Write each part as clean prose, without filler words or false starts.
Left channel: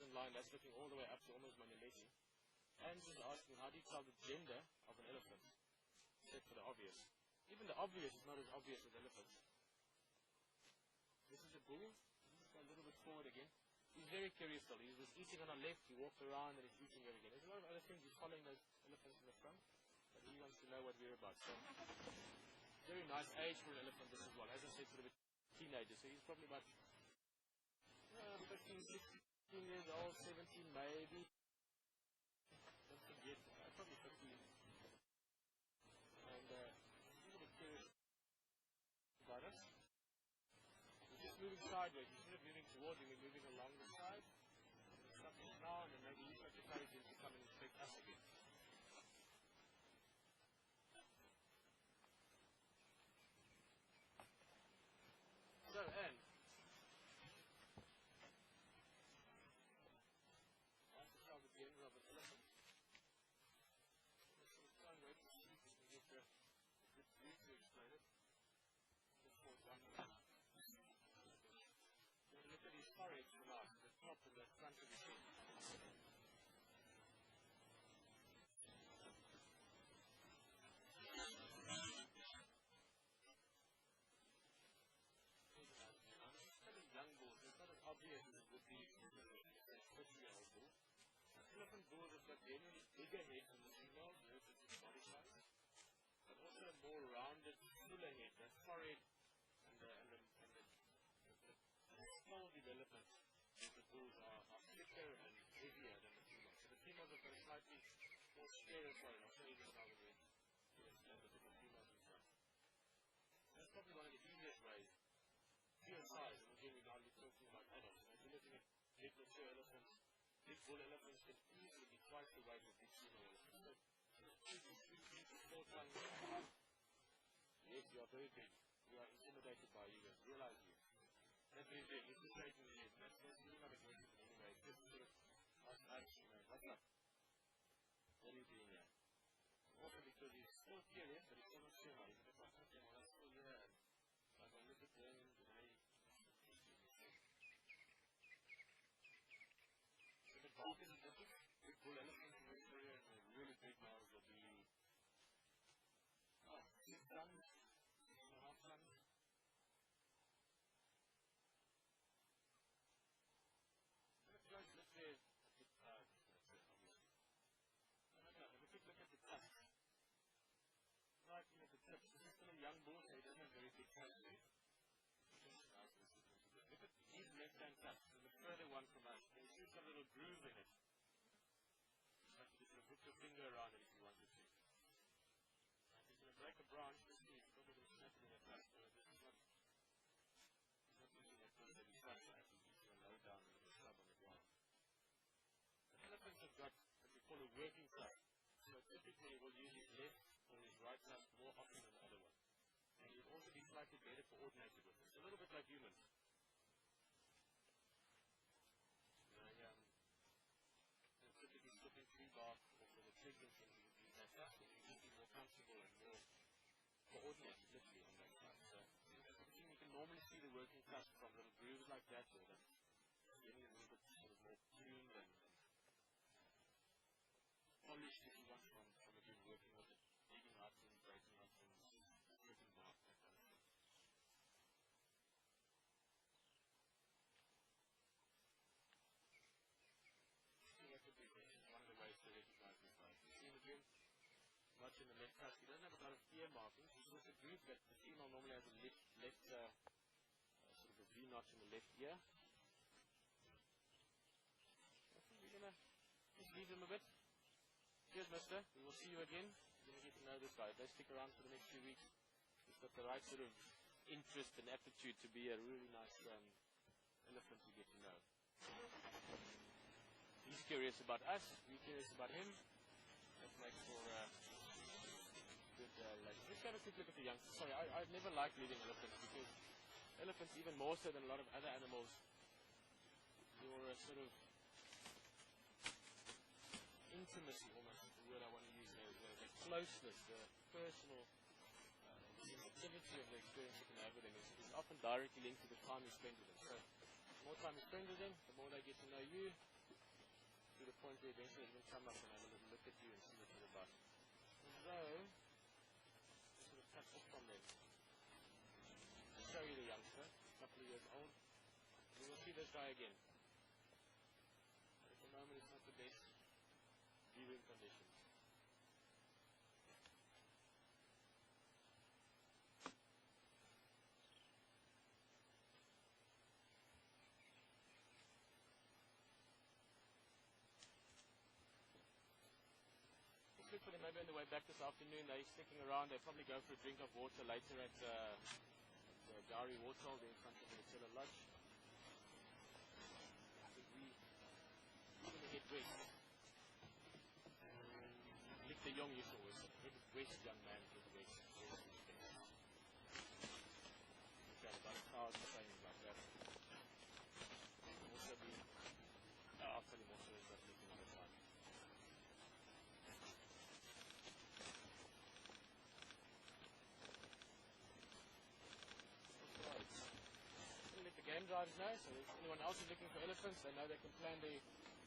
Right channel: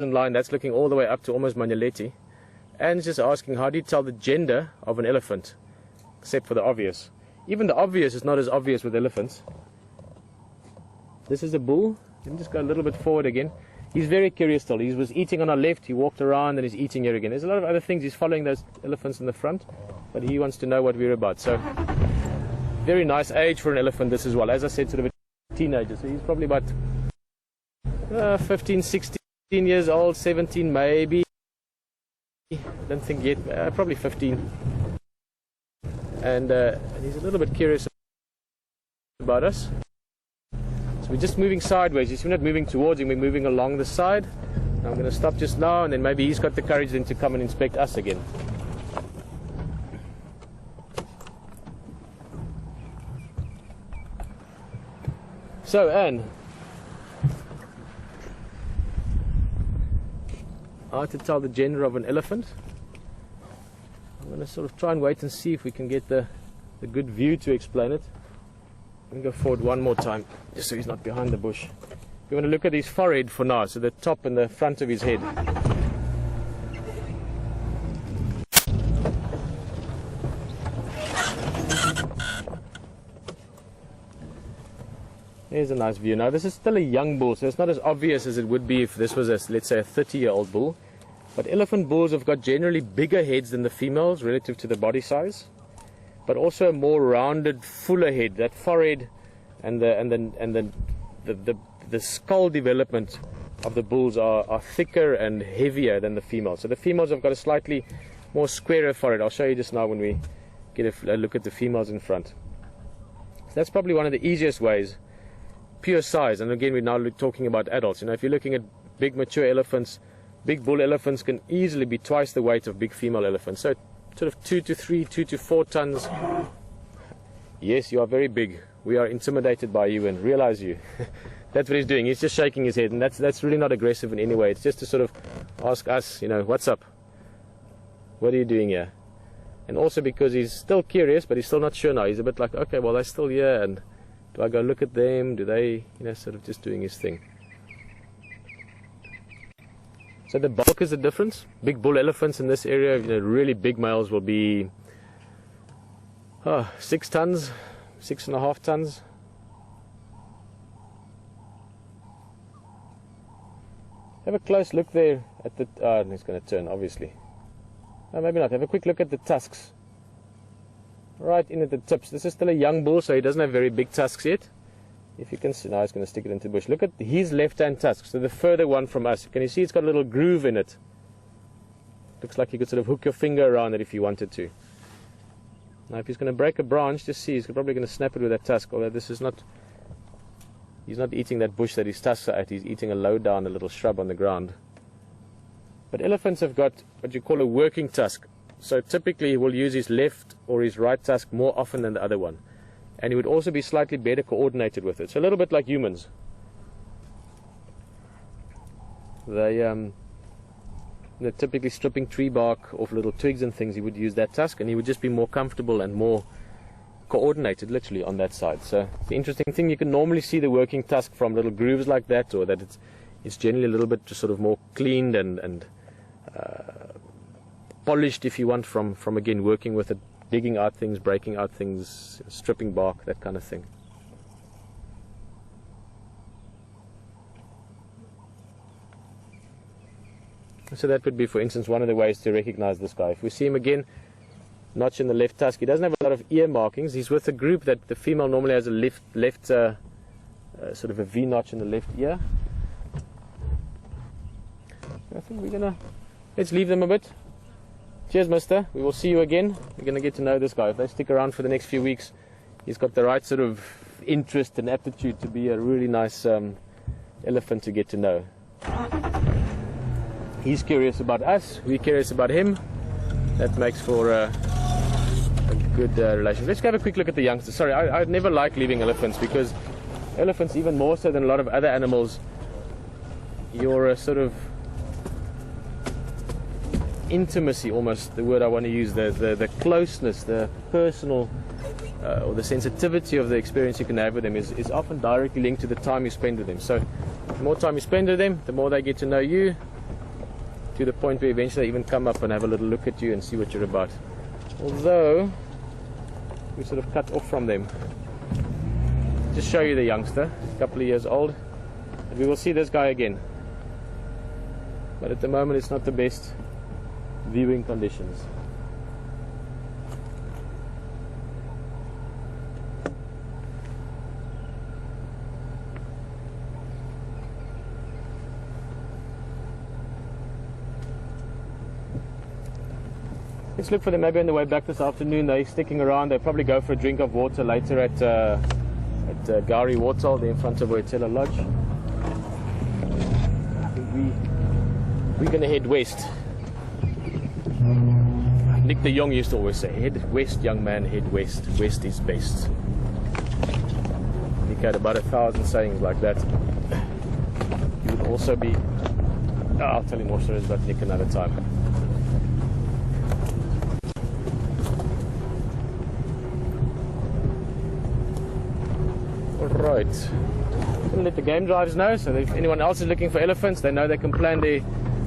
line, that's looking all the way up to almost Magnaletti. And just asking, how do you tell the gender of an elephant? Except for the obvious. Even the obvious is not as obvious with elephants. This is a bull. Let me just go a little bit forward again. He's very curious still. He was eating on our left, he walked around and he's eating here again. There's a lot of other things. He's following those elephants in the front, but he wants to know what we're about. So, very nice age for an elephant this as well. As I said, sort of a teenager. So he's probably about 15, 16 years old, 17 maybe. Don't think yet, probably 15. And he's a little bit curious about us. So we're just moving sideways. You see, we're not moving towards him, we're moving along the side. Now I'm going to stop just now, and then maybe he's got the courage then to come and inspect us again. So, Anne, how to tell the gender of an elephant? I'm going to sort of try and wait and see if we can get the good view to explain it. Let me go forward one more time, just so he's not behind the bush. We want to look at his forehead for now, so the top and the front of his head. Here's a nice view. Now this is still a young bull, so it's not as obvious as it would be if this was, let's say, a 30-year-old bull. But elephant bulls have got generally bigger heads than the females relative to the body size, but also a more rounded, fuller head. That forehead and the skull development of the bulls are thicker and heavier than the females. So the females have got a slightly more squarer forehead. I'll show you just now when we get a look at the females in front. So that's probably one of the easiest ways. Pure size, and again we're now talking about adults. You know, if you're looking at big mature elephants, big bull elephants can easily be twice the weight of big female elephants. So sort of 2 to 3, 2 to 4 tons. Yes, you are very big. We are intimidated by you and realize you. That's what he's doing. He's just shaking his head, and that's really not aggressive in any way. It's just to sort of ask us, you know, what's up? What are you doing here? And also because he's still curious, but he's still not sure now. He's a bit like, okay, well, they're still here, and do I go look at them? Do they, you know, sort of just doing his thing. So the bulk is the difference. Big bull elephants in this area, you know, really big males will be 6 tons, 6.5 tons. Have a close look there at the, he's going to turn, obviously. No, maybe not. Have a quick look at the tusks. Right in at the tips. This is still a young bull, so he doesn't have very big tusks yet. If you can see, now he's going to stick it into the bush. Look at his left-hand tusk, so the further one from us. Can you see it's got a little groove in it? Looks like you could sort of hook your finger around it if you wanted to. Now if he's going to break a branch, just see, he's probably going to snap it with that tusk, although this is not, he's not eating that bush that his tusks are at, he's eating a low down, a little shrub on the ground. But elephants have got what you call a working tusk. So typically he will use his left or his right tusk more often than the other one. And he would also be slightly better coordinated with it. So a little bit like humans. They're typically stripping tree bark off little twigs and things. He would use that tusk, and he would just be more comfortable and more coordinated, literally, on that side. So the interesting thing, you can normally see the working tusk from little grooves like that, or that it's generally a little bit just sort of more cleaned and polished, if you want, from again working with it, digging out things, breaking out things, stripping bark, that kind of thing. So that would be, for instance, one of the ways to recognize this guy. If we see him again, notch in the left tusk, he doesn't have a lot of ear markings. He's with a group that the female normally has a left sort of a V notch in the left ear. I think we're gonna, let's leave them a bit. Cheers, mister. We will see you again. We're going to get to know this guy. If they stick around for the next few weeks, he's got the right sort of interest and aptitude to be a really nice elephant to get to know. He's curious about us. We're curious about him. That makes for a good relation. Let's have a quick look at the youngsters. Sorry, I never like leaving elephants, because elephants, even more so than a lot of other animals, you're a sort of intimacy, almost the word I want to use, the closeness, the personal or the sensitivity of the experience you can have with them is often directly linked to the time you spend with them. So the more time you spend with them, the more they get to know you, to the point where eventually they even come up and have a little look at you and see what you're about. Although, we sort of cut off from them. Just show you the youngster, a couple of years old. And we will see this guy again. But at the moment it's not the best viewing conditions. Let's look for them maybe on the way back this afternoon. They're sticking around. They'll probably go for a drink of water later at Gari Waterhole, there in front of Wetela Lodge. I think we're going to head west. Nick de Jong used to always say, head west, young man, head west. West is best. Nick had about 1,000 sayings like that. You would also be... Oh, I'll tell you more stories about Nick another time. Right, I'm going to let the game drivers know, so that if anyone else is looking for elephants, they know they can plan their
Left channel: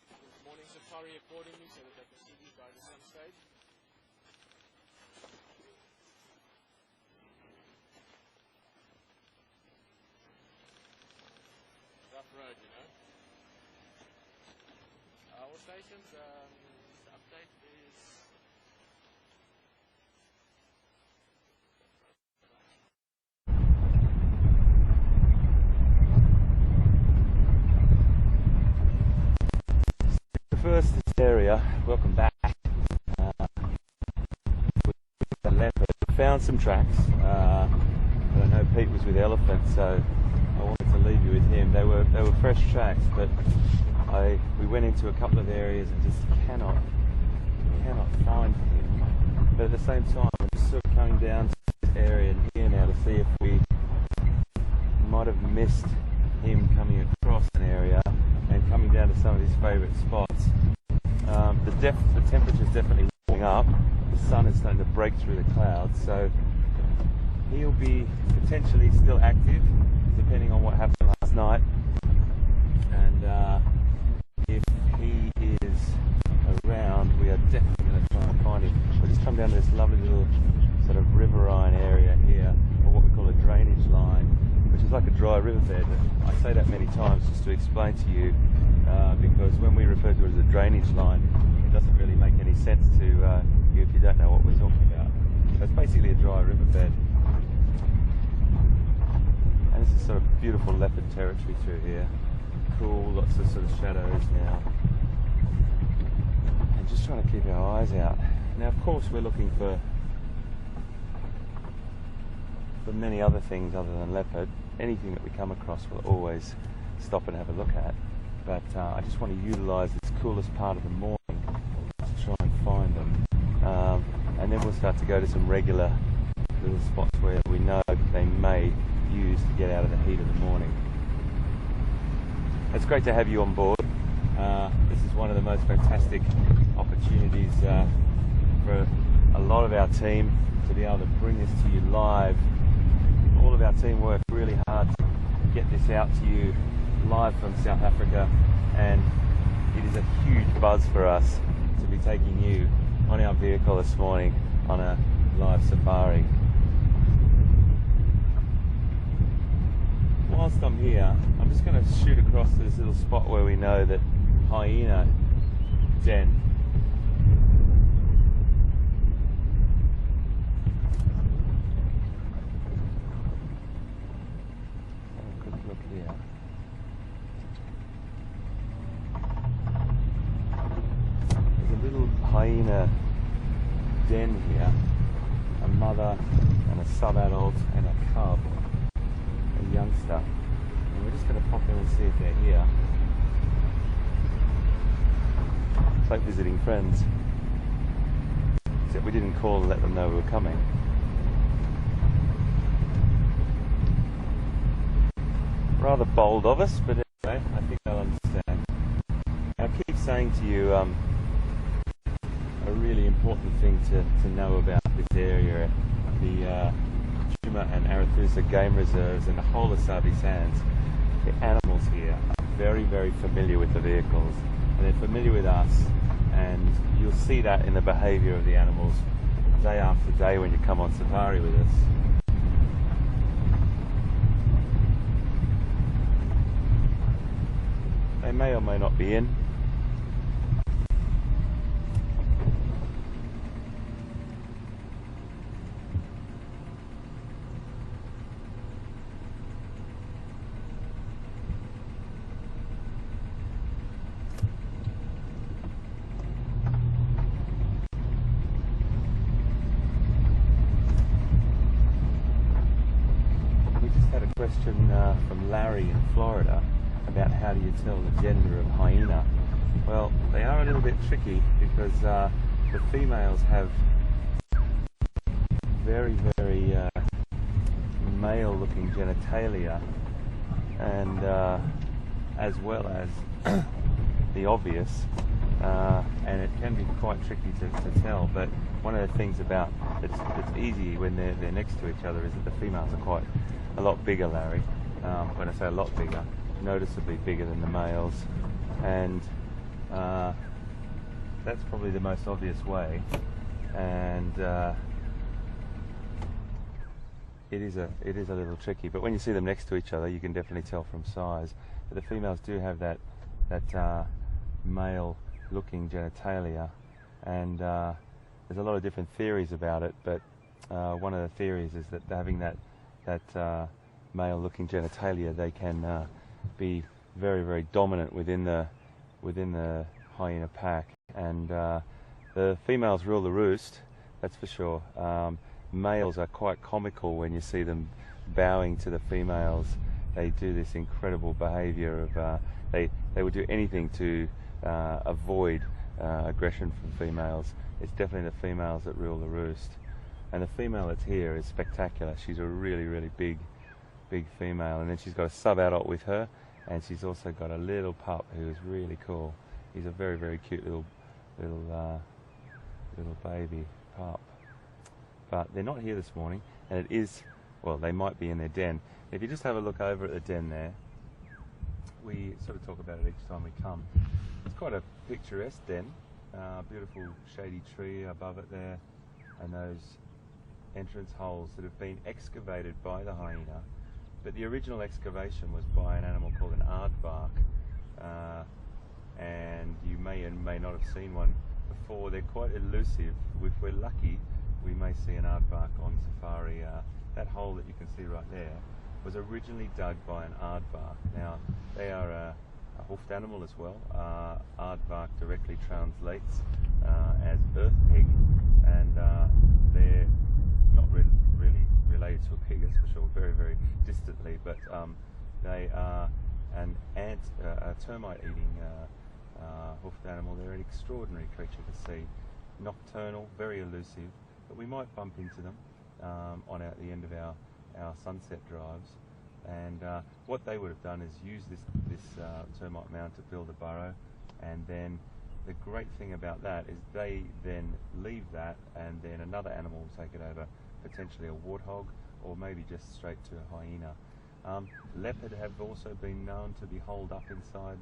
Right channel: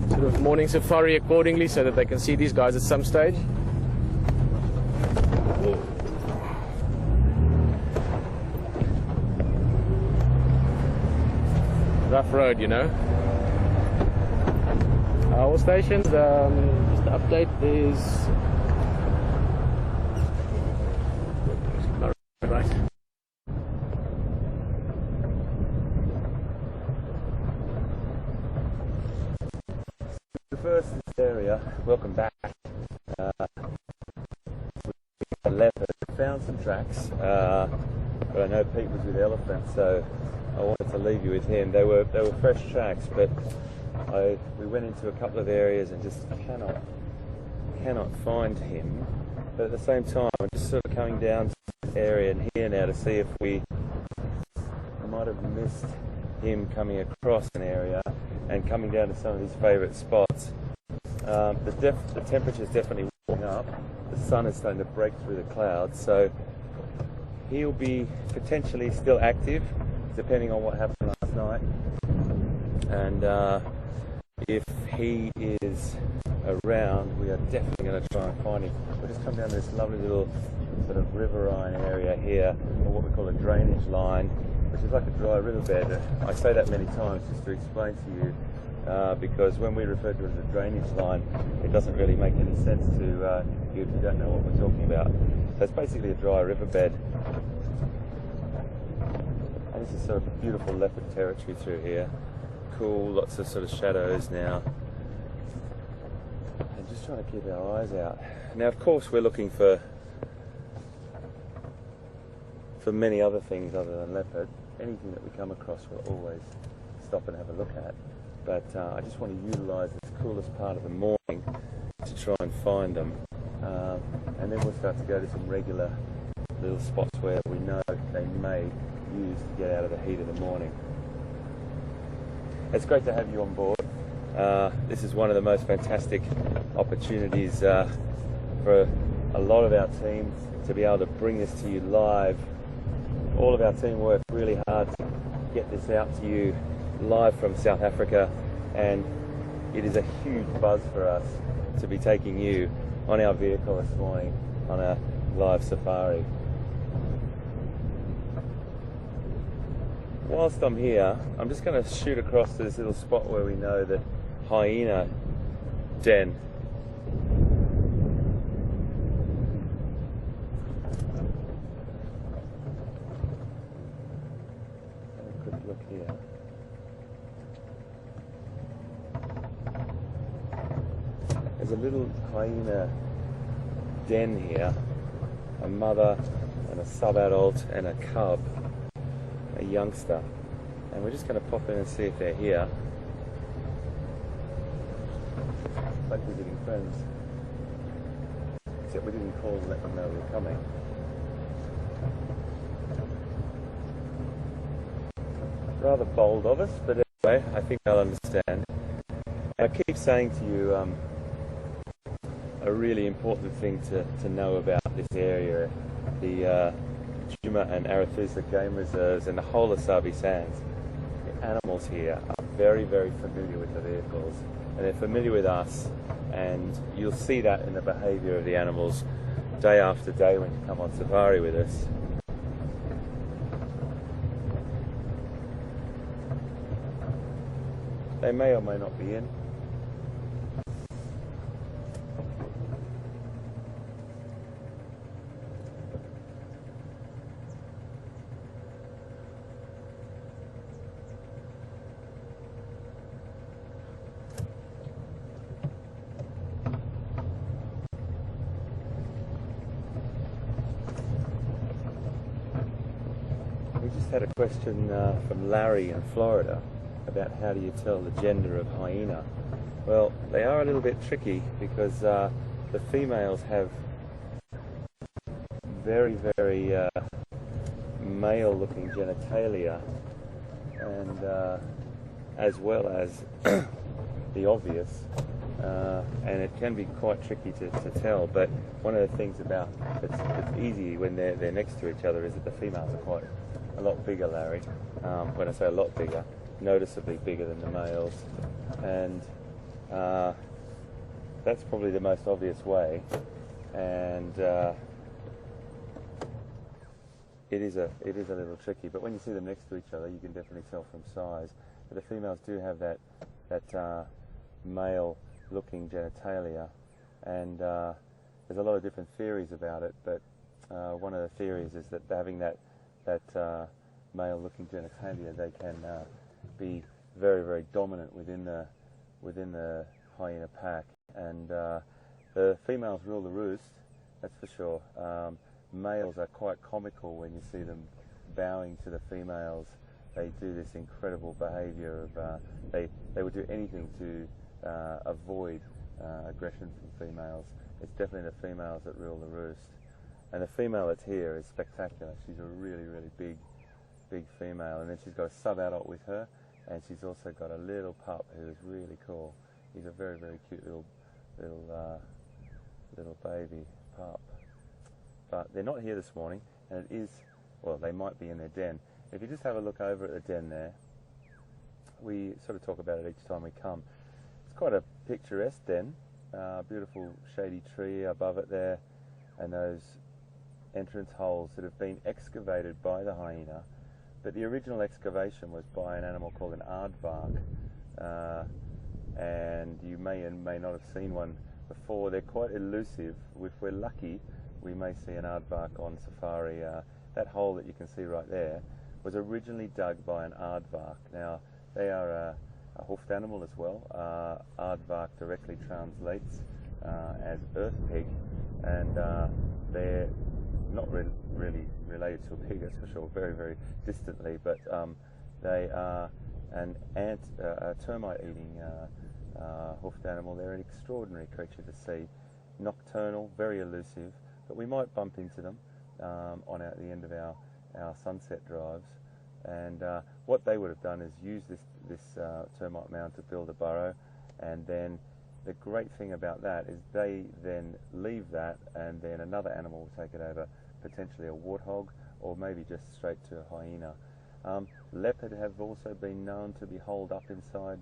sort of morning safari accordingly so that they can see these guys at some stage. Rough road, you know. All stations, just to update, there's... Right. First, this area, welcome back. We found some tracks, but I know Pete was with elephants, so I wanted to leave you with him. They were fresh tracks, but we went into a couple of areas and just cannot find him. But at the same time, I'm just sort of coming down to this area here now to see if we might have missed him coming across an area and coming down to some of his favourite spots. The temperature's definitely warming up. The sun is starting to break through the clouds, so he'll be potentially still active, depending on what happened last night. And if he is around, we are definitely going to try and find him. We'll just come down to this lovely little sort of riverine area here, or what we call a drainage line, which is like a dry riverbed. I say that many times just to explain to you, because when we refer to it as a drainage line, it doesn't really make any sense to you if you don't know what we're talking about. So it's basically a dry riverbed. And this is sort of a beautiful leopard territory through here. Cool, lots of sort of shadows now. And just trying to keep our eyes out. Now, of course, we're looking for many other things other than leopard. Anything that we come across we'll always stop and have a look at. But I just want to utilise this coolest part of the morning to try and find them. And then we'll start to go to some regular little spots where we know they may use to get out of the heat of the morning. It's great to have you on board. This is one of the most fantastic opportunities for a lot of our team to be able to bring this to you live. All of our team worked really hard to get this out to you live from South Africa, and it is a huge buzz for us to be taking you on our vehicle this morning on a live safari. Whilst I'm here, I'm just going to shoot across to this little spot where we know that hyena den. Hyena den here, a mother and a sub-adult and a cub, a youngster, and we're just going to pop in and see if they're here. It's like visiting friends, except we didn't call and let them know we were coming. Rather bold of us, but anyway, I think they'll understand. I keep saying to you, a really important thing to know about this area, the Djuma and Arethusa game reserves and the whole of Sabi Sands. The animals here are very, very familiar with the vehicles. and they're familiar with us, and you'll see that in the behaviour of the animals day after day when you come on safari with us. They may or may not be in. Had a question from Larry in Florida about how do you tell the gender of hyena. Well, they are a little bit tricky because the females have very male looking genitalia, and as well as the obvious, and it can be quite tricky to tell, but one of the things about it's easy when they're next to each other is that the females are quite a lot bigger, Larry. When I say a lot bigger, noticeably bigger than the males, and that's probably the most obvious way. And it is a little tricky, but when you see them next to each other, you can definitely tell from size. But the females do have that male-looking genitalia, and there's a lot of different theories about it. But one of the theories is that having that male-looking genitalia, they can be very dominant within the hyena pack, and the females rule the roost. That's for sure. Males are quite comical when you see them bowing to the females. They do this incredible behaviour of they would do anything to avoid aggression from females. It's definitely the females that rule the roost. And the female that's here is spectacular. She's a really big female, and then she's got a sub-adult with her, and she's also got a little pup who is really cool. He's a very cute little baby pup. But they're not here this morning, and it is, well, they might be in their den. If you just have a look over at the den there, we sort of talk about it each time we come. It's quite a picturesque den. Beautiful shady tree above it there, and those entrance holes that have been excavated by the hyena. But the original excavation was by an animal called an aardvark, and you may and may not have seen one before. They're quite elusive. If we're lucky, we may see an aardvark on safari. That hole that you can see right there was originally dug by an aardvark. Now, they are a hoofed animal as well. Aardvark directly translates as earth pig, and they're not really related to a pig, that's for sure, very distantly, but they are a termite-eating hoofed animal. They're an extraordinary creature to see, nocturnal, very elusive, but we might bump into them on the end of our sunset drives. And what they would have done is use this termite mound to build a burrow, and then the great thing about that is they then leave that, and then another animal will take it over, potentially a warthog, or maybe just straight to a hyena. Leopard have also been known to be holed up inside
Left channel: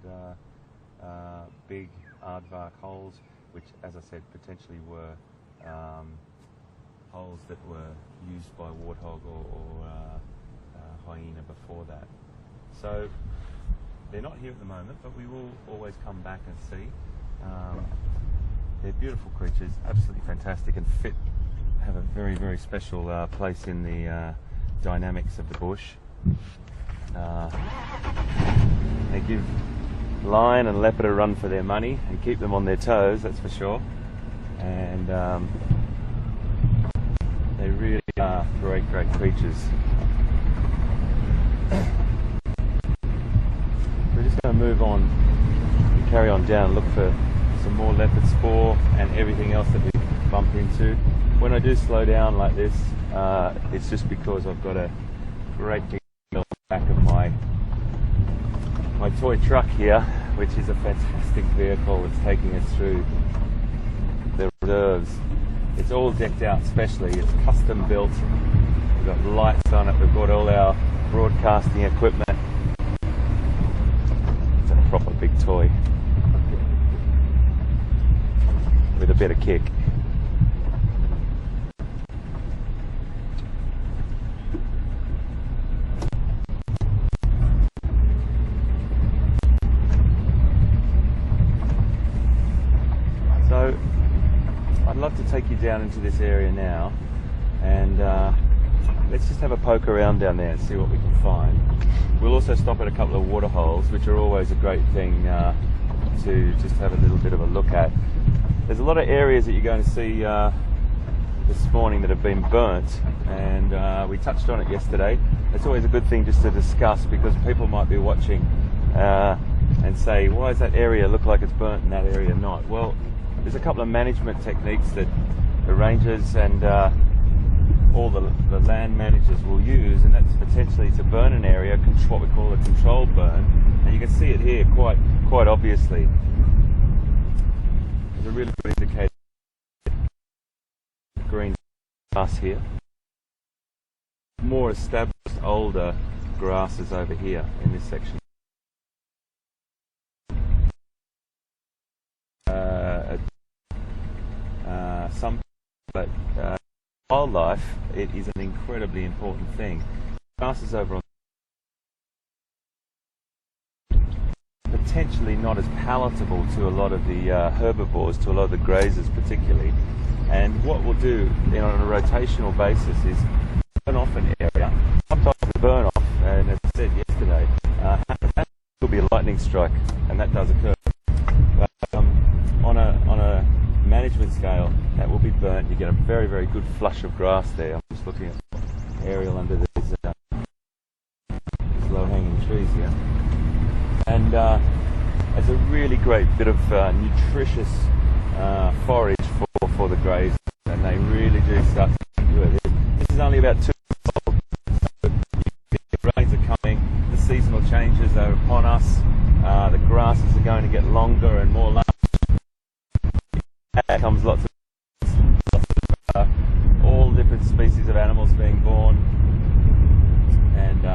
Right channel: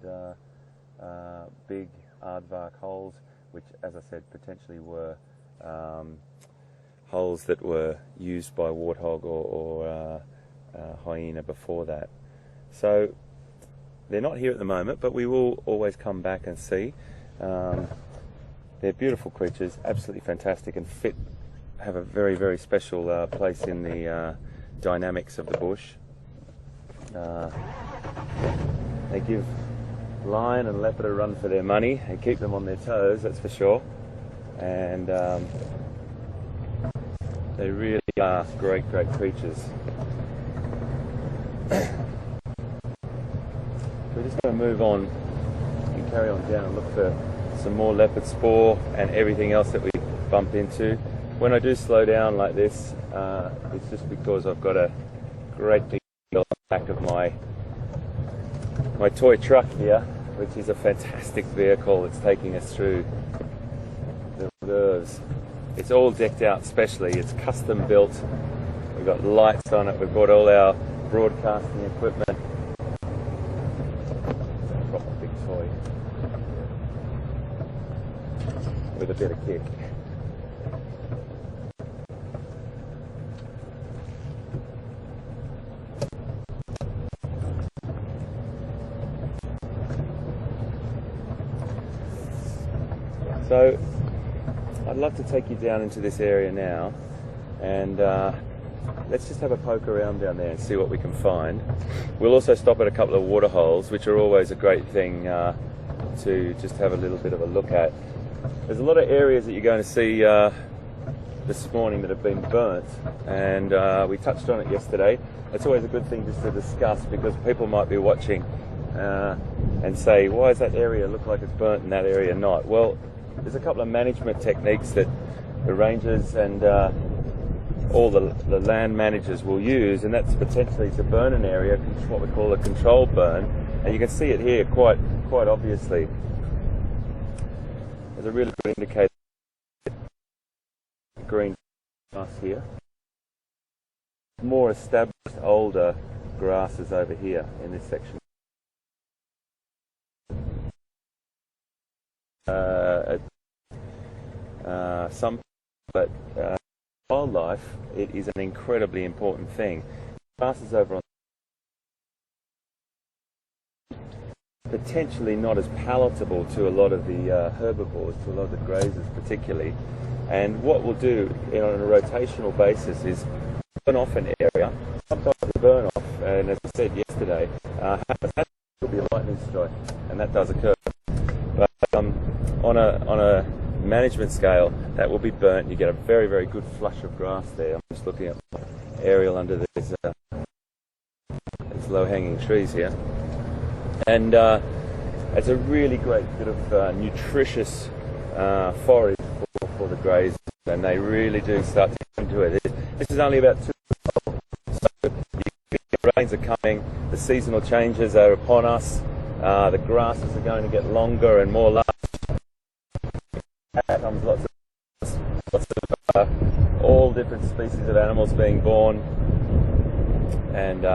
big aardvark holes, which, as I said, potentially were holes that were used by warthog or hyena before that. So they're not here at the moment, but we will always come back and see. They're beautiful creatures, absolutely fantastic, and have a very special place in the dynamics of the bush. They give lion and leopard a run for their money and keep them on their toes, that's for sure. And they really are great creatures. We're just going to move on and carry on down and look for some more leopard spoor and everything else that we bump into. When I do slow down like this, it's just because I've got a great big on the back of my toy truck here, which is a fantastic vehicle. It's taking us through the reserves. It's all decked out specially. It's custom built. We've got lights on it. We've got all our broadcasting equipment. It's a proper big toy. with a bit of kick. So I'd like to take you down into this area now, and let's just have a poke around down there and see what we can find. We'll also stop at a couple of water holes, which are always a great thing to just have a little bit of a look at. There's a lot of areas that you're going to see this morning that have been burnt, and we touched on it yesterday. That's always a good thing just to discuss, because people might be watching and say, why does that area look like it's burnt and that area not? Well, there's a couple of management techniques that the rangers and all the land managers will use, and that's potentially to burn an area, what we call a controlled burn, and you can see it here quite obviously. There's a really good indicator. Green grass here. More established, older grasses over here in this section. But wildlife, it is an incredibly important thing. Grasses over on potentially not as palatable to a lot of the herbivores, to a lot of the grazers particularly. And what we'll do on a rotational basis is burn off an area. Sometimes we burn off, and as I said yesterday, that could be a lightning strike, and that does occur. But on a management scale, that will be burnt. You get a very, very good flush of grass there. I'm just looking at the aerial under these low-hanging trees here. And it's a really great bit of nutritious forage for the greys, and they really do start to get into it. This is only about 2 years old, so the rains are coming, the seasonal changes are upon us, the grasses are going to get longer and more lush. Out comes lots of all different species of animals being born, and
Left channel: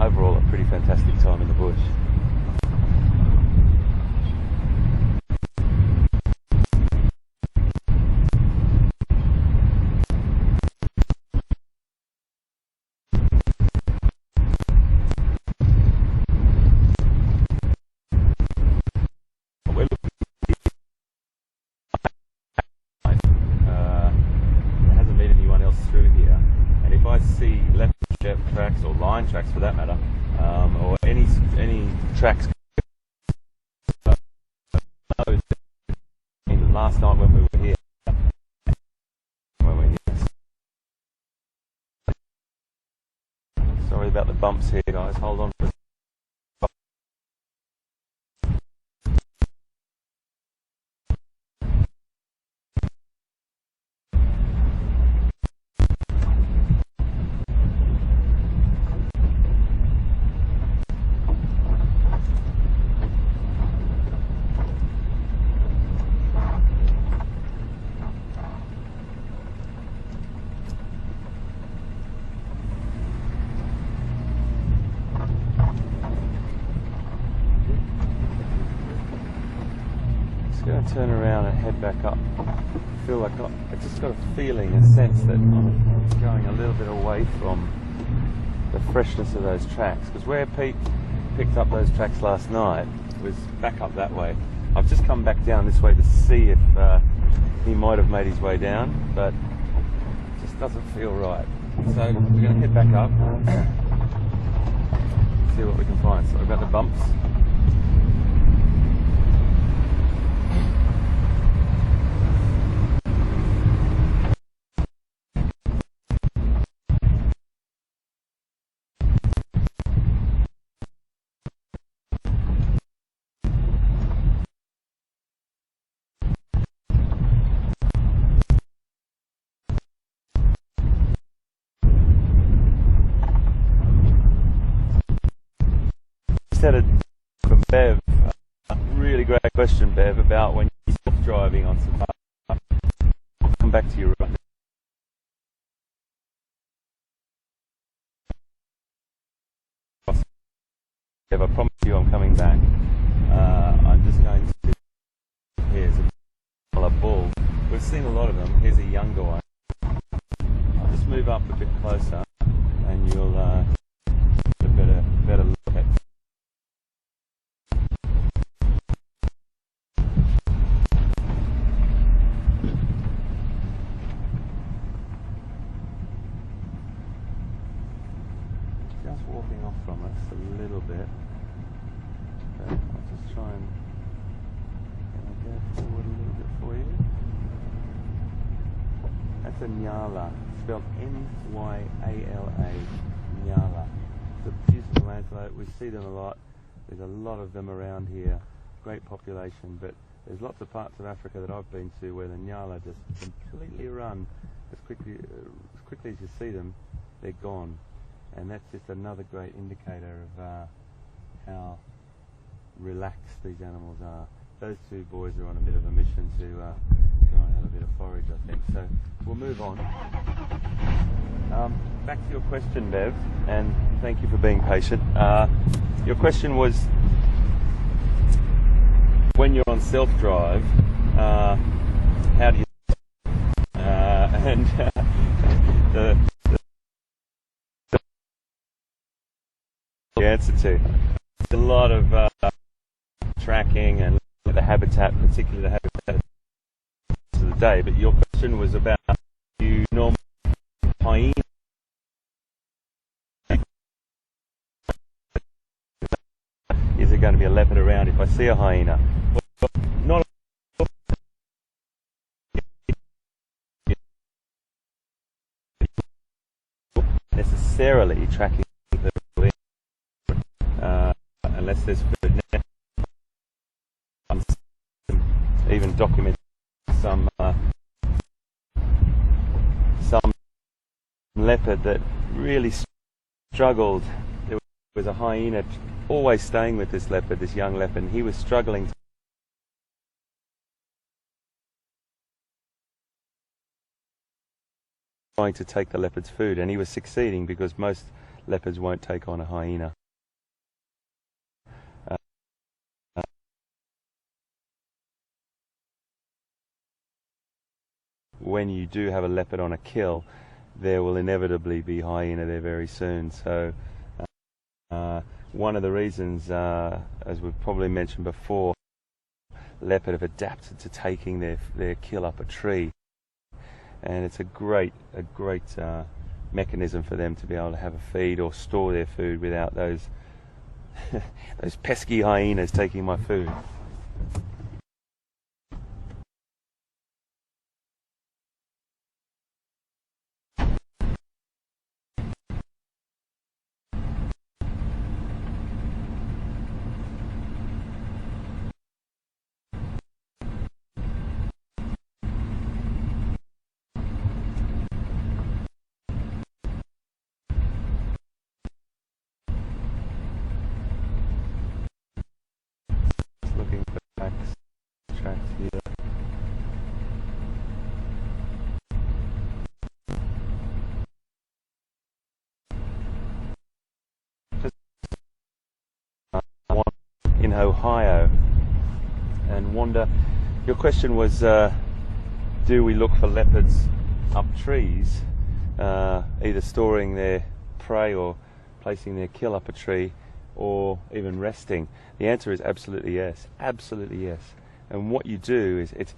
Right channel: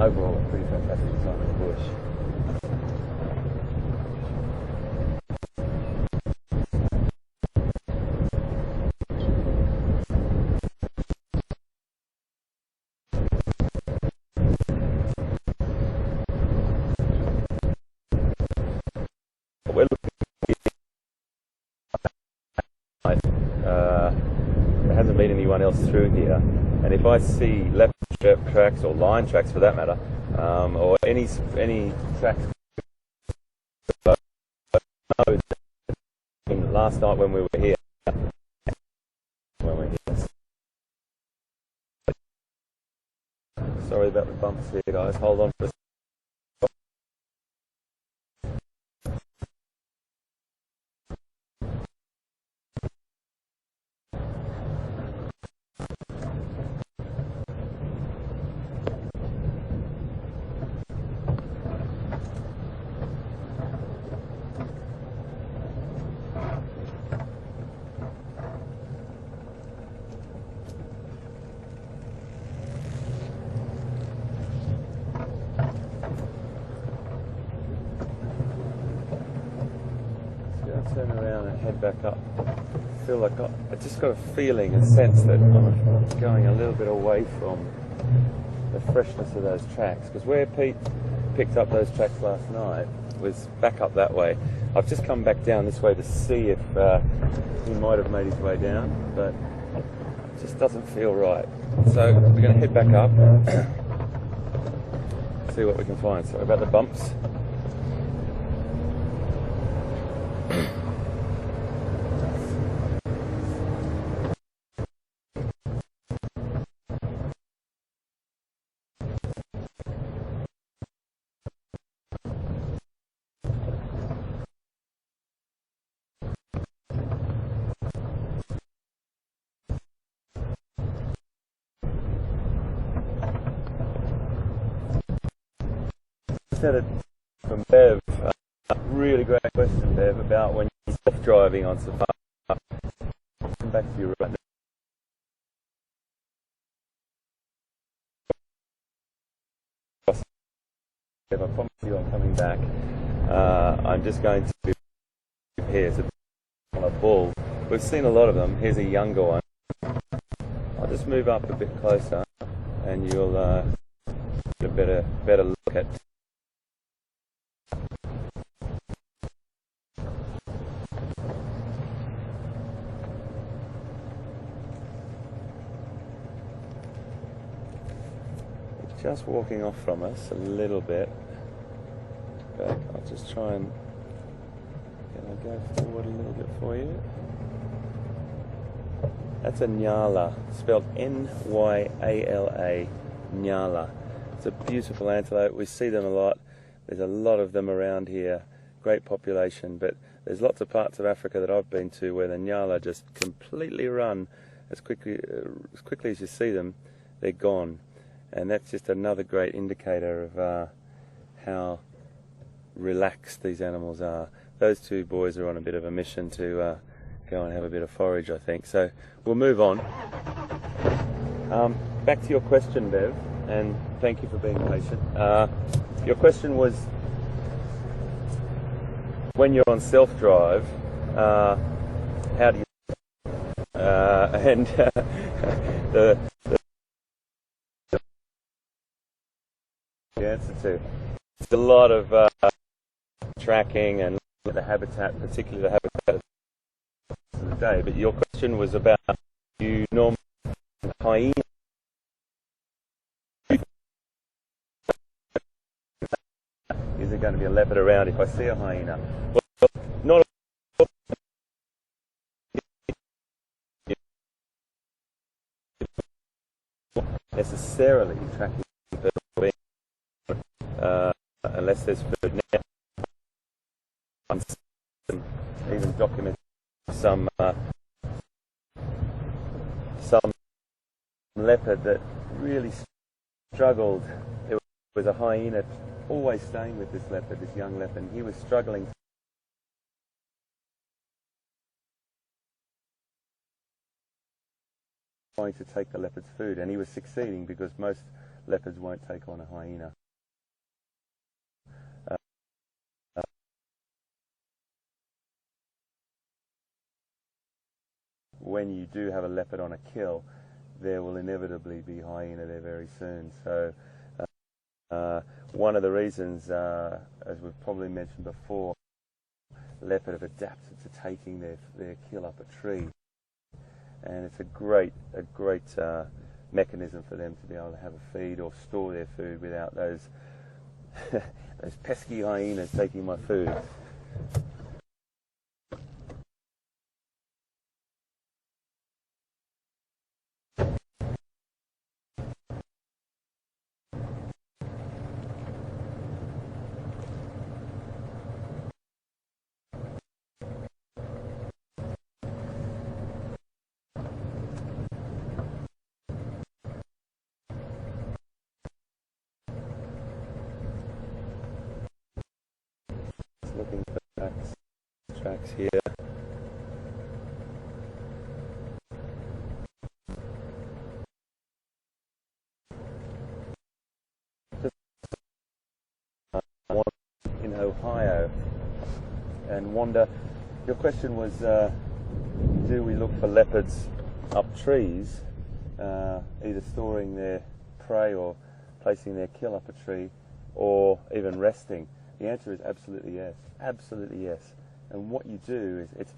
overall a pretty fantastic time in the bush. Through here, and if I see left tracks or line tracks for that matter, or any tracks, last night when we were here, sorry about the bumps here guys, hold on for a second. Going to turn around and head back up. I feel like I just got a feeling, a sense that I'm going a little bit away from the freshness of those tracks, because where Pete picked up those tracks last night was back up that way. I've just come back down this way to see if he might have made his way down, but it just doesn't feel right. So we're going to head back up, see what we can find. Sorry about the bumps. Had a from Bev, really great question, Bev, about when you're self-driving on safari. I'll come back to you right now. Bev, I promise you I'm coming back. I'm just going to here's a a bull. We've seen a lot of them. Here's a younger one. I'll just move up a bit closer and you'll get a better look at. Just walking off from us a little bit, but I'll just try and go forward a little bit for you. That's a nyala, spelled N-Y-A-L-A, nyala. It's a beautiful antelope. We see them a lot. There's a lot of them around here, great population, but there's lots of parts of Africa that I've been to where the nyala just completely run as quickly as you see them, they're gone. And that's just another great indicator of how relaxed these animals are. Those two boys are on a bit of a mission to go and have a bit of forage, I think. So we'll move on. Back to your question, Bev, and thank you for being patient. Your question was, when you're on self-drive, how do you... the answer to a lot of tracking and the habitat, particularly the habitat of the day. But your question was about you normally hyena. Is there going to be a leopard around if I see a hyena? Well, not necessarily tracking. Unless there's food now. Even document some leopard that really struggled. There was a hyena always staying with this leopard, this young leopard, and he was struggling trying to take the leopard's food, and he was succeeding because most leopards won't take on a hyena. When you do have a leopard on a kill, there will inevitably be hyena there very soon. So one of the reasons, as we've probably mentioned before, leopard have adapted to taking their kill up a tree, and it's a great mechanism for them to be able to have a feed or store their food without those those pesky hyenas taking my food. In Ohio, and Wanda, your question was, do we look for leopards up trees, either storing their prey or placing their kill up a tree, or even resting? The answer is absolutely yes, absolutely yes. And what you do is, it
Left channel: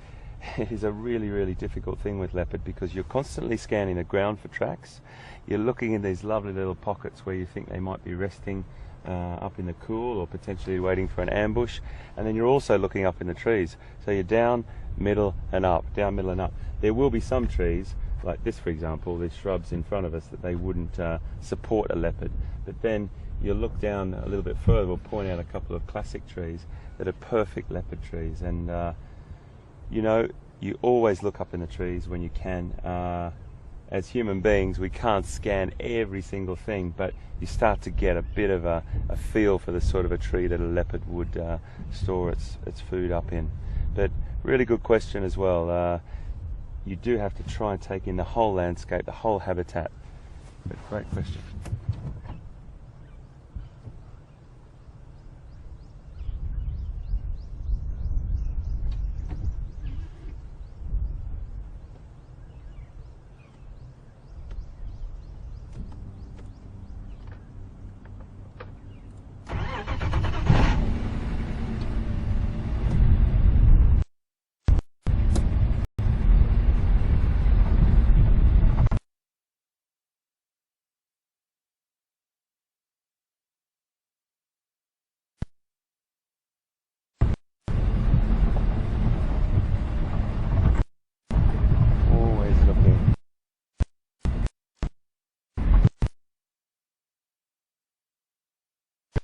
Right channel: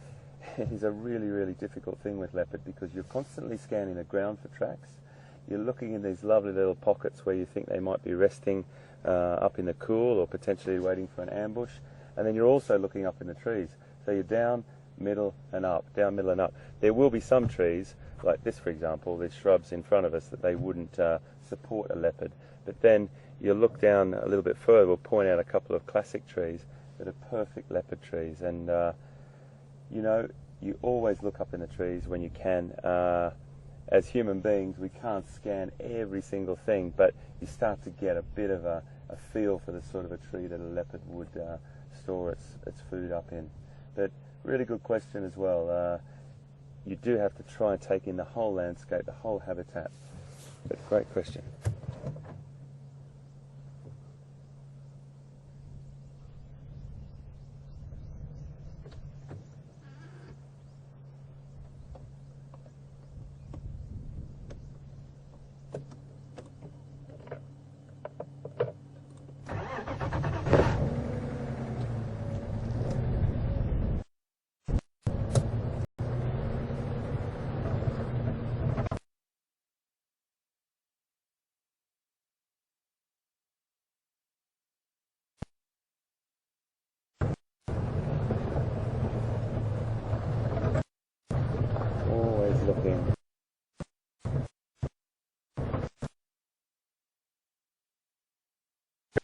is a really difficult thing with leopard, because you're constantly scanning the ground for tracks. You're looking in these lovely little pockets where you think they might be resting up in the cool, or potentially waiting for an ambush, and then you're also looking up in the trees. So you're down, middle and up, down, middle and up. There will be some trees, like this for example, there's shrubs in front of us that they wouldn't support a leopard, but then you look down a little bit further, we'll point out a couple of classic trees that are perfect leopard trees. And you know, you always look up in the trees when you can. As human beings, we can't scan every single thing, but you start to get a bit of a feel for the sort of a tree that a leopard would store its food up in. But really good question as well. You do have to try and take in the whole landscape, the whole habitat. But great question.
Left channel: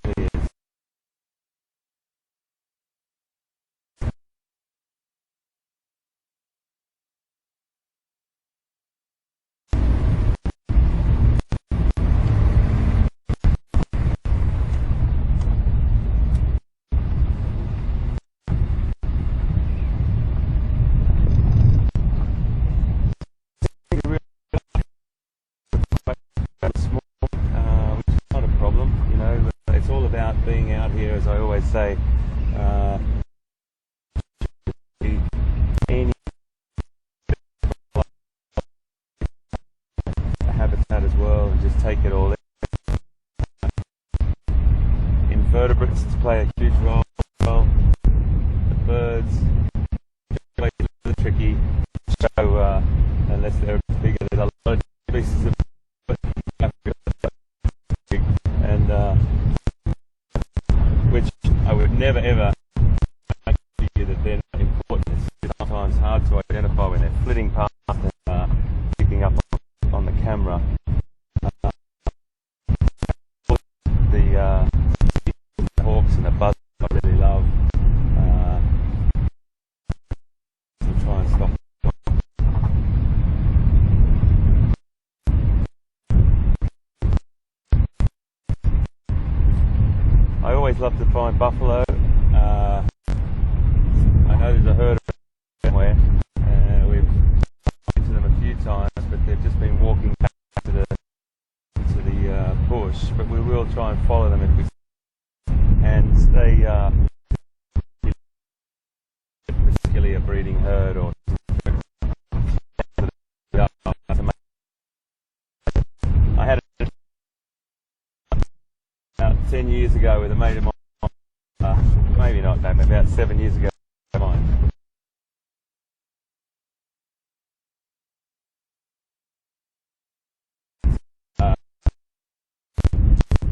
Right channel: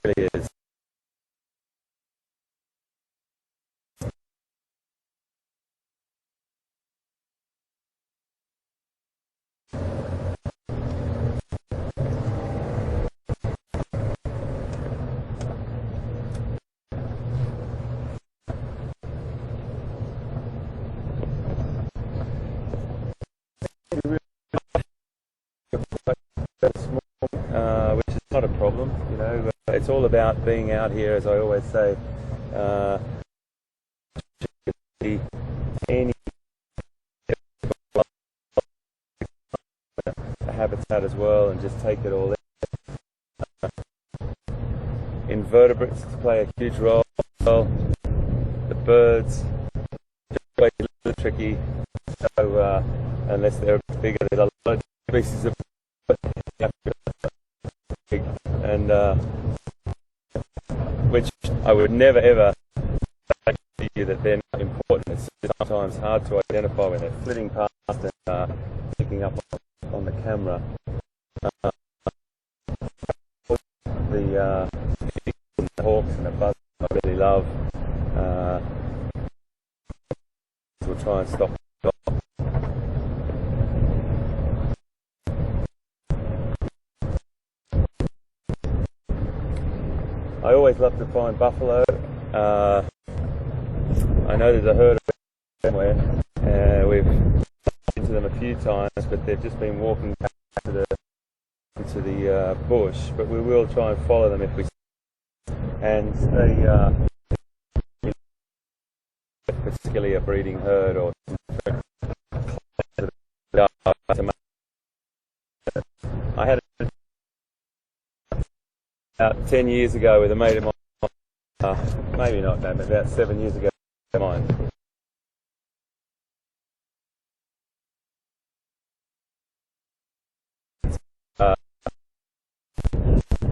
really is. Which is not a problem, you know. It's all about being out here, as I always say. Any habitat as well, and just take it all in. Invertebrates play a huge role. The birds, a little tricky. So unless they're bigger, there's a lot of species of and which I would never ever argue that they're not important. It's sometimes hard to identify when they're flitting past and picking up on the camera. The hawks and the buzzards I really love. We'll try and stop. I always love to find buffalo. I know there's a herd of them somewhere. We've been to them a few times, but they've just been walking back to the bush. But we will try and follow them if we can. And they particularly a breeding herd or. I had about 10 years ago with a mate of mine, maybe not, no, maybe about 7 years ago.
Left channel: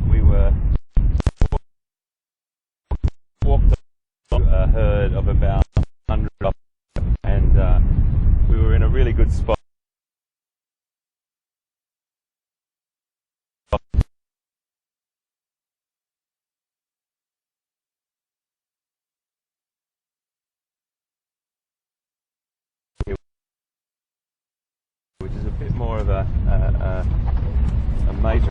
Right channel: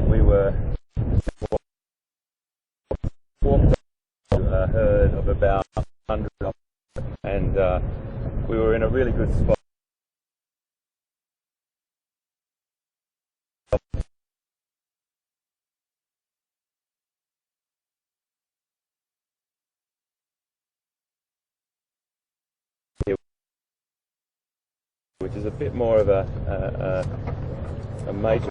We were walked a herd of about 100 and we were in a really good spot. Which is a bit more of a major.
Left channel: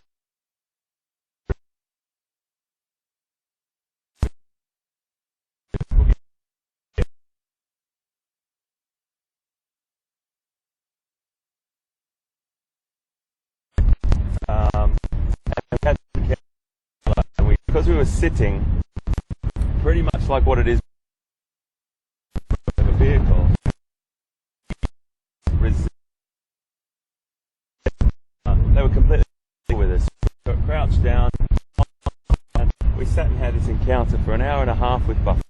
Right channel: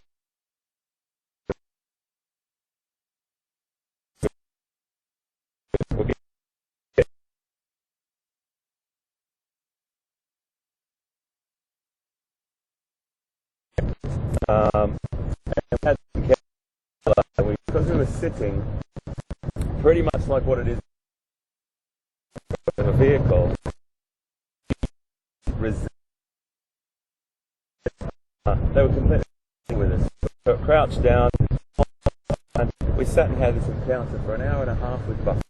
Because we were sitting pretty much like what it is in a vehicle. They were completely with us. We were crouched down. We sat and had this encounter for an hour and a half with Buff.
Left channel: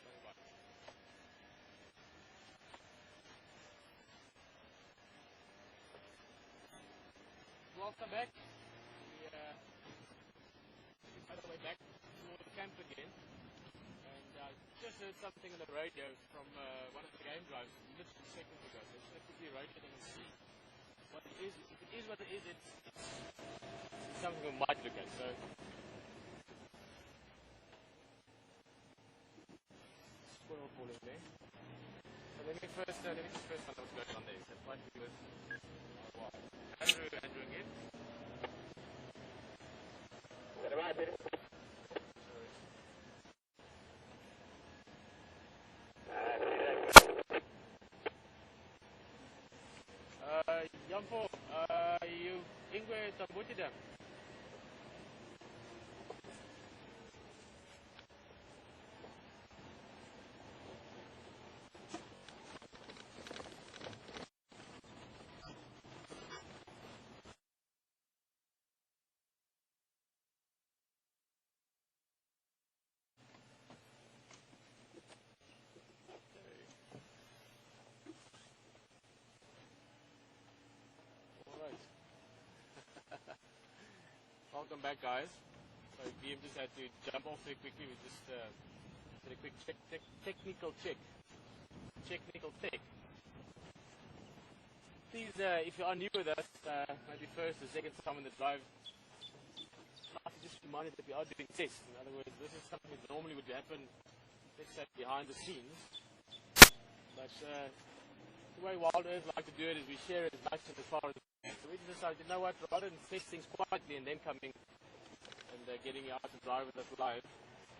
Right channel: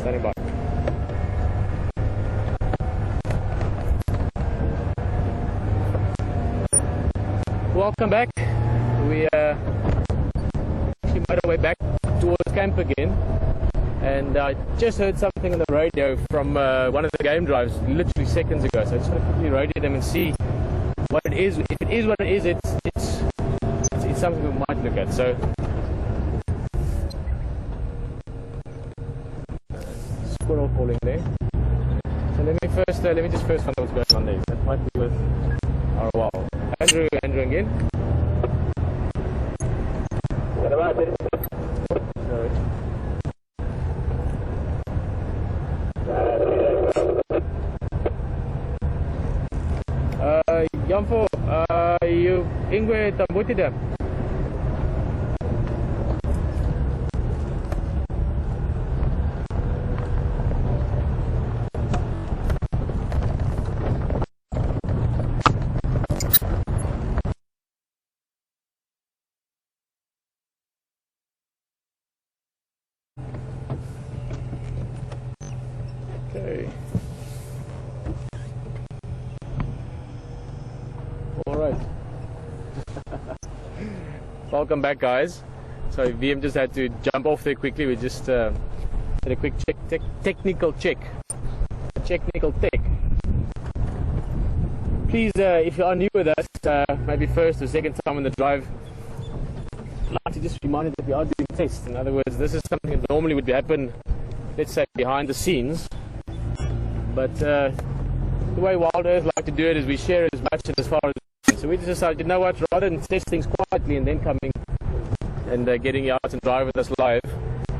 Standing by. Welcome back. We actually made our way back towards camp again, and I just heard something on the radio from one of the game drives literally seconds ago. So I just want to quickly radio them and see what it is. If it is what it is, it's something we might look at. So squirrel calling there. So let me just first find out what's going on there. That might be with our wow. Andrew again. Jamfo, you ingwe tambuti da. Okay. All right. Welcome back, guys. So VM just had to jump off there quickly. We just Did a quick technical check. Technical tech. Please, if you are new with us, maybe first or second time on the drive, I'd like to just remind you that we are doing tests. In other words, this is something that normally would happen, let's say, behind the scenes. But the way Wild Earth like to do it is we share as much and as far as. So we just decided, you know what, rather than test things quietly and then coming and getting you out and drive with us live,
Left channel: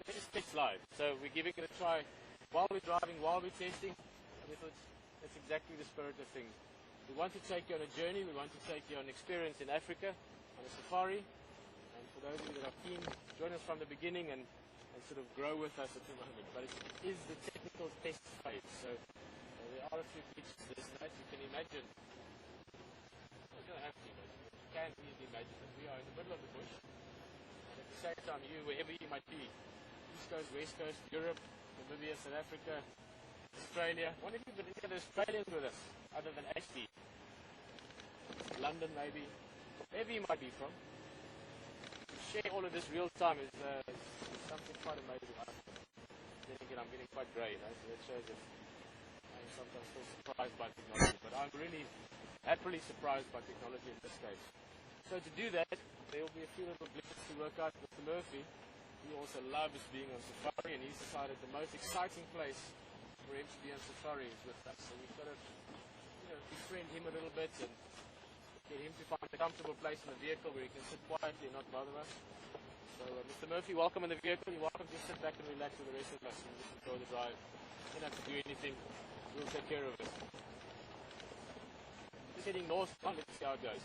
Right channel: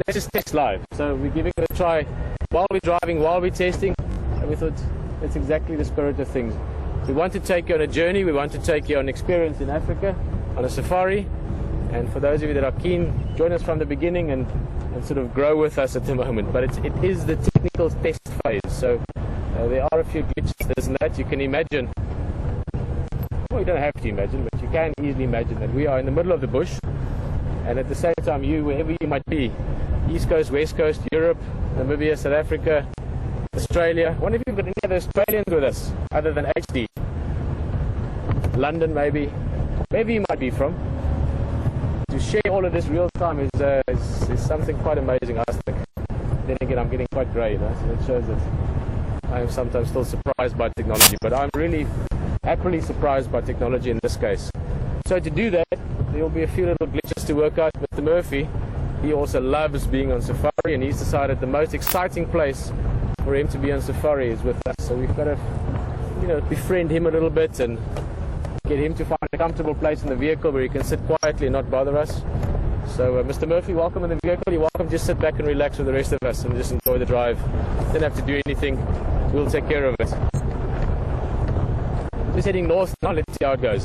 let's just test live. So we're giving it a try while we're driving, while we're testing, and we thought that's exactly the spirit of things. We want to take you on a journey, we want to take you on experience in Africa, on a safari, and for those of you that are keen, join us from the beginning and sort of grow with us at the moment. But it is the technical test phase, so there are a few glitches, this and that. You can imagine, well, you don't have to imagine, but you can easily imagine that we are in the middle of the bush, and at the same time, you, wherever you might be, East Coast, West Coast, Europe, Namibia, South Africa, Australia. I wonder if you've got any other Australians with us other than HD. London, maybe. Maybe you might be from. To share all of this real time is something quite amazing, I think. Then again, I'm getting quite grey, so it shows that I am sometimes still surprised by technology, but I'm really happily surprised by technology in this case. So to do that, there will be a few little glitches to work out. Mr. Murphy, he also loves being on safari, and he's decided the most exciting place for him to be on safari is with us. So we've got to, befriend him a little bit and get him to find a comfortable place in the vehicle where he can sit quietly and not bother us. So Mr. Murphy, welcome in the vehicle. You're welcome. Just sit back and relax with the rest of us and just enjoy the drive. Don't have to do anything. We'll take care of it. Just heading north now. Let's see how it goes.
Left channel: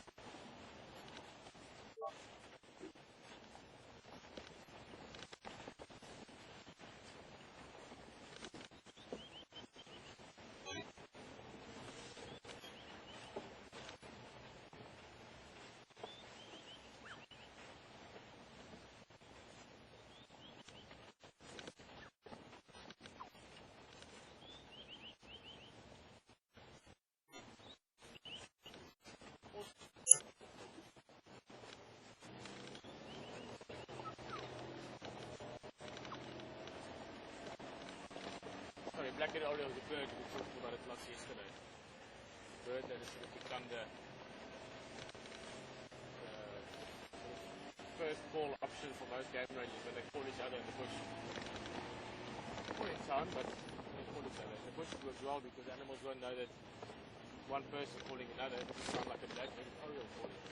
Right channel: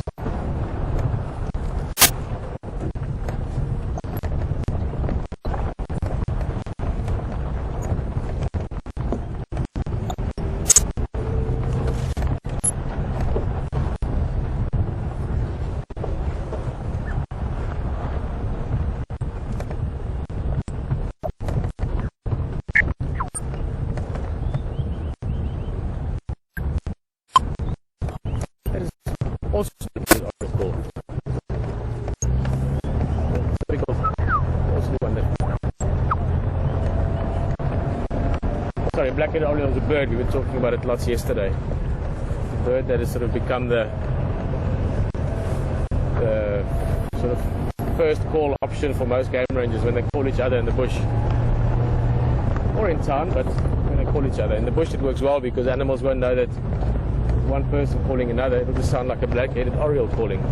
Also, sorry, black-headed oriole is a bird. We were talking about it lots yesterday. A bird that has sort of become the sort of first call option for most game rangers when they call each other in the bush. Or in town, but when they call each other. In the bush it works well because animals won't know that one person calling another. It'll just sound like a black-headed oriole calling.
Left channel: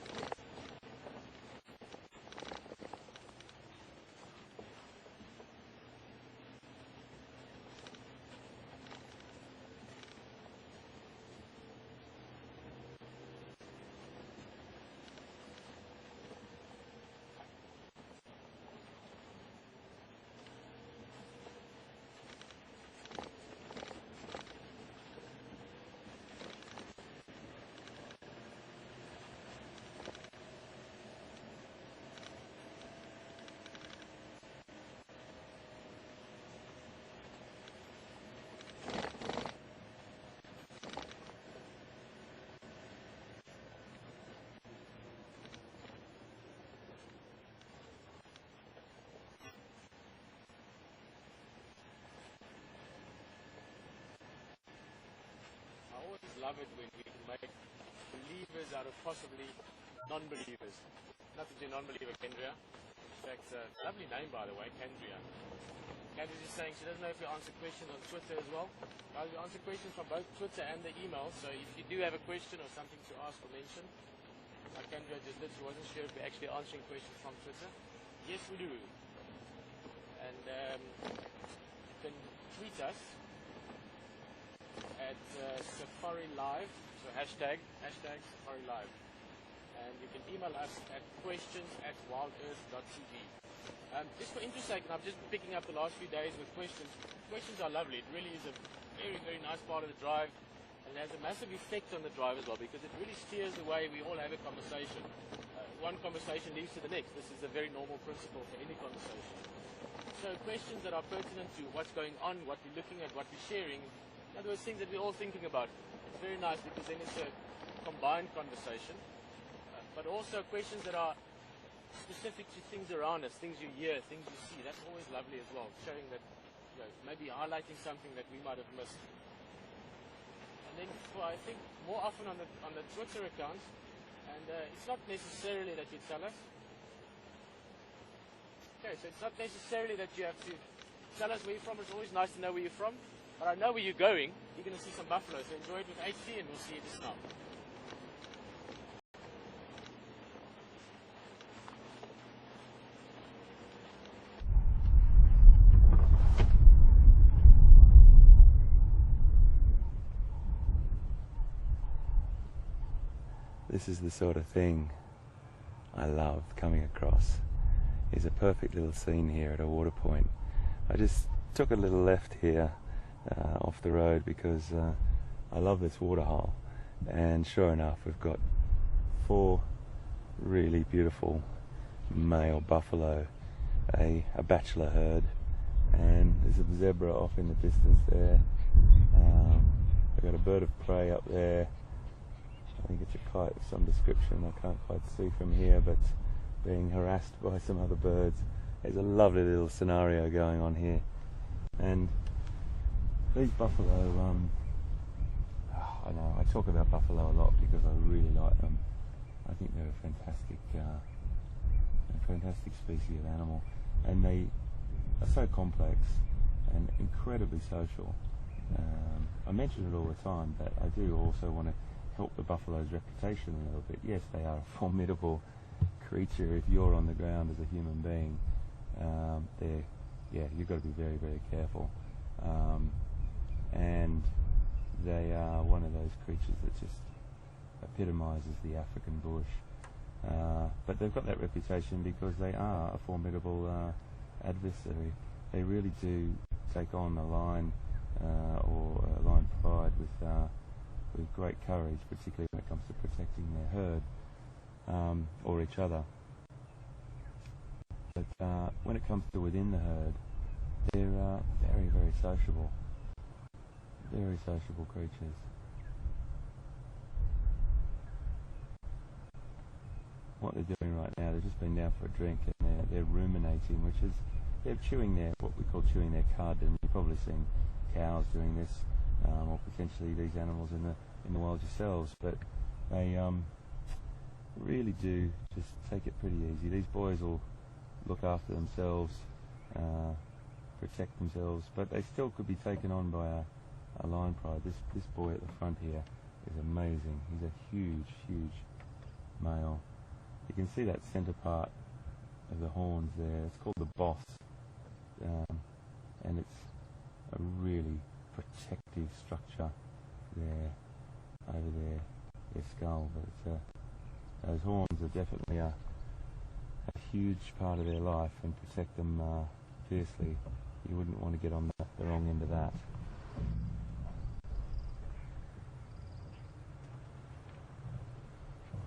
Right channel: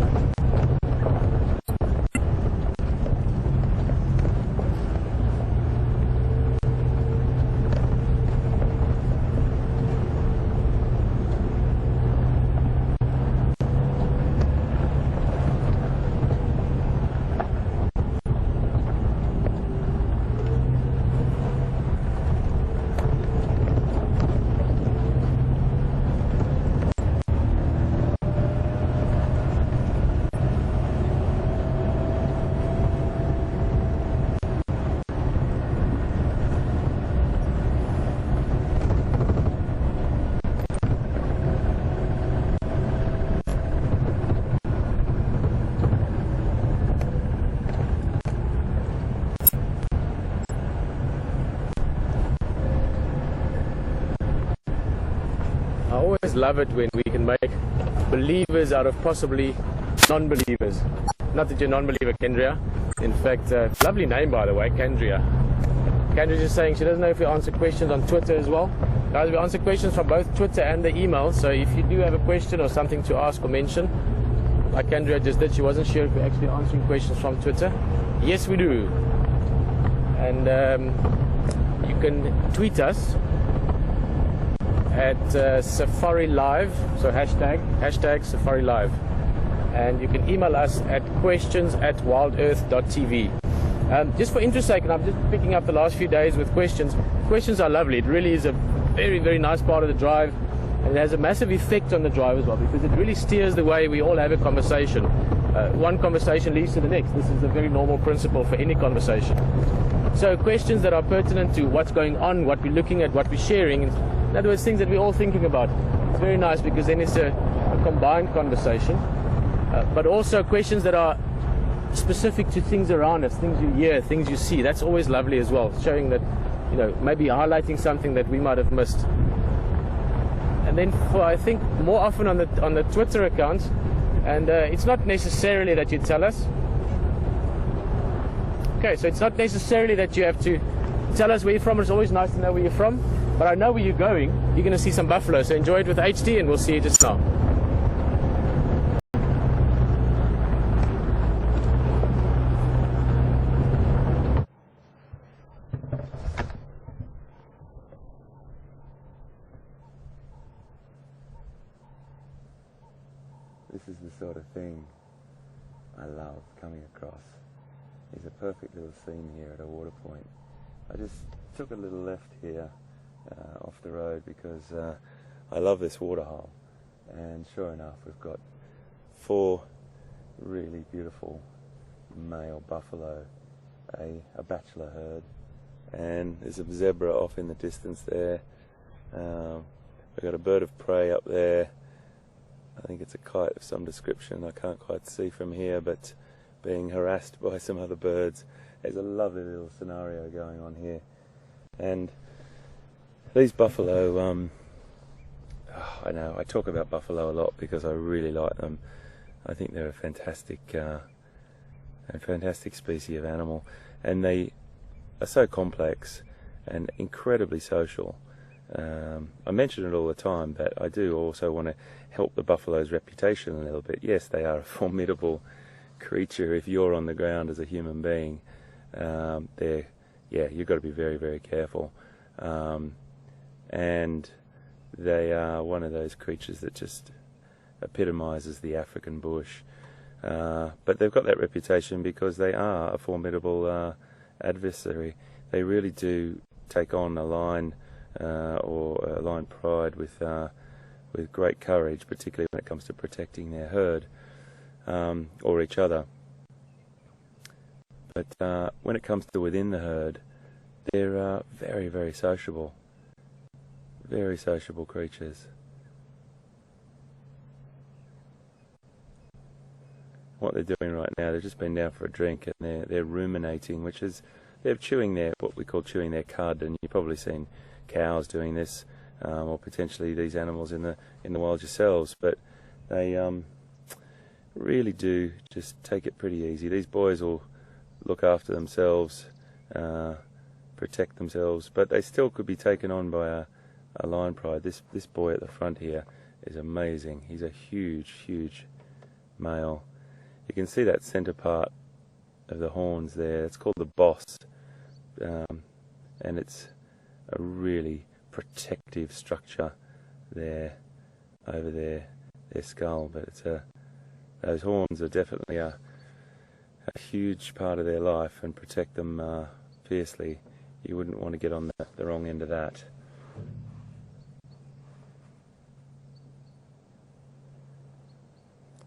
I always love it when we can make believers out of possibly non-believers. Not that you're a non-believer, Kendria. In fact, lovely name by the way, Kendria. Kendria's just saying she doesn't know if we answer questions on Twitter as well. Guys, we answer questions from both Twitter and the email, so if you do have a question or something to ask or mention, like Kendria just did, she wasn't sure if we're actually answering questions from Twitter. Yes, we do. And you can tweet us at Safari Live, so hashtag Safari Live, and you can email us at questions@wildearth.tv. Just for interest sake, and I'm just picking up the last few days with questions. Questions are lovely. It really is a very, very nice part of the drive, and it has a massive effect on the drive as well because it really steers the way we all have a conversation. One conversation leads to the next. This is a very normal principle for any conversation. So questions that are pertinent to what's going on, what we're looking at, what we're sharing, in other words, things that we're all thinking about. It's very nice because then it's a combined conversation, but also questions that are specific to things around us, things you hear, things you see. That's always lovely as well, showing that you know, maybe highlighting something that we might have missed. And then for, I think, more often on the Twitter account, and it's not necessarily that you tell us. Okay, so it's not necessarily that you have to tell us where you're from. It's always nice to know where you're from, but I know where you're going. You're going to see some buffalo, so enjoy it with HD, and we'll see you just now. This is the sort of thing I love coming across. It's a perfect little scene here at a water point. I just took a little left here off the road because I love this water hole, and sure enough we've got 4 really beautiful male buffalo, a bachelor herd, and there's a zebra off in the distance there. We've got a bird of prey up there. I think it's a kite of some description. I can't quite see from here, but being harassed by some other birds. There's a lovely little scenario going on here. And these buffalo, I know I talk about buffalo a lot because I really like them. I think they're a fantastic species of animal, and they are so complex and incredibly social. I mention it all the time, but I do also want to help the buffalo's reputation a little bit. Yes, they are a formidable creature if you're on the ground as a human being. You've got to be very, very careful. And they are one of those creatures that just epitomizes the African bush. But they've got that reputation because they are a formidable adversary. They really do take on a lion or a lion pride with great courage, particularly when it comes to protecting their herd or each other. But when it comes to within the herd, they're very, very sociable. Very sociable creatures. What they're doing right now, they've just been down for a drink, and they're ruminating, which is they're chewing what we call chewing their cud, and you've probably seen cows doing this, or potentially these animals in the wild yourselves. But they really do just take it pretty easy. These boys will look after themselves, protect themselves, but they still could be taken on by a lion pride. This boy at the front here is amazing. He's a huge, huge male. You can see that centre part of the horns there. It's called the boss, and it's a really protective structure there, over their skull. But it's those horns are definitely a huge part of their life, and protect them fiercely. You wouldn't want to get on the wrong end of that.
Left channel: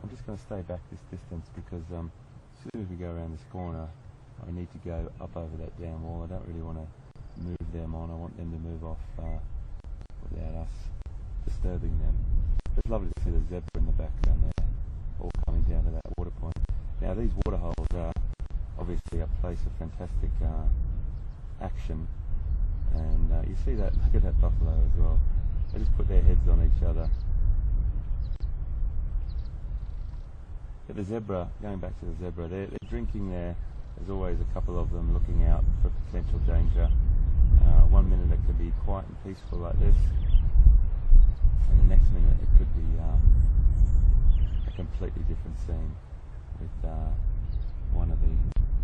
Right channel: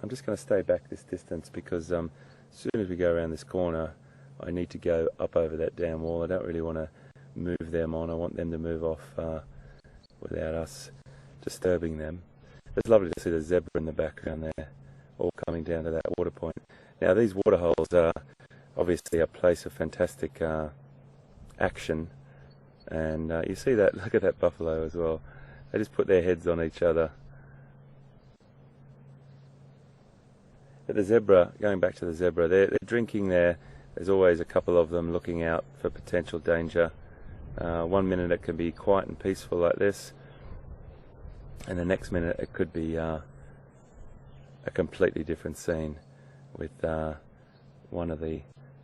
I'm just going to stay back this distance because as soon as we go around this corner, I need to go up over that dam wall. I don't really want to move them on. I want them to move off without us disturbing them. It's lovely to see the zebra in the background there, all coming down to that water point. Now these water holes are obviously a place of fantastic action, and you see that, look at that buffalo as well. They just put their heads on each other. But the zebra, going back to the zebra, they're drinking there. There's always a couple of them looking out for potential danger. 1 minute it can be quiet and peaceful like this, and the next minute it could be a completely different scene with one of the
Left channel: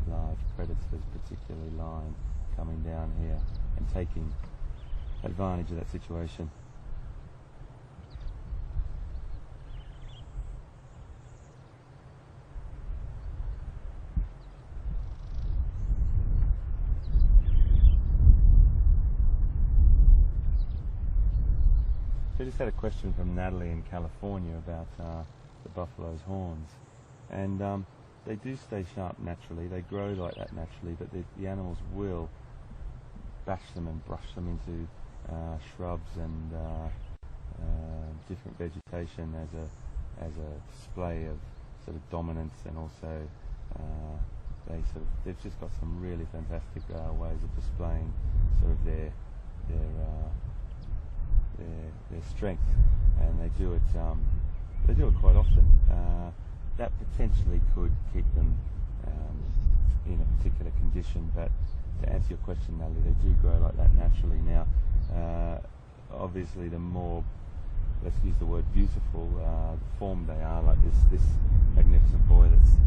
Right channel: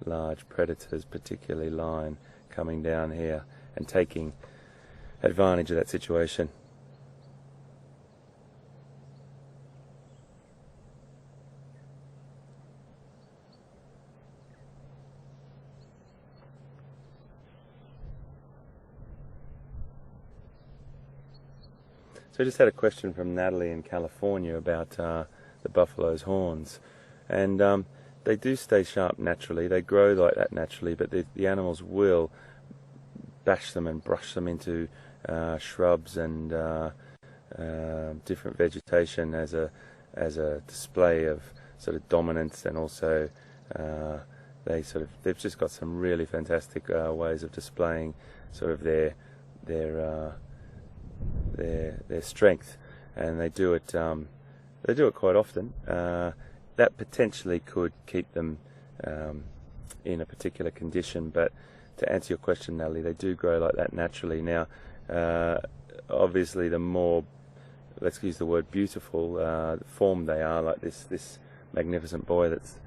large predators, particularly lion, coming down here and taking advantage of that situation. So I just had a question from Natalie in California about the buffalo's horns, and they do stay sharp naturally. They grow like that naturally, but the animals will bash them and brush them into shrubs and different vegetation as a display of sort of dominance, and also they've just got some really fantastic ways of displaying sort of their strength, and they do it quite often. That potentially could keep them in a particular condition, but to answer your question, Natalie, they do grow like that naturally. Now, obviously, the more, let's use the word beautiful, form they are, like this magnificent boy that's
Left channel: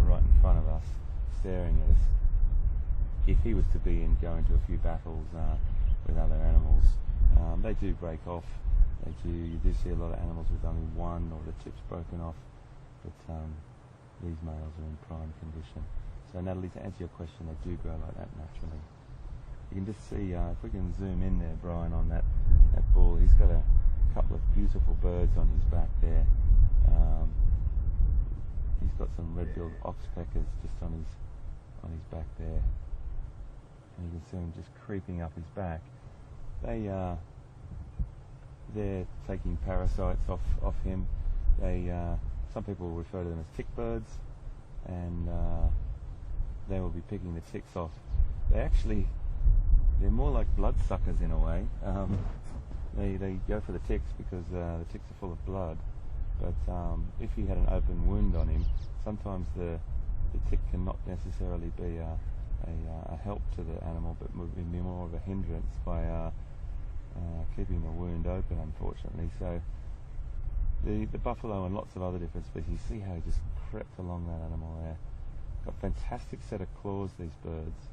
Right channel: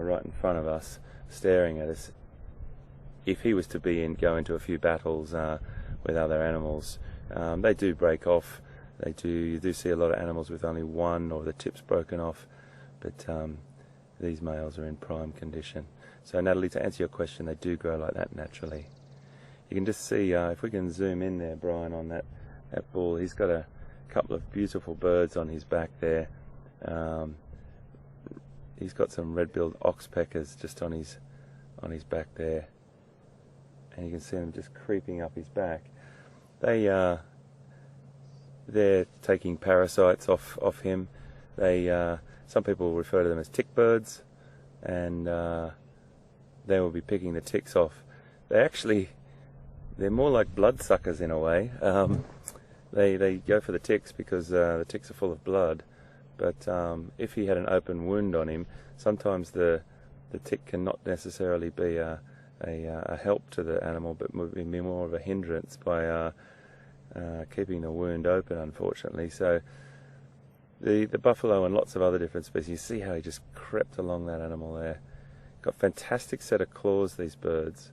right in front of us, staring at us. If he was to go into a few battles with other animals, they do break off. You do see a lot of animals with only one or the tips broken off, but these males are in prime condition. So Natalie, to answer your question, they do grow like that naturally. You can just see, if we can zoom in there, Brian, on that bull, he's got a couple of beautiful birds on his back there. He's got some red-billed oxpeckers just on his back there, and you can see them just creeping up his back. They're taking parasites off him. Some people refer to them as tick birds, and they will be picking the ticks off. They're more like bloodsuckers in a way. They go for the ticks because the ticks are full of blood, but if he had an open wound on him, sometimes the tick can not necessarily be a help to the animal, but would be more of a hindrance by keeping the wound open, unfortunately. So the buffalo and lots of other different species, see how he just crept along that animal there. Got fantastic set of claws, these birds,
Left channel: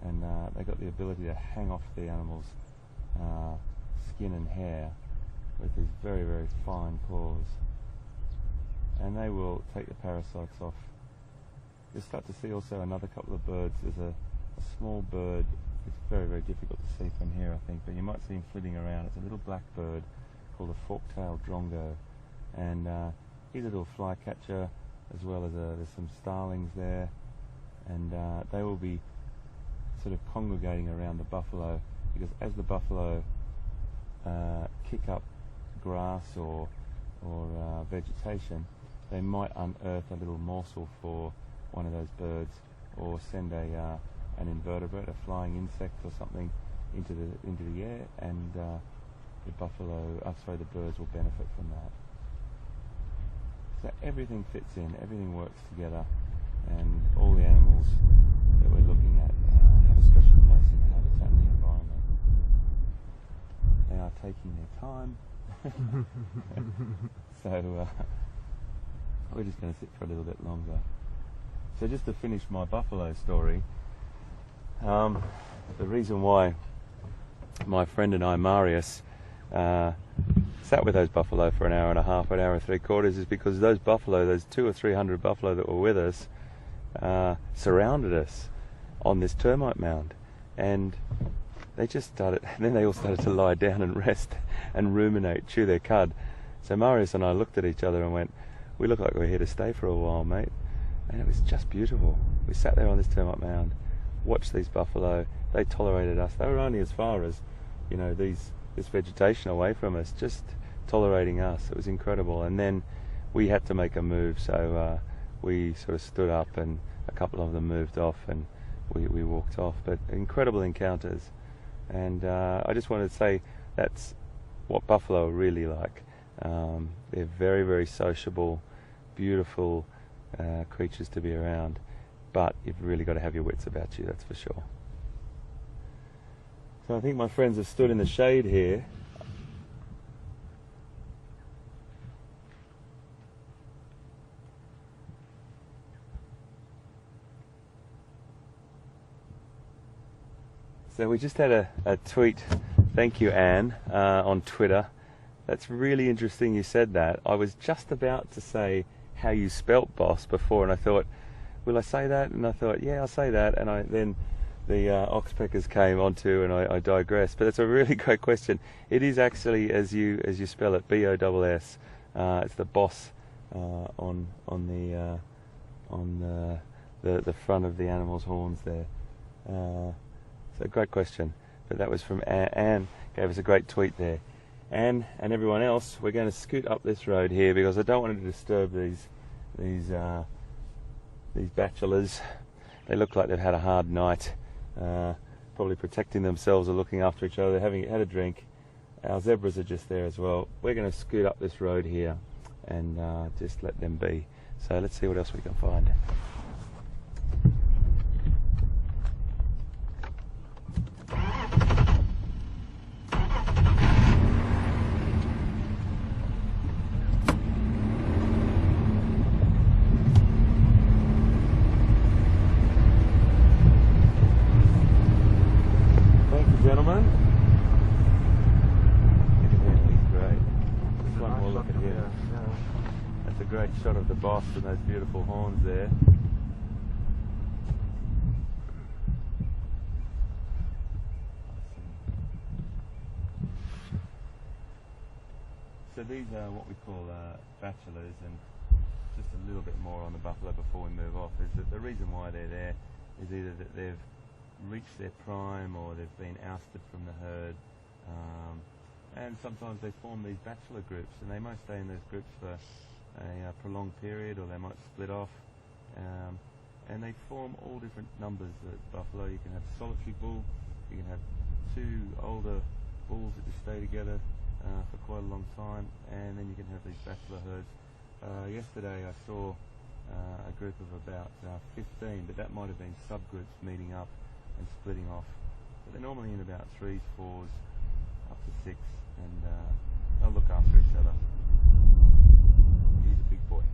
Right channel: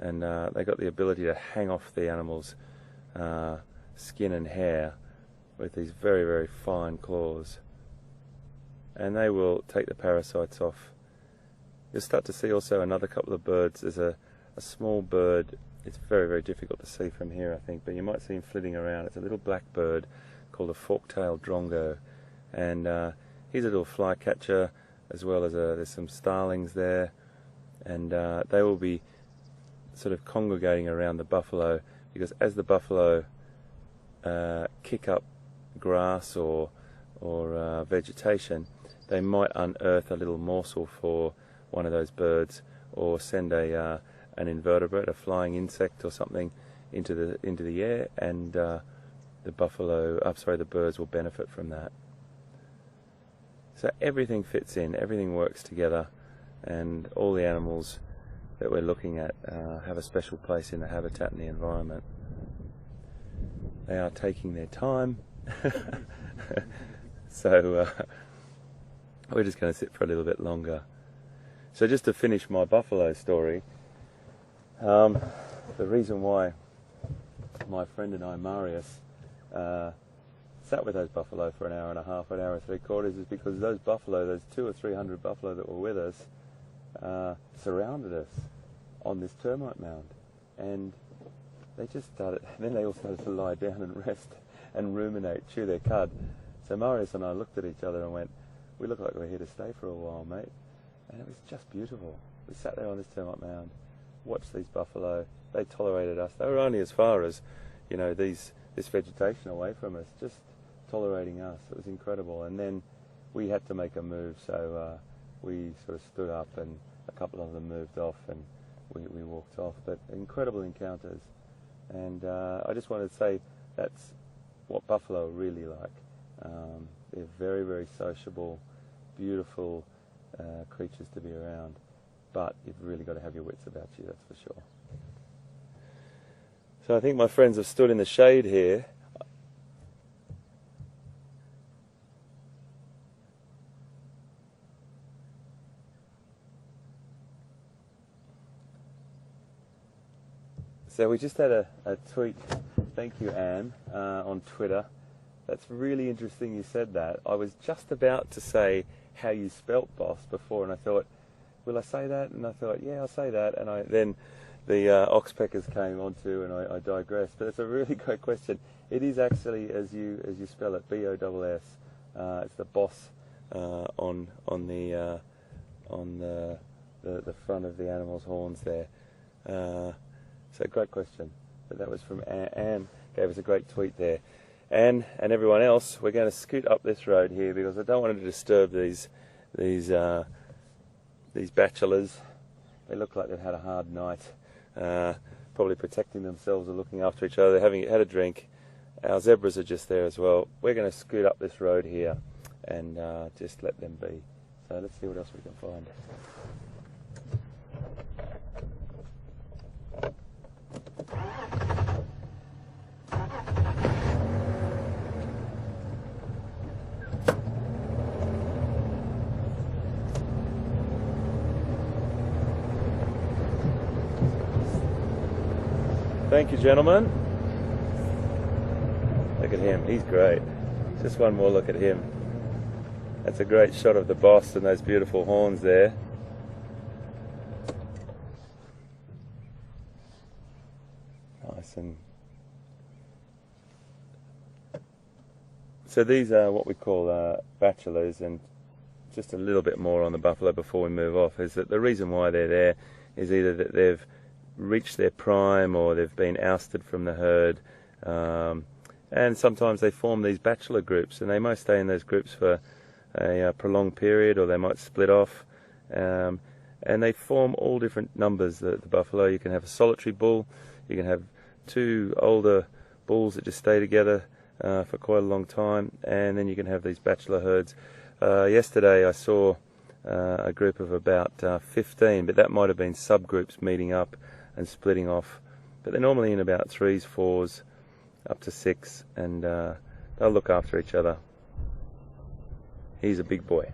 and they got the ability to hang off the animal's skin and hair with these very, very fine claws, and they will take the parasites off. You'll start to see also another couple of birds. There's a small bird. It's very, very difficult to see from here, I think, but you might see him flitting around. It's a little black bird called a fork-tailed drongo, and he's a little flycatcher, as well as there's some starlings there, and they will be sort of congregating around the buffalo, because as the buffalo kick up grass or vegetation, they might unearth a little morsel for one of those birds, or send an invertebrate, a flying insect or something, into the air, and the birds will benefit from that. So everything fits in, everything works together, and all the animals that we're looking at have a special place in the habitat and the environment. They are taking their time, so we're just going to sit for a little bit longer. So just to finish my buffalo story, the reason why my friend and I, Marius, sat with those buffalo for an hour and a half, an hour and 3/4, is because those 200 or 300 buffalo that were with us, surrounded us on this termite mound, and then they all started to lie down and rest and ruminate, chew their cud. So Marius and I looked at each other and went, "We look like we're here to stay for a while, mate." And it was just beautiful. We sat there on this termite mound, watched these buffalo. They tolerated us. They were only as far as, this vegetation away from us, just tolerating us. It was incredible. And then we had to make a move, so we sort of stood up, and a couple of them moved off, and we walked off. But incredible encounters. And I just wanted to say that's what buffalo are really like. They're very, very sociable, beautiful creatures to be around, but you've really got to have your wits about you, that's for sure. So I think my friends have stood in the shade here. So we just had a tweet, thank you Anne, on Twitter. That's really interesting you said that. I was just about to say how you spelt boss before, and I thought, will I say that? And I thought, yeah, I'll say that. And then the oxpeckers came onto, and I digressed. But it's a really great question. It is actually as you spell it, B-O-S-S. It's the boss on the front of the animal's horns there. So great question. But that was from Anne. Gave us a great tweet there. Anne and everyone else, we're going to scoot up this road here because I don't want to disturb these bachelors. They look like they've had a hard night. probably protecting themselves or looking after each other. They're having had a drink. Our zebras are just there as well. We're going to scoot up this road here and just let them be. So let's see what else we can find. Thank you, gentlemen. Look at him, he's great. Just one more look at him. That's a great shot of the boss and those beautiful horns there. Nice. And so these are what we call bachelors, and just a little bit more on the buffalo before we move off is that the reason why they're there is either that they've reached their prime or they've been ousted from the herd, and sometimes they form these bachelor groups, and they might stay in those groups for a prolonged period, or they might split off, and they form all different numbers. The buffalo, you can have a solitary bull, you can have two older bulls that just stay together for quite a long time, and then you can have these bachelor herds. Yesterday I saw a group of about 15, but that might have been subgroups meeting up and splitting off, but they're normally in about 3s, 4s, up to 6, and they'll look after each other. He's a big boy.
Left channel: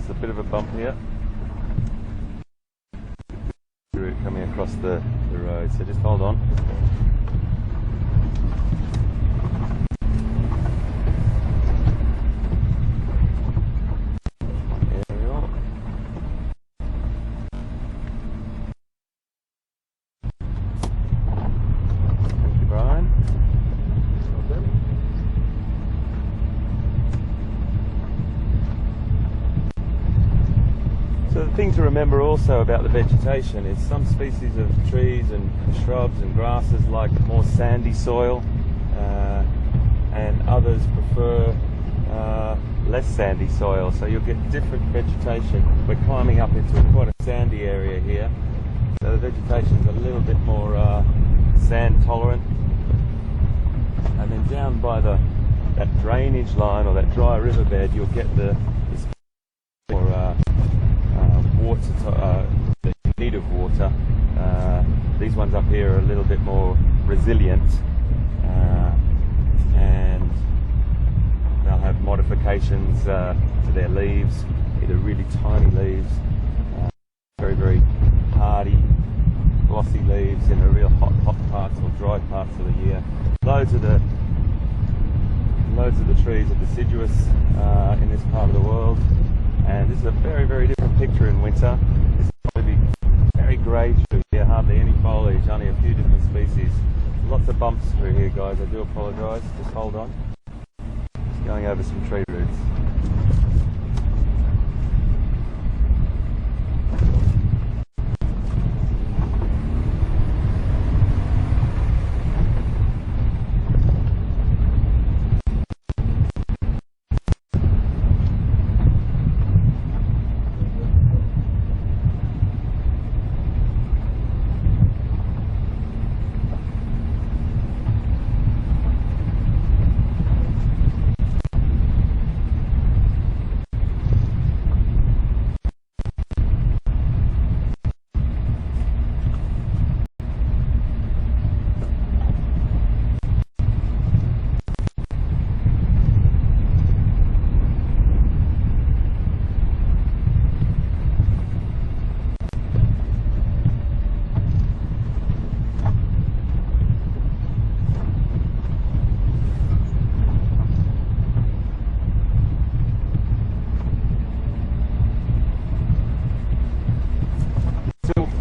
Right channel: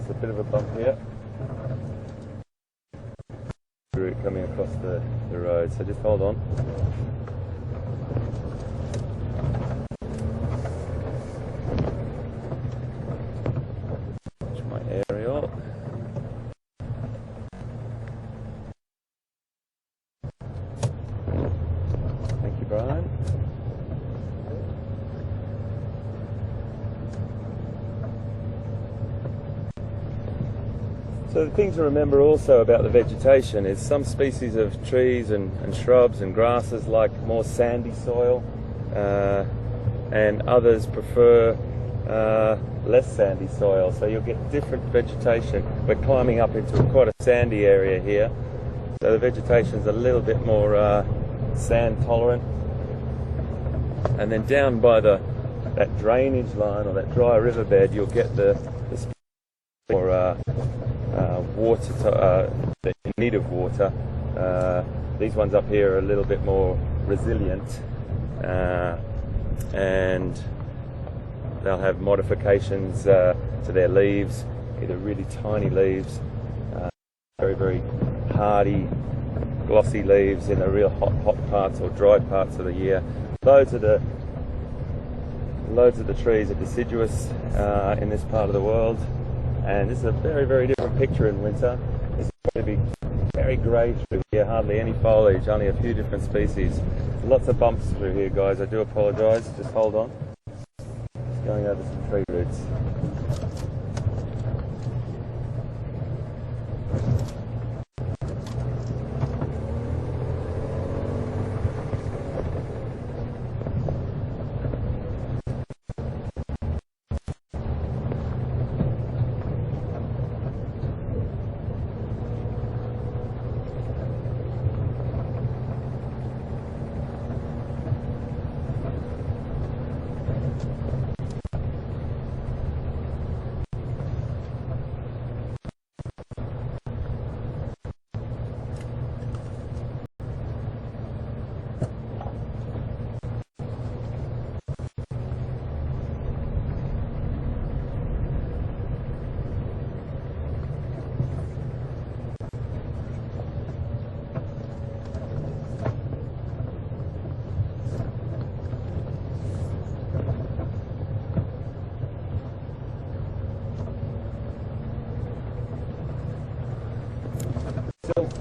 It's a bit of a bump here. Coming across the road, so just hold on. My aerial. Thank you, Brian. So the thing to remember also about the vegetation is some species of trees and shrubs and grasses like more sandy soil, and others prefer less sandy soil, so you'll get different vegetation. We're climbing up into quite a sandy area here, so the vegetation is a little bit more sand tolerant, and then down by that drainage line or that dry riverbed you'll get this more water, the need of water. These ones up here are a little bit more resilient, and they'll have modifications to their leaves, either really tiny leaves, very, very hardy, glossy leaves in the real hot parts or dry parts of the year. Loads of the trees are deciduous in this part of the world. And this is a very, very different picture in winter. It's going to be very grey through here, hardly any foliage, only a few different species. Lots of bumps through here, guys. I do apologise. Just hold on. Just going over some tree roots.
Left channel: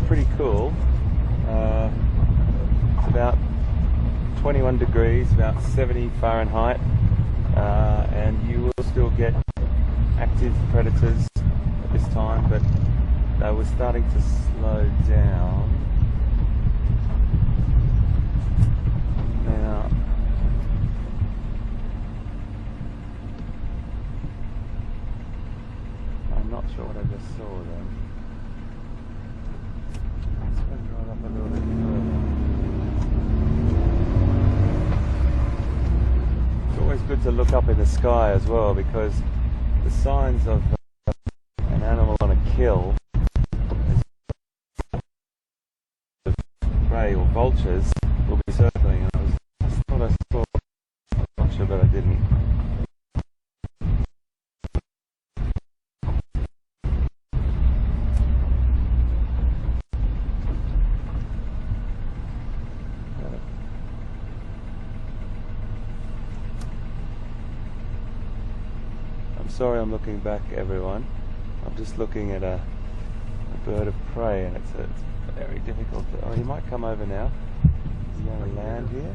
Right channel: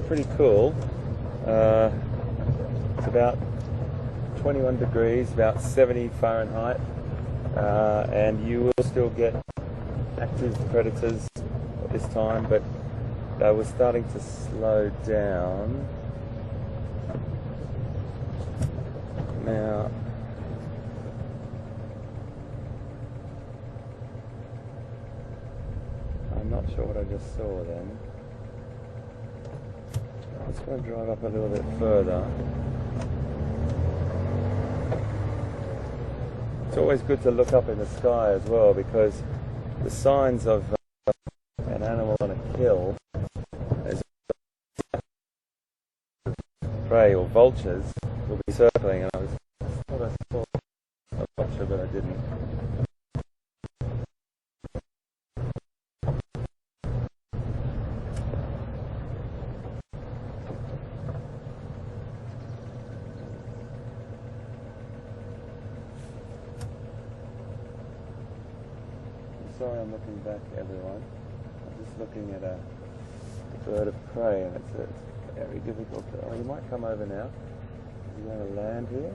pretty cool. It's about 21 degrees, about 70 Fahrenheit, and you will still get active predators at this time, but they were starting to slow down. Now, I'm not sure what I just saw there. I'm just going to drive up a little bit further. It's always good to look up in the sky as well, because the signs of an animal on a kill, as prey or vultures, will be circling, and I thought I saw a vulture, but I didn't. Sorry I'm looking back, everyone. I'm just looking at a bird of prey, and it's very difficult. Oh, he might come over now. Is he going to land here?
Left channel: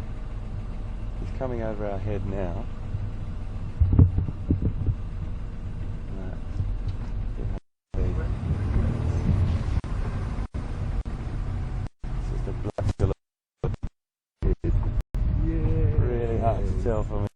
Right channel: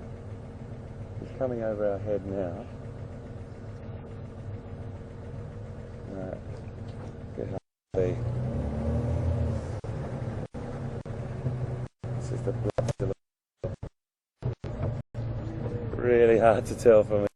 He's coming over our head now. Right. Definitely. It's just a really hard to tell from it.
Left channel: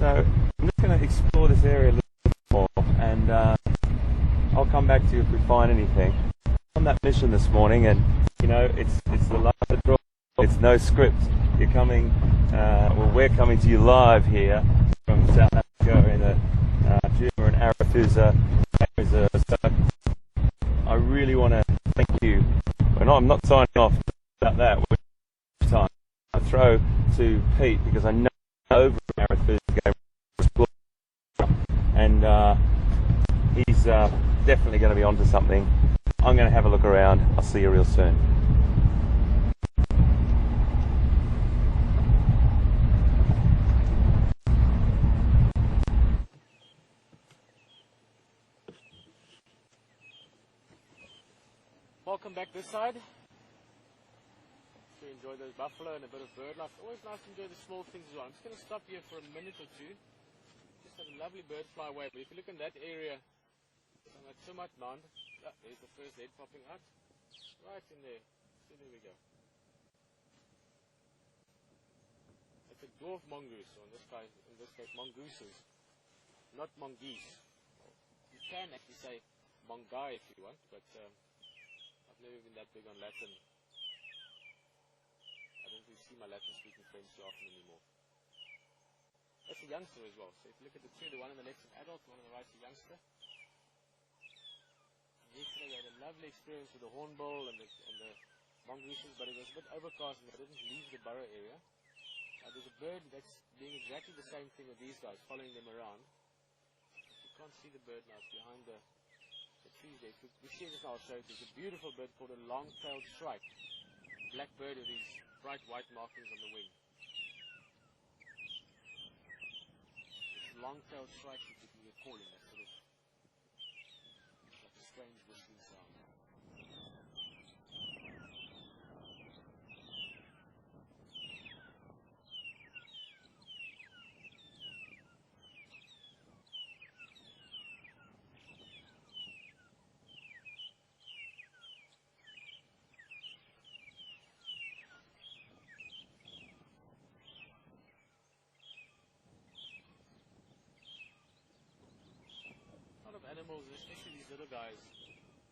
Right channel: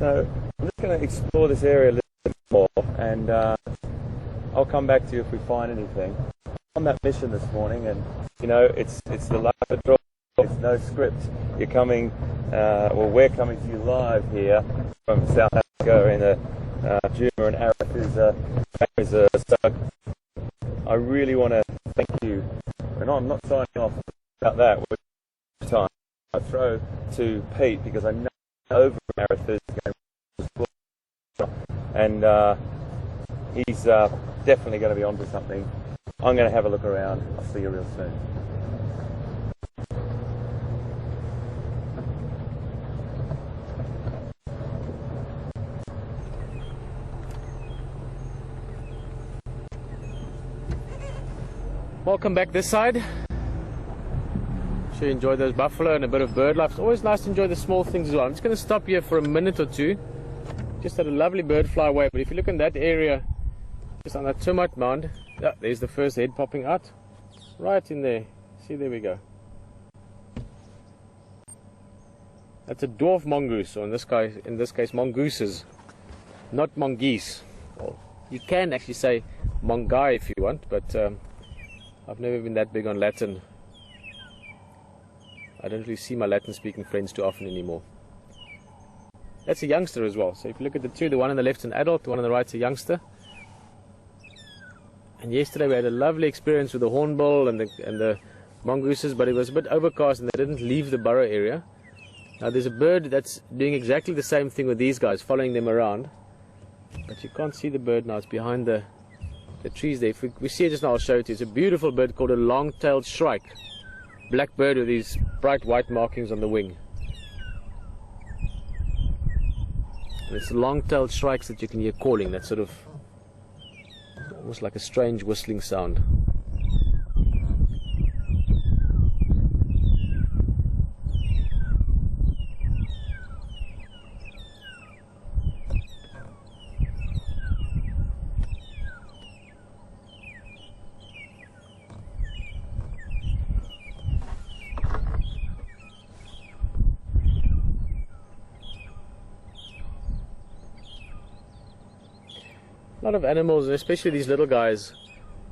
So I'm just going to explore this area a little bit more, and I'll come back to you if we find anything. On that mission this morning, and you know, it's the luck of the draw. It's no script. You're coming, well, we're coming to you live here from South Africa in the Djuma and Arathusa. So I really want to thank you. And I'm not signing off about that. We're time. I throw to Pete, because I know over Arathusa game was booked, and he's definitely going to be onto something. I'm going to have a look around. I'll see you real soon. Welcome back this side. Sure you enjoyed those buffalo and a bit of bird life. It's always nice to enjoy the small things as well. I'm just going to stop here for a minute or two. Just had a lovely bird fly away, but if you look in that area, just on that termite mound, yeah, there's the first head popping out. Right in there. See, there we go. That's a dwarf mongoose, or in this case mongooses, not mongoose. Well, you can actually say mongai if you want, but I've never been that big on Latin. I don't really see my Latin speaking friends too often anymore. That's a youngster as well. So if you look at the two, the one on the left's an adult, the one on the right's a youngster. And yesterday we had a lovely experience with the hornbill and the mongooses, but it was a bit overcast and they didn't leave the burrow area. Now there's a bird that's doing exactly the same thing with these guys, following them around. But you can't see the bird now, it's behind the trees there. If we see it just now, I'll show it to you. It's a beautiful bird called a long-tailed shrike. Black bird with these bright white markings on the wing. And it's the long-tailed shrikes that you can hear calling, that sort of almost like a strange whistling sound. A lot of animals, especially these little guys,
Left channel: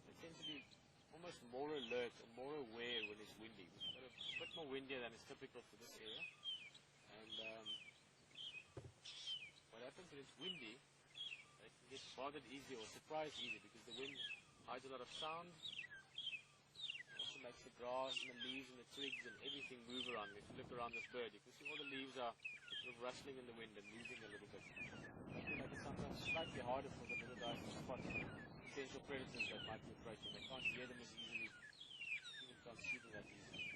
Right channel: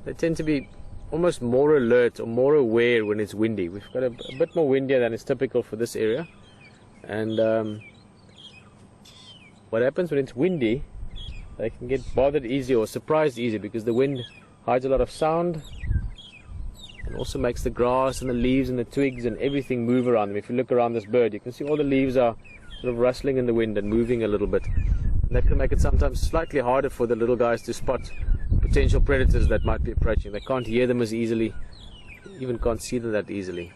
they tend to be almost more alert or more aware when it's windy. We've got a bit more windier than is typical for this area. And what happens when it's windy, they can get bothered easy or surprised easy, because the wind hides a lot of sound and also makes the grass and the leaves and the twigs and everything move around them. If you look around this bird, you can see all the leaves are sort of rustling in the wind and moving a little bit. And that can make it sometimes slightly harder for the little guys to spot potential predators that might be approaching. They can't hear them as easily, even can't see them that easily.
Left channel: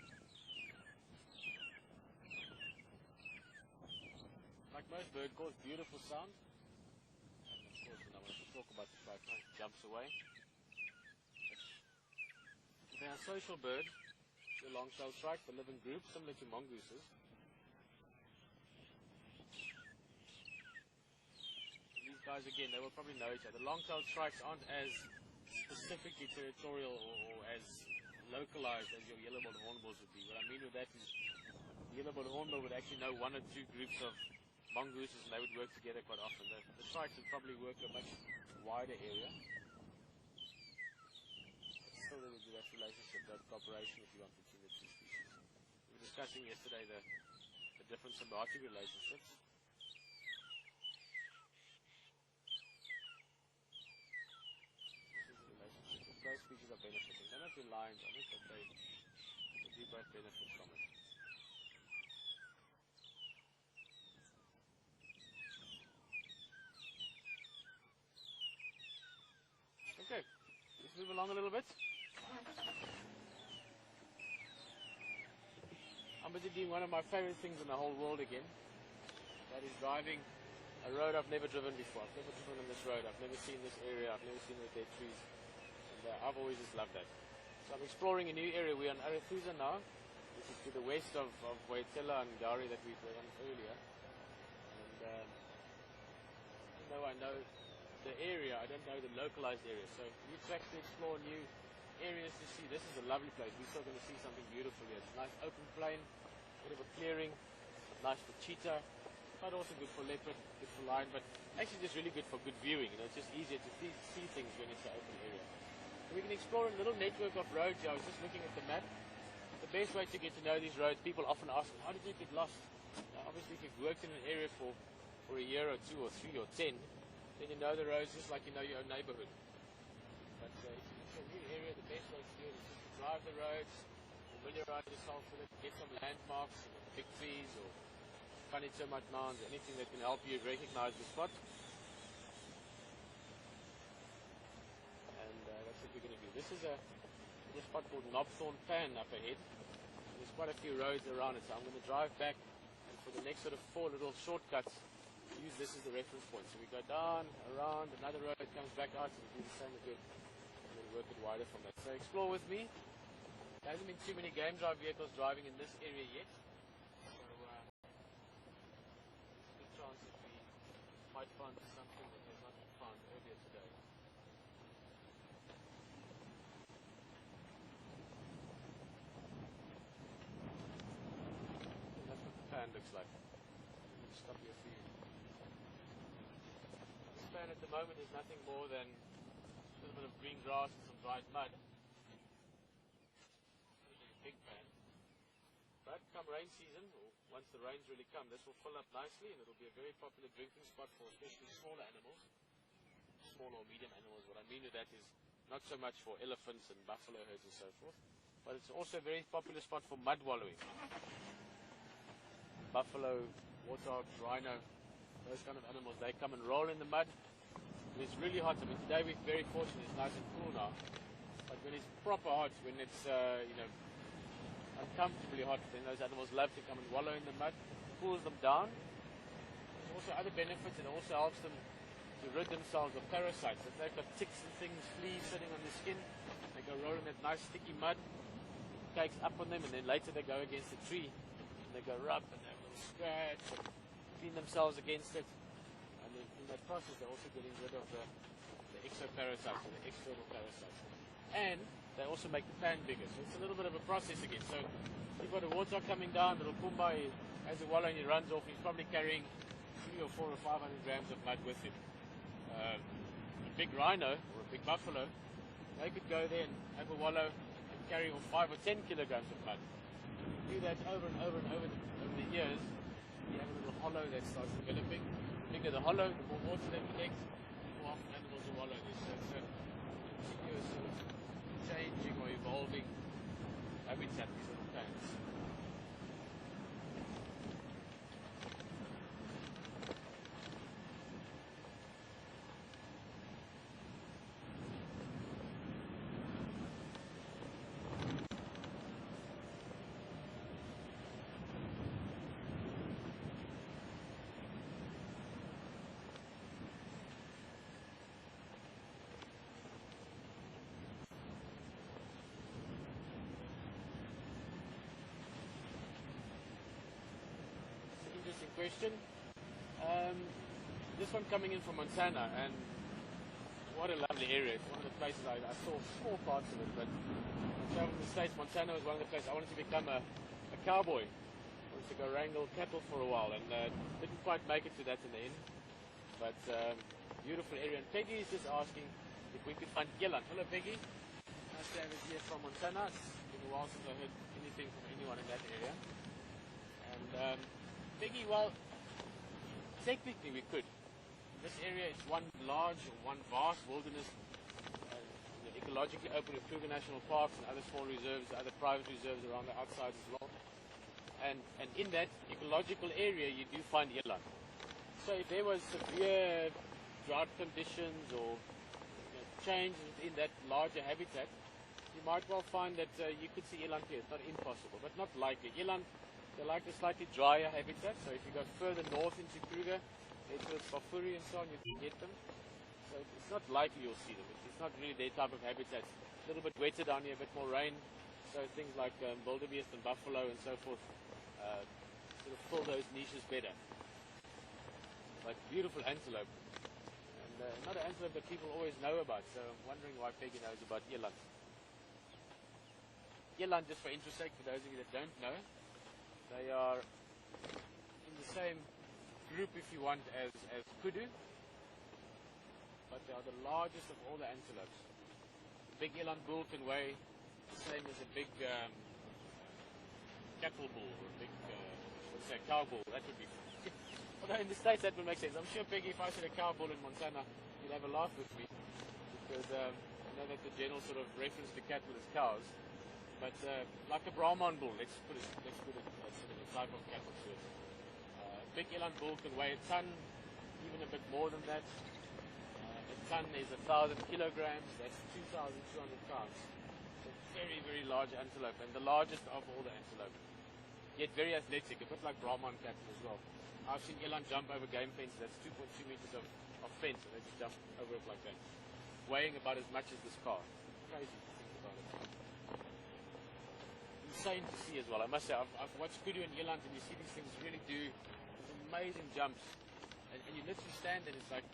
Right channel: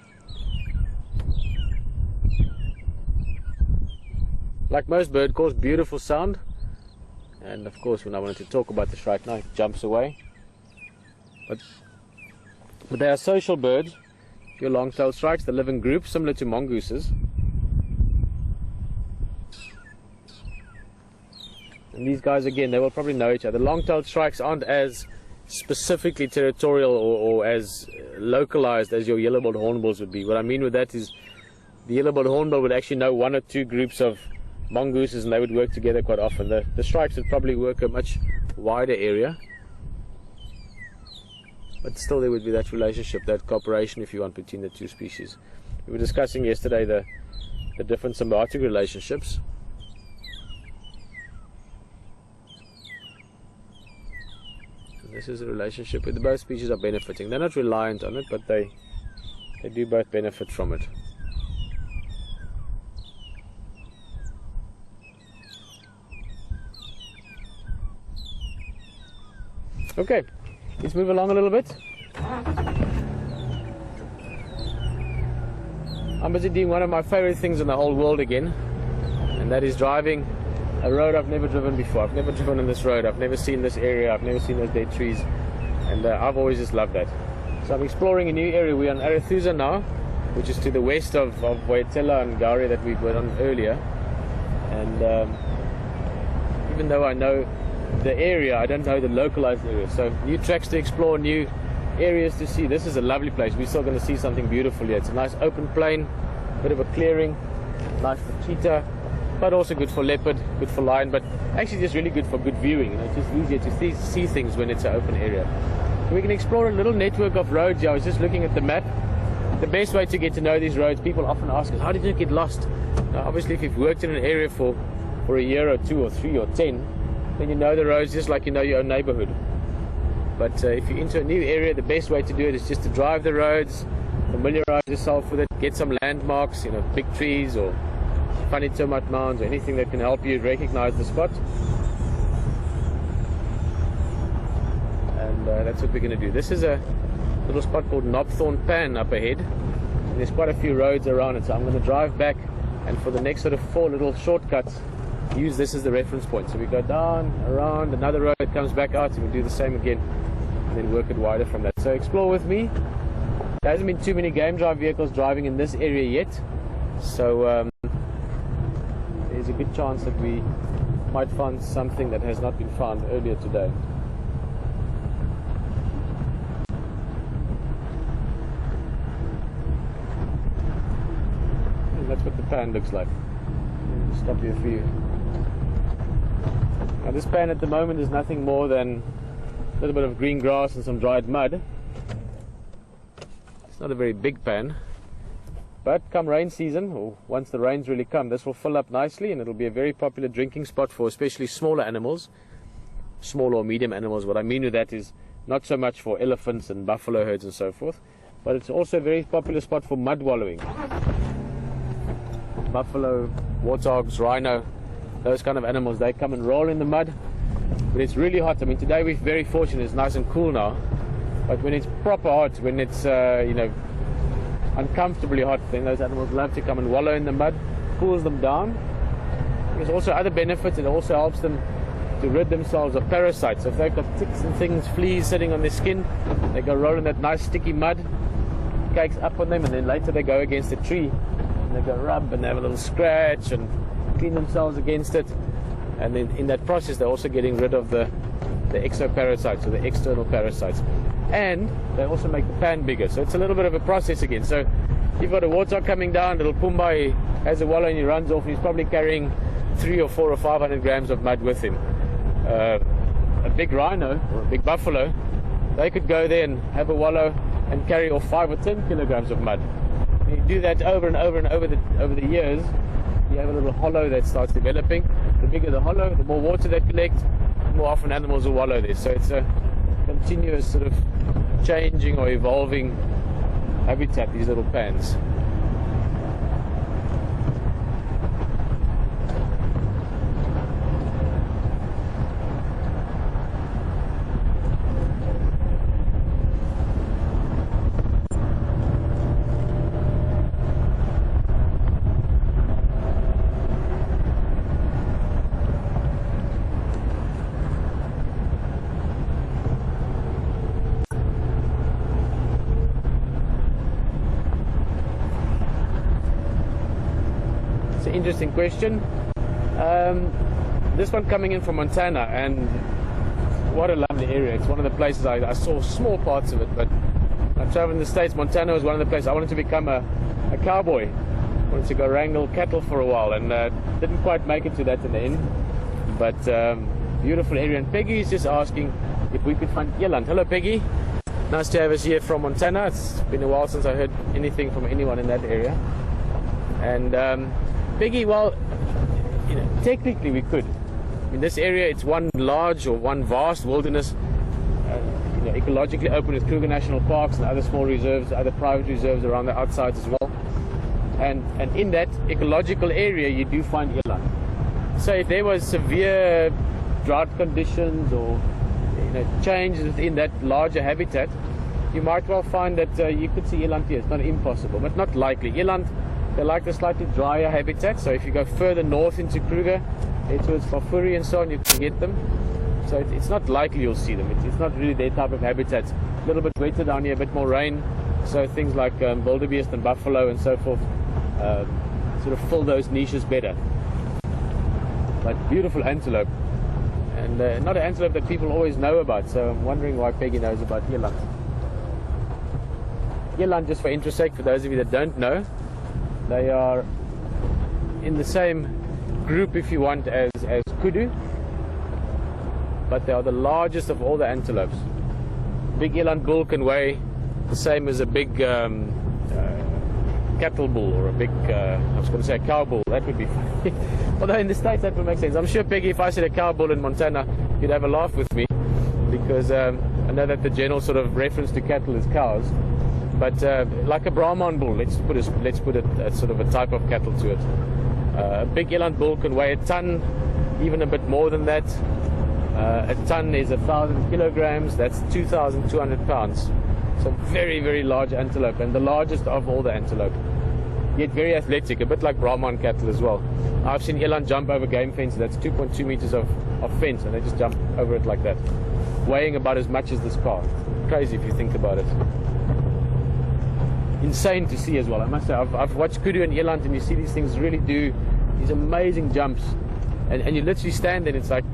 Like most bird calls, beautiful sound. And of course, when I wanted to talk about the shrike now, it jumps away. But they are social birds. Your long-tailed shrikes, they live in groups similar to mongooses. And these guys, again, they will probably know each other. Long-tailed shrikes aren't as specifically territorial or as localized as your yellow-billed hornbills would be. What I mean with that is the yellow-billed hornbill would actually know one or two groups of mongooses and they would work together quite often. The shrikes would probably work a much wider area. But still there would be that relationship, that cooperation, if you want, between the two species. We were discussing yesterday the different symbiotic relationships. And this is a relationship where both species are benefiting. They're not reliant on it, but they do both benefit from it. Okay. Let's move along a little bit. I'm busy doing one of my favorite things in the whole world again, and that is driving a road I've never driven before. I've never driven on this road. I've never seen this area. I've never seen those dead trees, and I've always just loved that. So I'm exploring a new area. We're on Arethusa now, which is to the west of Waiatela and Gari that we were on earlier. And even though I know the area, I don't know the localized area, so new tracks to explore, new areas to see. This is a lovely place. We're still going to see something beautiful here. It's a nice open plain, bit of a clearing, nice for cheetah, but also good for leopard, good for lion, but actually just really good for good viewing. You know, it's just easier to see things when it's an open area. So we can explore a little network of roads here. I was just looking at the map. The best way to get to know these roads, people often ask us, how did you get lost? Now, obviously if you've worked in an area for a year or 2 or 3 or 10, then you know the roads just like you know your own neighborhood. But if you're into a new area, the best way to do it is just to drive the roads, familiarize yourself with it, get some landmarks, you know, big trees or funny termite mounds or anything that can help you recognize the spot. And that's what we're going to do. This is a little spot called Knobthorn Pan up ahead. And there's quite a few roads around it, so I'm going to drive back, and for the next sort of 4 little shortcuts, use this as the reference point. So we go down, around, another road comes back out, and we do the same again, and then work it wider from that. So explore with me. There hasn't been too many game drive vehicles driving in this area yet, so there's a good chance that we might find something that has not been found earlier today. And that's what the pan looks like. I'll stop here for you. Now this pan at the moment is nothing more than a little bit of green grass and some dried mud. It's not a very big pan, but come rain season, or once the rains really come, this will fill up nicely, and it'll be a very popular drinking spot for especially smaller animals, small or medium animals. What I mean with that is not so much for elephants and buffalo herds and so forth, but it's also a very popular spot for mud wallowing. Buffalo, warthogs, rhino, those kind of animals, they come and roll in the mud. But it's really hot. I mean, today we're very fortunate, it's nice and cool now, but when it's proper hot, when it's you know, uncomfortably hot, then those animals love to come and wallow in the mud. Cools them down. There's also other benefits. It also helps them to rid themselves of parasites. If they've got ticks and things, fleas sitting on their skin, they go roll in that nice sticky mud, cakes up on them, and then later they go against a tree and they go rub and they have a little scratch and clean themselves against it. And then in that process they're also getting rid of the exoparasites, or the external parasites, and they also make the pan bigger. So it's a little bit of a process again. So you've got a warthog coming down, little Pumbaa, he has a wallow and he runs off, and he's probably carrying 300 or 400 or 500 grams of mud with him. A big rhino or a big buffalo, they could go there and have a wallow and carry off 5 or 10 kilograms of mud. And you do that over and over and over the years, you have a little hollow that starts developing. The bigger the hollow, the more water they collect, the more often animals will wallow there. So it's a continuous sort of changing or evolving habitat, these little pans. Interesting question. This one coming in from Montana, and what a lovely area. It's one of the places I saw small parts of it, but I traveled in the States. Montana was one of the places I wanted to become a cowboy. I wanted to go wrangle cattle for a while, and didn't quite make it to that in the end. But beautiful area. And Peggy is just asking if we could find eland. Hello, Peggy. Nice to have us here from Montana. It's been a while since I heard anything from anyone in that area. And Peggy, well, you know, technically we could. In this area, it's one large or one vast wilderness, you know, ecologically open with Kruger National Parks and other small reserves, other private reserves around the outsides as well. And in that ecological area, you do find eland. So if there was severe drought conditions or changes within that larger habitat, you might well find that you could see eland here. It's not impossible, but not likely. Eland, they like the slightly drier habitat, so if you go further north into Kruger, towards Fafuri and so on, you can get them. So it's not likely you'll see them. It's not really their type of habitat. A little bit wetter down here, a bit more rain, so things like wildebeest and buffalo and so forth sort of fill those niches better. But beautiful antelope, and not an antelope that people always know about, so I'm wondering why Peggy knows about eland. Eland, just for interest sake, for those of you that don't know, they are in the same group, if you want, as kudu, but they are the largest of all the antelopes. Big eland bull can weigh the same as a big cattle bull, or a big, I was going to say a cow bull. That would be funny. Although in the States that would make sense. I'm sure, Peggy, if I said a cow bull in Montana, you'd have a laugh with me, because I know that the general sort of reference to cattle is cows. But like a Brahman bull, let's put it as sort of a type of cattle to it. A big eland bull can weigh a ton, even a bit more than that. A ton is 1,000 kilograms. That's 2,200 pounds. So very, very large antelope, and the largest of all the antelope. Yet very athletic, a bit like Brahman cattle as well. I've seen eland jump over game fences. That's 2.2 meters of fence, and they just jump over it like that, weighing about as much as this car. Crazy if you think about it. Insane to see as well, I must say. I've watched kudu and eland, and you see these things really do these amazing jumps, and you literally stand there and it's like,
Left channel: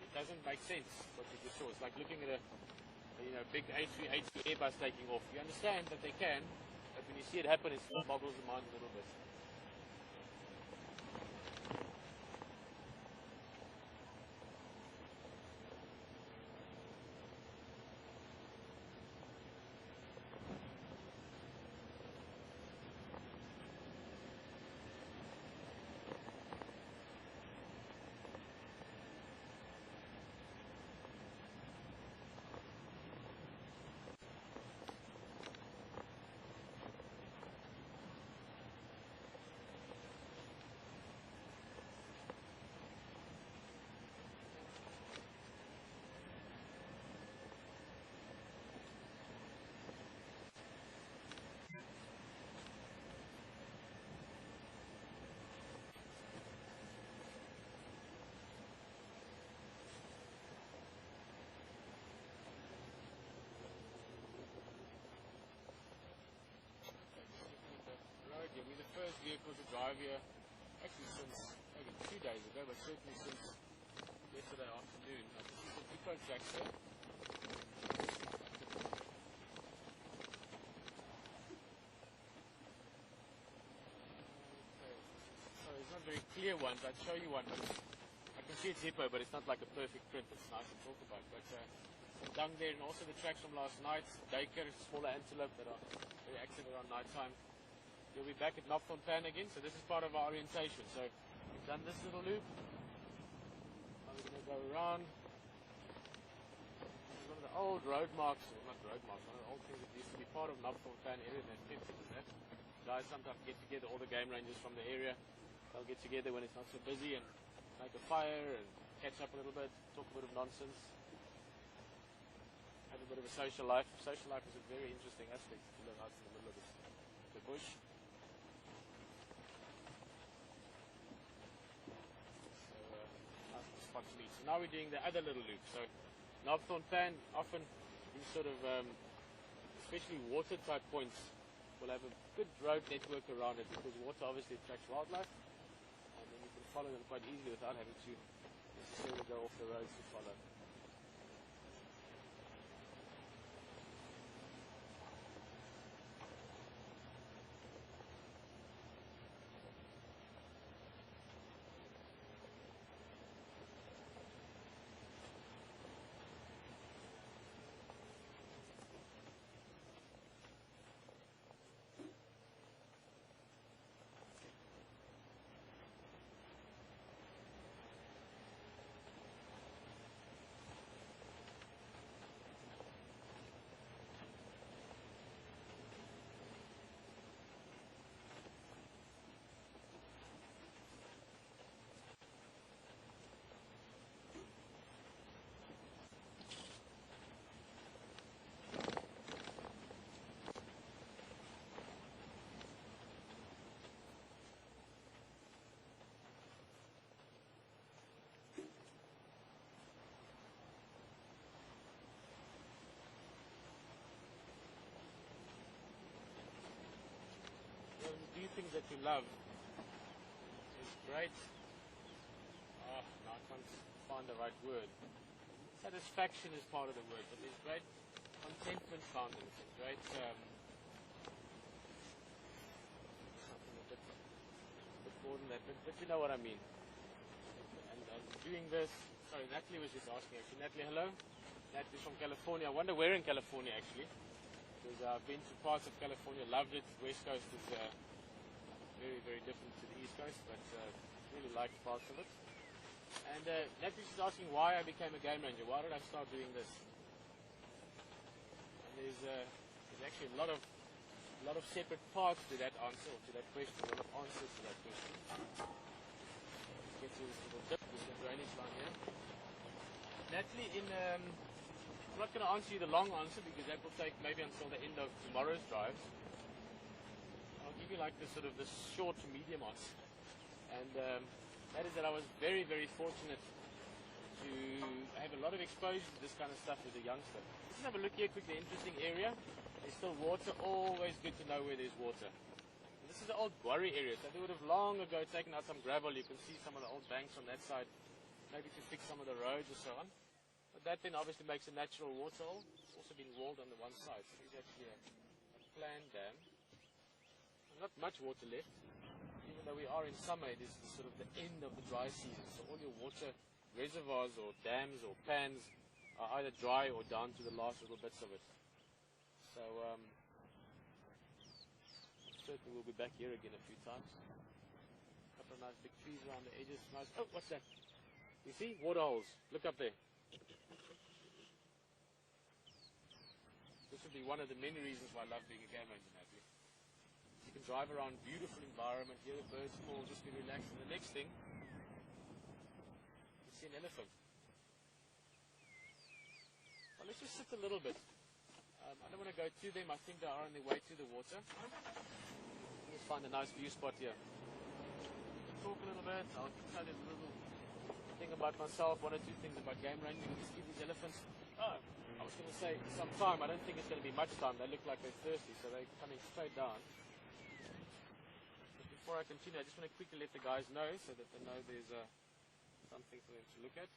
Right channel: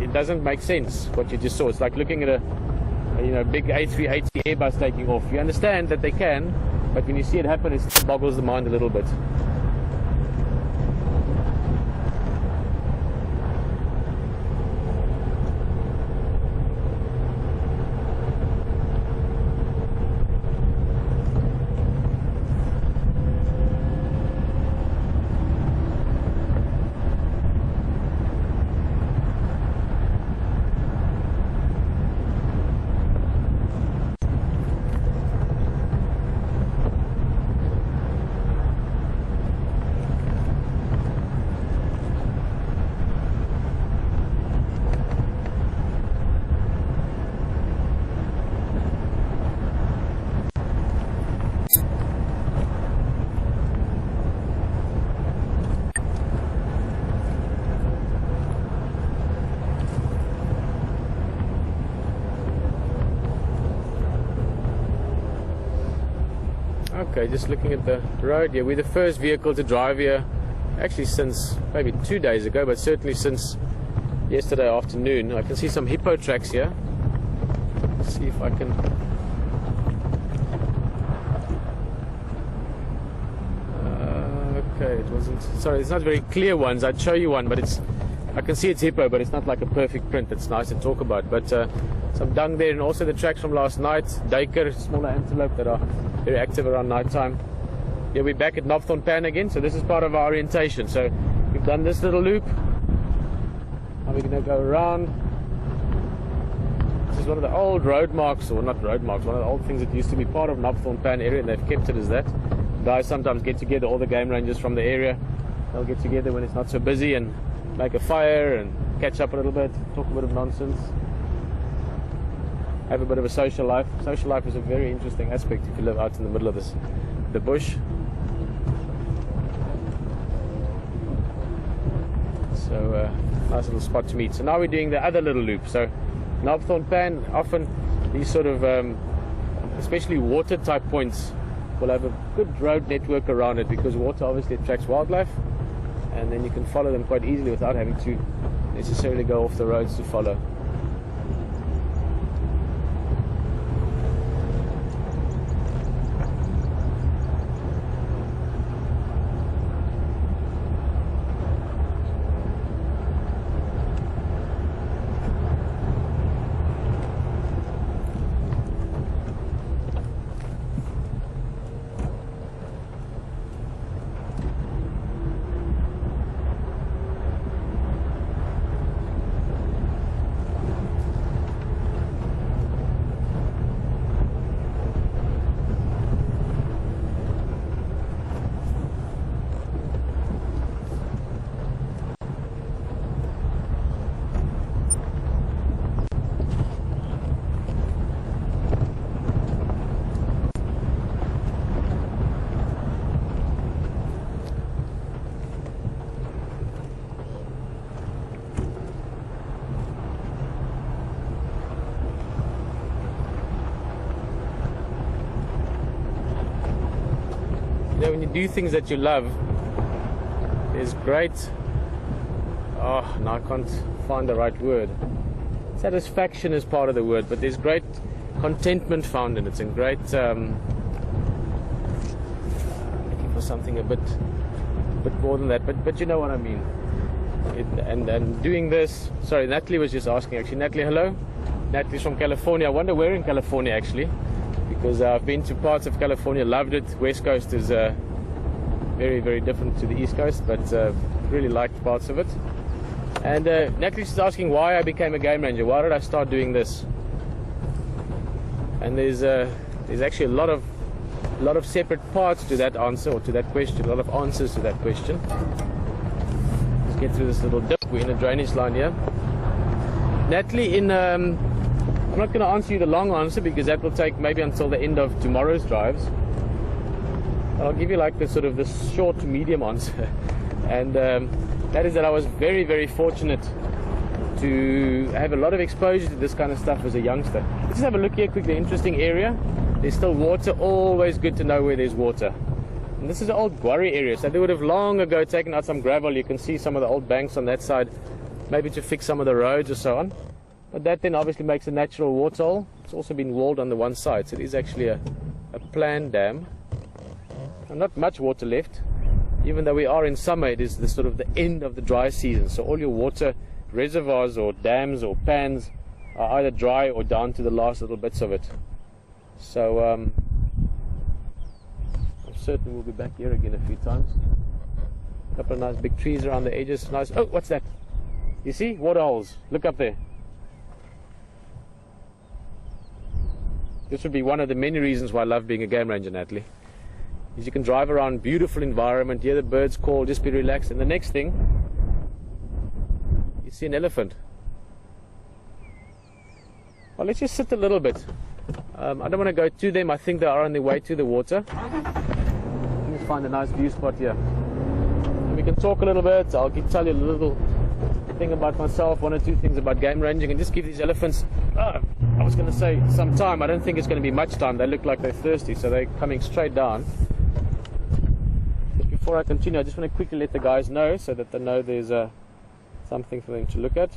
it doesn't make sense what you just saw. It's like looking at a big A380 Airbus taking off. You understand that they can, but when you see it happen, it boggles the mind a little bit. Okay, just looking at the road here. We're the first vehicle to drive here, actually since maybe 2 days ago, but certainly since yesterday afternoon. I can see some hippo tracks here. Let's see if I can... okay, it wasn't... Sorry, it's not very clear ones. I'd show you one, but it's... I can see it's hippo, but it's not like a perfect print. It's nice to talk about. But some dung there, and also the tracks from last night. Duiker, smaller antelope that are very active around night time. Yeah, we're back at Knopthorn Pan again, so this is part of our orientation. So we've done this little loop. Now we're going to go around This is one of the old road marks, or not road marks, one of the old things that used to be part of Knobthorne Pan area, and they've kept it as that. Guys sometimes get together, all the game rangers from the area, they'll get together when it's not so busy and make a fire and catch up a little bit, talk a bit of nonsense, have a bit of a social life. Social life is a very interesting aspect if you live out in the middle of the bush. So nice little spot to meet. So now we're doing the other little loop. So Knobthorne Pan, often these sort of especially water type points will have a good road network around it, because water obviously attracts wildlife, and then you can follow them quite easily without having to necessarily go off the roads to follow. When you do things that you love, there's great, now I can't find the right word. Satisfaction is part of the word, but there's great contentment found in it, and great looking for something a bit more than that, but you know what I mean. And doing this, sorry, Natalie was just asking actually. Natalie, hello. Natalie's from California. I wonder where in California actually, because I've been to parts of California, loved it. West Coast is very, very different to the East Coast, but really liked parts of it. And Natalie's asking why I became a game ranger. Why did I start doing this? And there's actually a lot of separate parts to that answer, or to that question. A lot of answers to that question. Let's get through this little dip. We're in a drainage line here. Natalie, I'm not going to answer you the long answer, because that will take maybe until the end of tomorrow's drives. I'll give you like the sort of the short to medium answer, and that is that I was very, very fortunate to have a lot of exposure to this kind of stuff as a youngster. Let's just have a look here quickly. Interesting area. There's still water. Always good to know where there's water. And this is an old quarry area, so they would have long ago taken out some gravel. You can see some of the old banks on that side, maybe to fix some of the roads or so on. But that then obviously makes a natural water hole. It's also been walled on the one side, so it is actually a planned dam. And not much water left. Even though we are in summer, it is the sort of the end of the dry season. So all your water reservoirs or dams or pans are either dry or down to the last little bits of it. So I'm certain we'll be back here again a few times. A couple of nice big trees around the edges. Nice. Oh, what's that? You see? Water holes. Look up there. This would be one of the many reasons why I love being a game ranger, Natalie. Is you can drive around, beautiful environment, hear the birds call, just be relaxed, and the next thing, you see an elephant. Well, let's just sit a little bit. I don't want to go to them. I think they are on their way to the water. Let me find a nice view spot here. And we can talk a little bit. I'll tell you a little thing about myself, one or two things about game ranging, and just give these elephants, I was going to say some time. I don't think it's going to be much time. They look like they're thirsty, so they're coming straight down. But before I continue, I just want to quickly let the guys know, so that they know there's something for them to look at.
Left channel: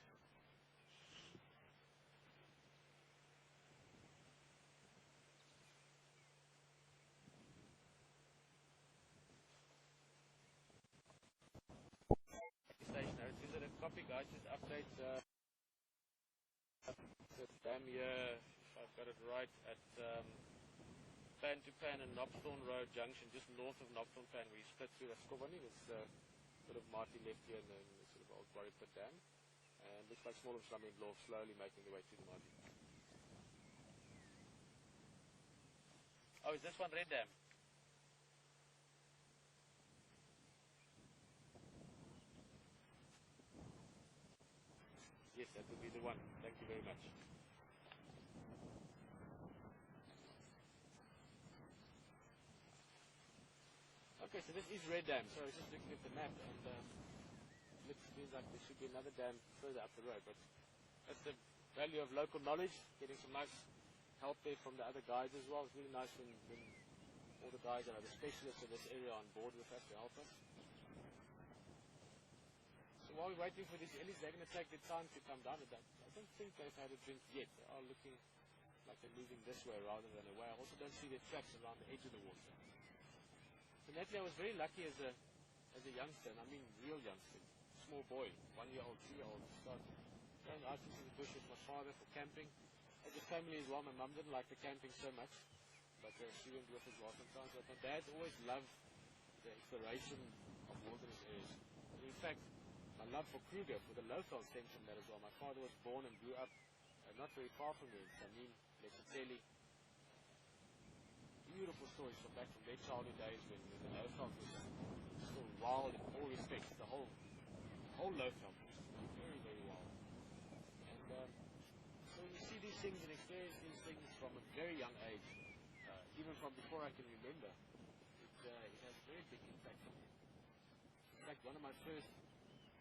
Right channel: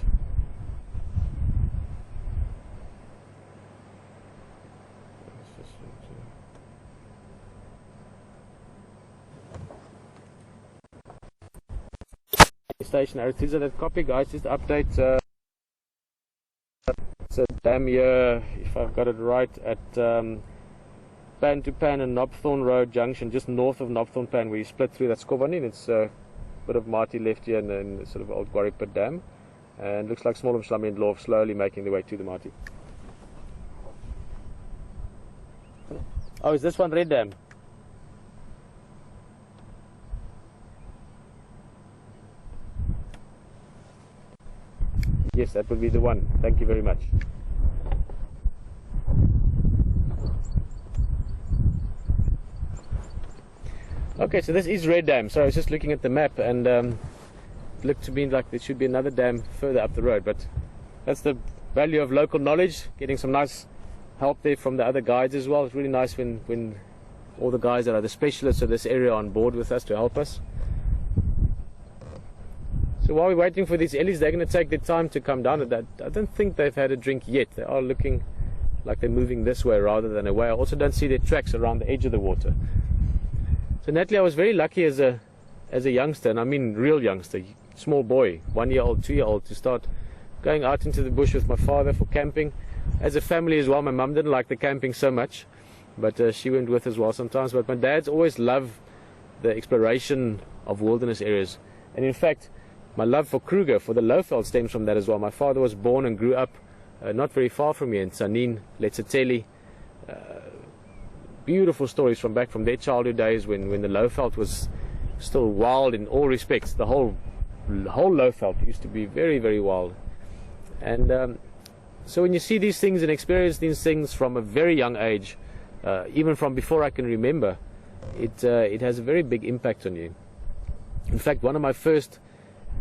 Station Arethusa, that copy, guys. Just update. It's a dam here, if I've got it right, at Pan to Pan and Knobthorne Road Junction, just north of Knobthorne Pan, where you split through that Skobani. It's a bit of Marty left here, and then sort of old Quarry Pit Dam. And looks like Small and Slummy and Lorf slowly making their way to the Marty. Oh, is this one red dam? Yes, that would be the one. Thank you very much. Okay, so this is Red Dam. So I was just looking at the map, and it looked to me like there should be another dam further up the road. But that's the value of local knowledge, getting some nice help there from the other guides as well. It's really nice when all the guys that are the specialists of this area are on board with us to help us. So while we're waiting for these Ellies, they're going to take their time to come down. I don't think they've had a drink yet. They are looking like they're moving this way rather than away. I also don't see their tracks around the edge of the water. So Natalie, I was very lucky as a youngster, and I mean real youngster, small boy, 1 year old, 2 year old, to start going out into the bush with my father for camping. As a family as well, my mum didn't like the camping so much, but she went with as well sometimes. But my dad's always loved the exploration of wilderness areas, and in fact my love for Kruger, for the Lowveld, stems from that as well. My father was born and grew up not very far from here in Tsanin, Letseteli. Beautiful stories from back from their childhood days when the Lowveld was still wild in all respects. The whole Lowveld used to be very, very wild. And so when you see these things and experience these things from a very young age, even from before I can remember, it has a very big impact on you. In fact, one of my first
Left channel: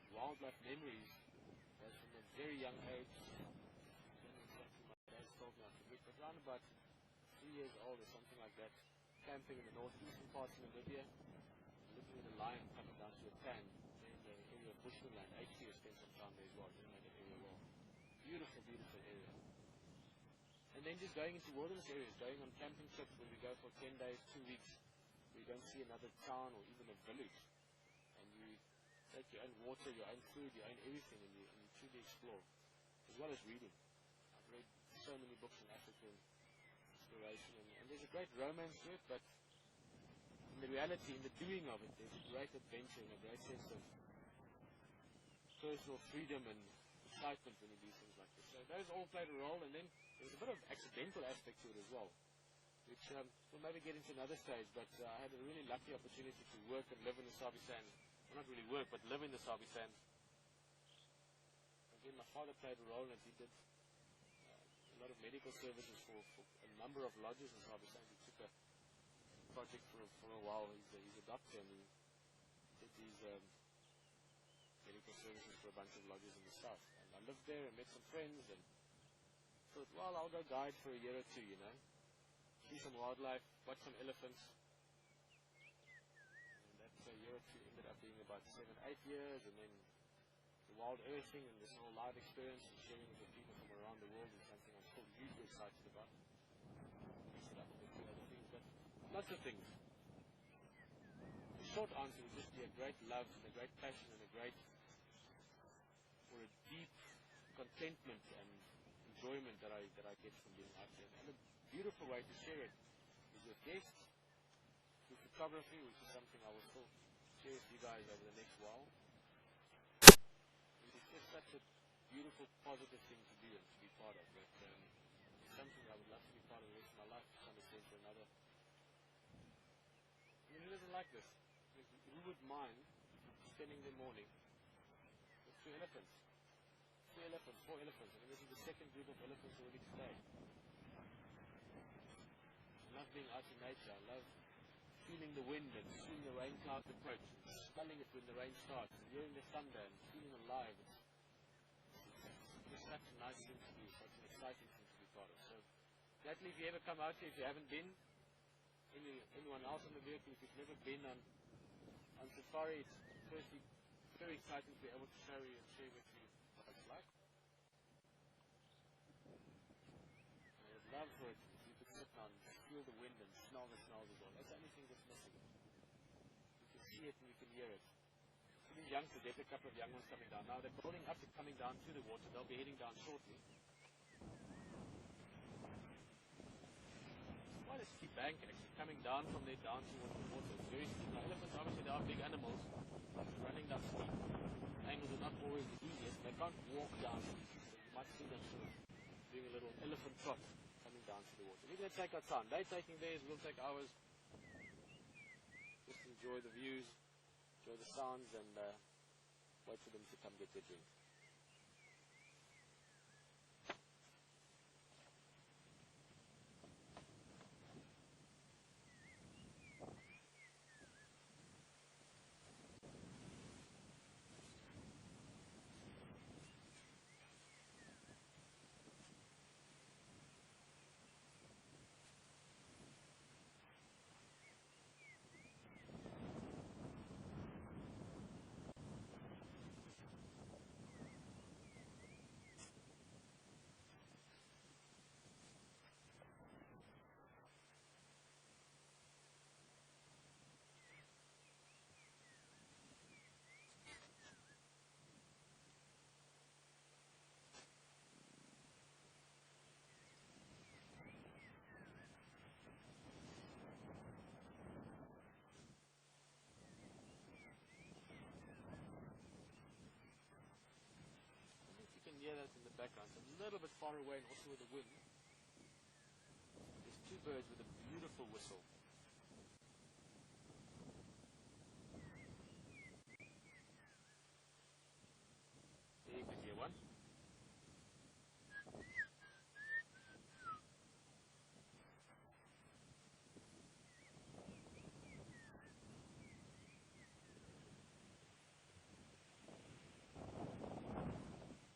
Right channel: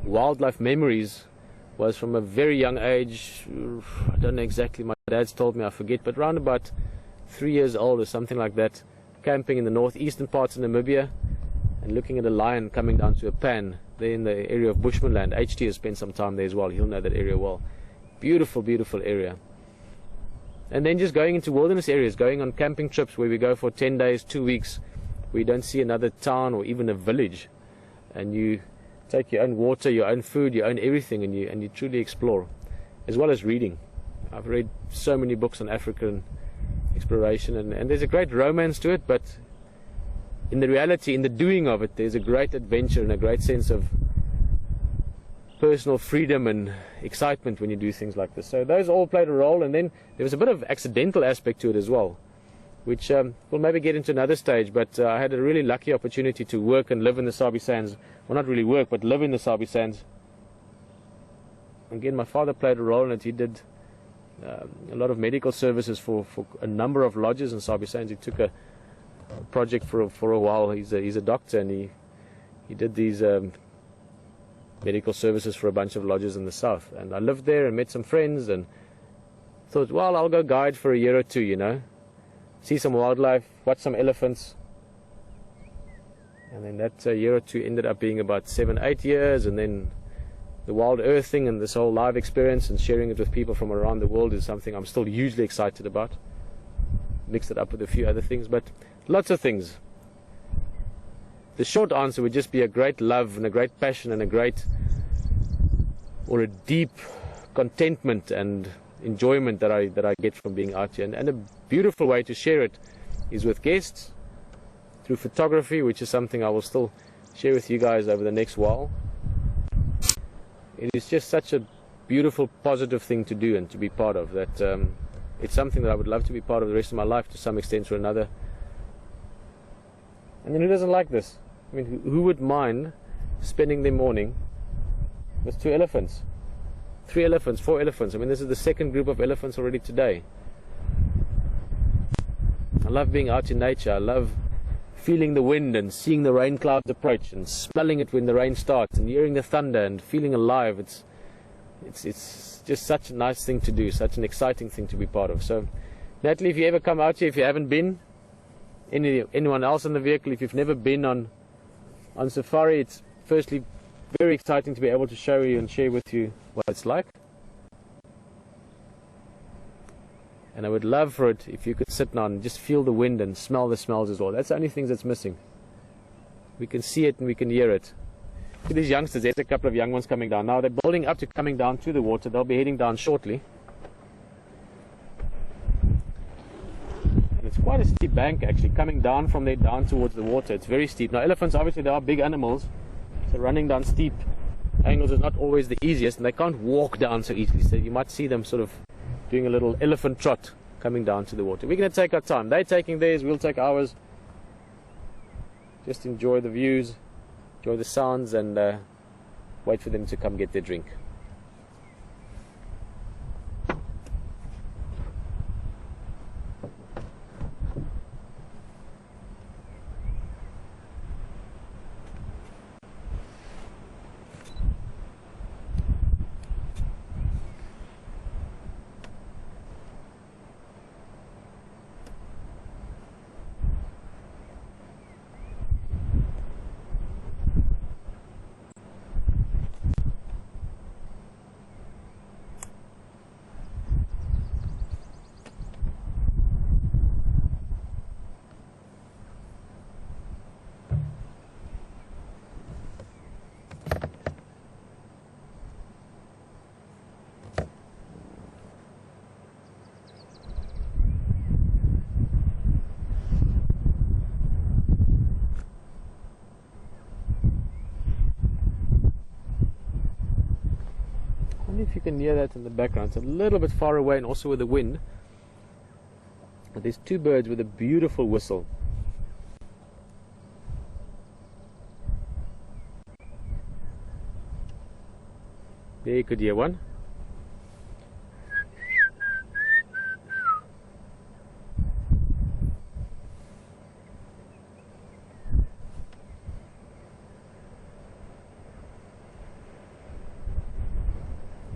wildlife memories was from a very young age. I don't know exactly, my dad's told me, I forget, but around about 3 years old or something like that, camping in the northeastern parts of Namibia and looking at a lion coming down to a pan there in the area of Bushmanland. HT has spent some time there as well. He'll know that area well. Beautiful, beautiful area. And then just going into wilderness areas, going on camping trips where we go for 10 days, 2 weeks, where you don't see another town or even a village, and you take your own water, your own food, your own everything, and you truly explore, as well as reading. I've read so many books on African exploration, and there's a great romance to it, but in the reality, in the doing of it, there's a great adventure and a great sense of personal freedom and excitement when you do things like this. So those all played a role, and then there was a bit of accidental aspect to it as well, which we'll maybe get into another stage, but I had a really lucky opportunity to work and live in the Sabi Sands. Well, not really work, but live in the Sabi Sands. Again, my father played a role in it. He did a lot of medical services for a number of lodges in Sabi Sands. He took a project for a while. He's a doctor, and he did these medical services for a bunch of lodges in the south. And I lived there and met some friends and thought, well, I'll go guide for a year or two, you know, see some wildlife, watch some elephants. And then that year or two ended up being about 7, 8 years, and then the wild earth thing and this whole live experience and sharing it with people from around the world is something I'm still hugely excited about. Mixed it up with a few other things, but lots of things. The short answer would just be a great love and a great passion and a deep contentment and enjoyment that I get from being out here. And a beautiful way to share it is with guests, through photography, which is something I will still share with you guys over the next while. It is just such a beautiful, positive thing to do and to be part of, that it's something that I would love to be part of the rest of my life to some extent or another. And then who doesn't like this? I mean, who would mind spending their morning with 2 elephants, 3 elephants, 4 elephants? I mean, this is the second group of elephants already today. I love being out in nature. I love feeling the wind and seeing the rain clouds approach and smelling it when the rain starts and hearing the thunder and feeling alive. It's just such a nice thing to do, such an exciting thing to be part of. So, Natalie, if you ever come out here, if you haven't been, anyone else in the vehicle, if you've never been on safari, it's firstly very exciting to be able to show you and share with you what it's like. And I would love for it if you could sit down and just feel the wind and smell the smells as well. That's the only thing that's missing. We can see it and we can hear it. Look at these youngsters. There's a couple of young ones coming down. Now they're building up to coming down to the water. They'll be heading down shortly. And it's quite a steep bank actually, coming down from there down towards the water. It's very steep. Now elephants, obviously they are big animals, so running down steep angles is not always the easiest, and they can't walk down so easily. So you might see them sort of doing a little elephant trot coming down to the water. We're going to take our time. They're taking theirs, we'll take ours. Just enjoy the views, enjoy the sounds, and wait for them to come get their drink. I wonder if you can hear that in the background. It's a little bit far away and also with the wind. But there's two birds with a beautiful whistle. There you could hear one.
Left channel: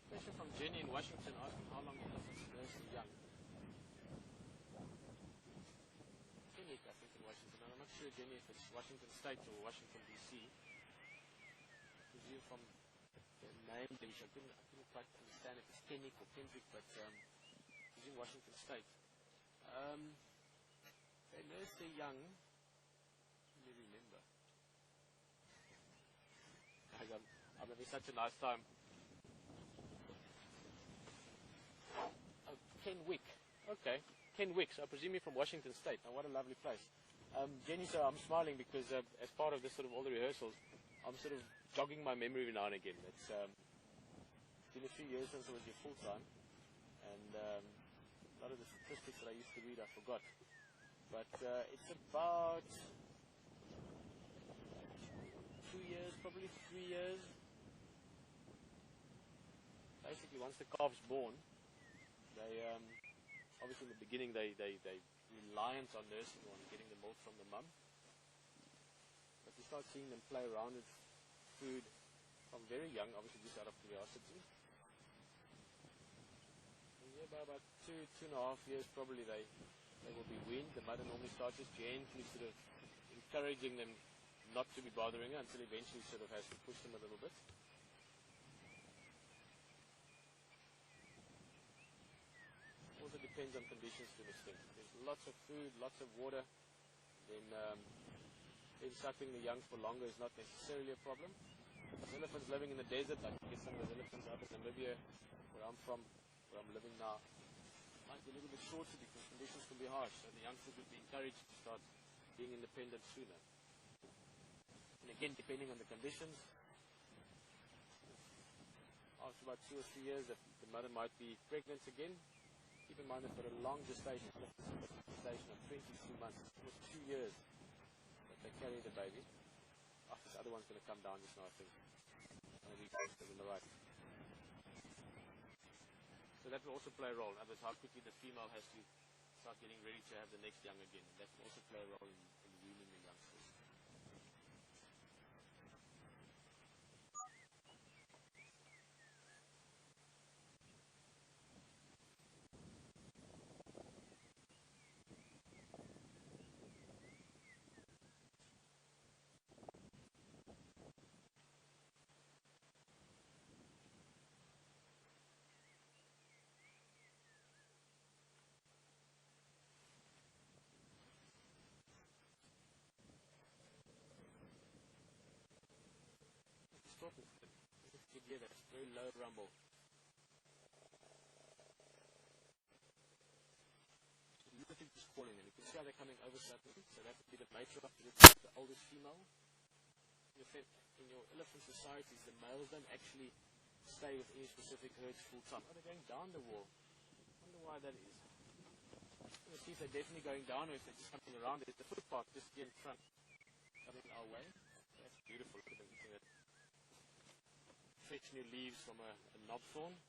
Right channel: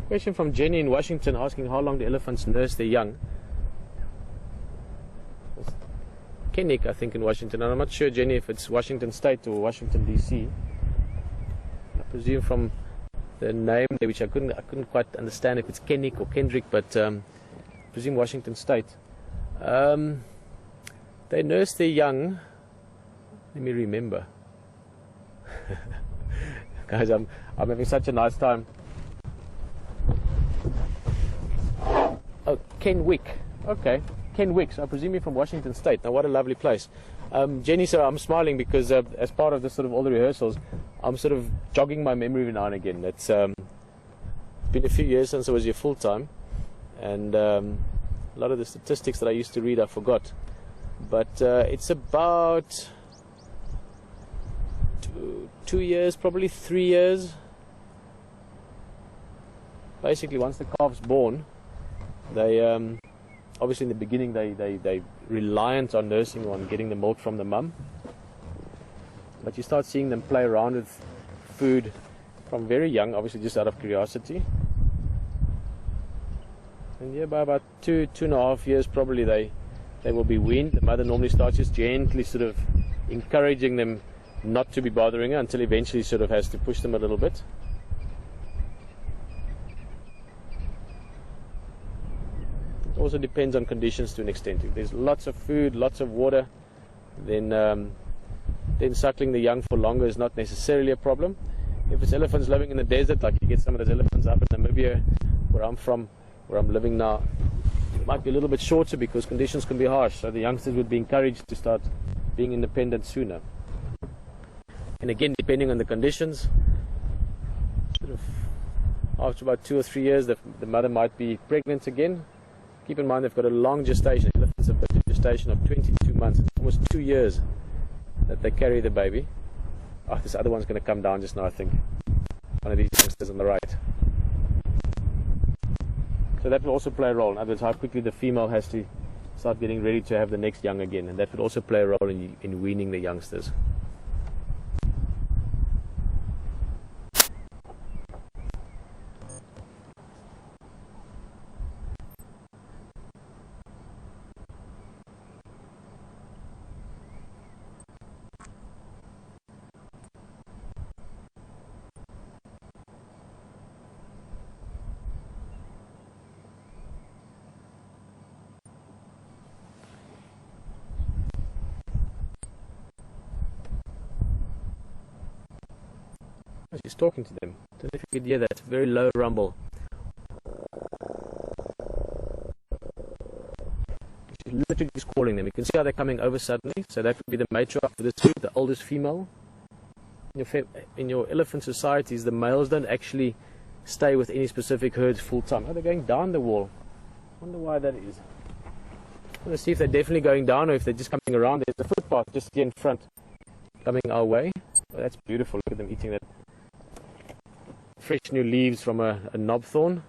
Question from Jenny in Washington asking how long the elephants nurse their young. Kennick, I think, in Washington, and I'm not sure, Jenny, if it's Washington State or Washington DC. I presume from the name there, which I couldn't quite understand if it's Kennick or Kendrick, but I presume Washington State. They nurse their young. Let me remember. Guys, I'm having such a nice time. Oh, Kenwick. Okay, Kenwick. So I presume you're from Washington State. Now, what a lovely place. Jenny, so I'm smiling because as part of this sort of all the rehearsals, I'm sort of jogging my memory every now and again. It's been a few years since I was here full time, and a lot of the statistics that I used to read I forgot. But it's about 2 years, probably 3 years. Basically, once the calf's born, they obviously in the beginning they reliant on nursing or on getting the milk from the mum, but you start seeing them play around with food from very young, obviously just out of curiosity. And yeah, by about 2.5 years probably they will be weaned. The mother normally starts just gently sort of encouraging them not to be bothering her until eventually sort of has to push them a little bit. Also depends on conditions to an extent. If there's lots of food, lots of water, then suckling the young for longer is not necessarily a problem. If it's elephants living in the desert, like you get some of those elephants up in Namibia, where I'm from, where I'm living now, it might be a little bit shorter because conditions can be harsh. So the youngsters would be encouraged to start being independent sooner. And again, depending on the conditions, sort of after about 2 or 3 years, the mother might be pregnant again. Keep in mind they've got a long gestation. Elephants have got a gestation of 22 months, almost 2 years that they carry the baby. Oh, this other one's going to come down just now, I think. One of these youngsters on the right. So that will also play a role. In other words, how quickly the female has to start getting ready to have the next young again. And that would also play a role in weaning the youngsters. She's talking to them. I don't know if you could hear that very low rumble. She's literally just calling them. You can see how they're coming over suddenly. So that would be the matriarch for this group, the oldest female. In your elephant societies, the males don't actually stay with any specific herds full time. Oh, they're going down the wall. I wonder why that is. Let's see if they're definitely going down or if they're just coming around. There's a footpath just here in front coming our way. Oh, that's beautiful. Look at them eating that fresh new leaves from a knobthorn.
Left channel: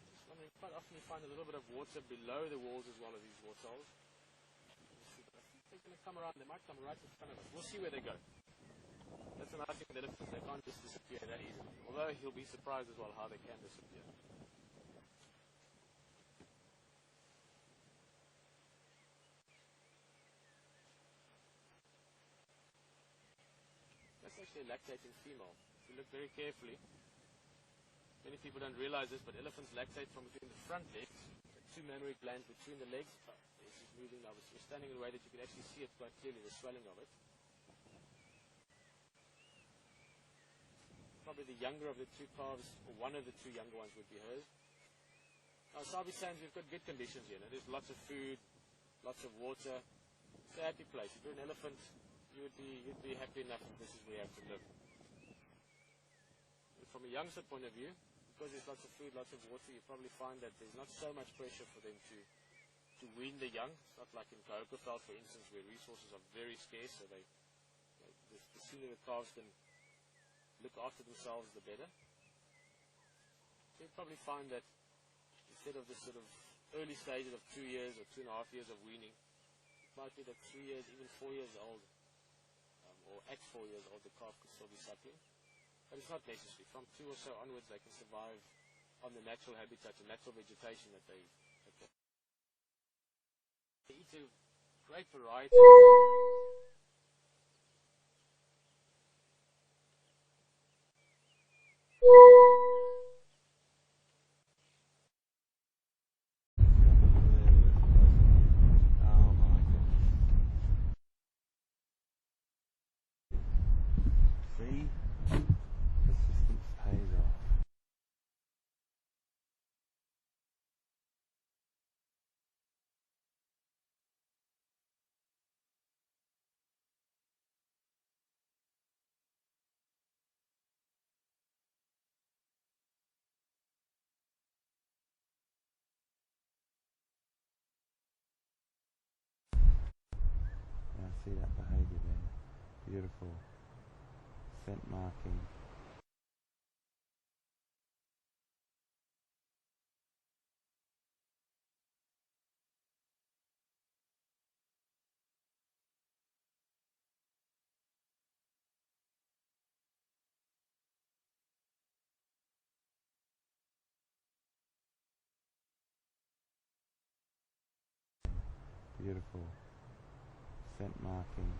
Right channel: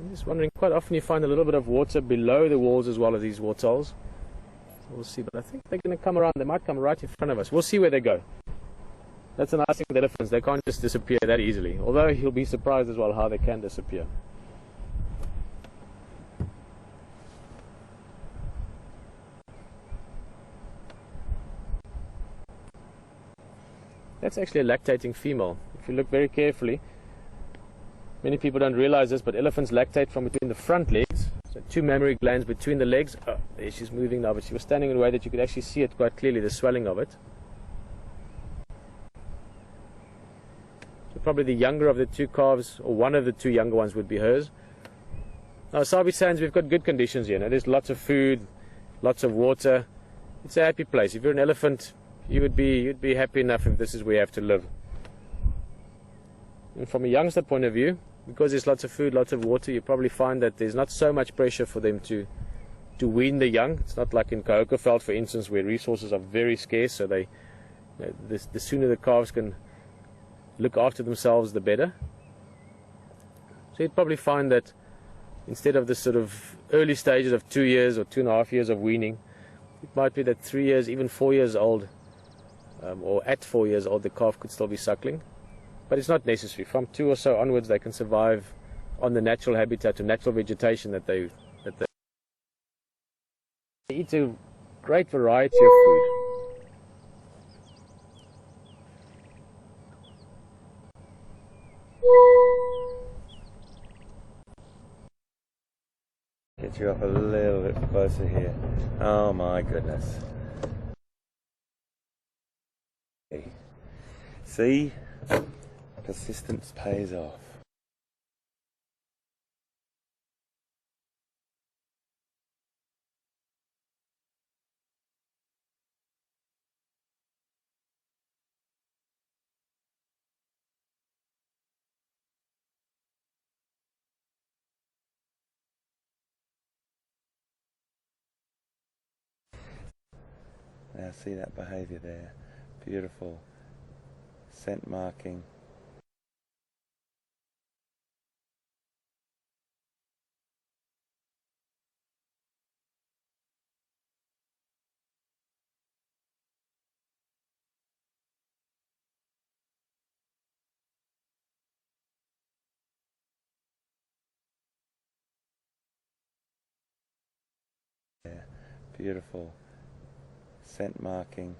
I'm just wondering, quite often you find a little bit of water below the walls as well as these waterholes. We'll see, but I think they're going to come around. They might come right in front of us. We'll see where they go. That's a nice thing with elephants. They can't just disappear that easily. Although you'll be surprised as well how they can disappear. That's actually a lactating female. If you look very carefully, many people don't realize this, but elephants lactate from between the front legs. So 2 mammary glands between the legs. Oh, there she's moving now, but she was standing in a way that you could actually see it quite clearly, the swelling of it. So probably the younger of the 2 calves, or one of the 2 younger ones, would be hers. Now, Sabi Sands, we've got good conditions here. Now, there's lots of food, lots of water. It's a happy place. If you're an elephant, you'd be happy enough if this is where you have to live. And from a youngster point of view, because there's lots of food, lots of water, you probably find that there's not so much pressure for them to wean the young. It's not like in Kohokeveld, for instance, where resources are very scarce, so they, the sooner the calves can look after themselves, the better. So you'd probably find that instead of the sort of early stages of 2 years or 2.5 years of weaning, it might be that 3 years, even 4 years old, or at 4 years old, the calf could still be suckling. But it's not necessary. From 2 or so onwards, they can survive on the natural habitat or natural vegetation that they eat a great variety of food. Get you up a little bit closer here. Oh my goodness. See? Persistence pays off. Now see that behaviour there. Beautiful. Scent marking. Beautiful scent marking.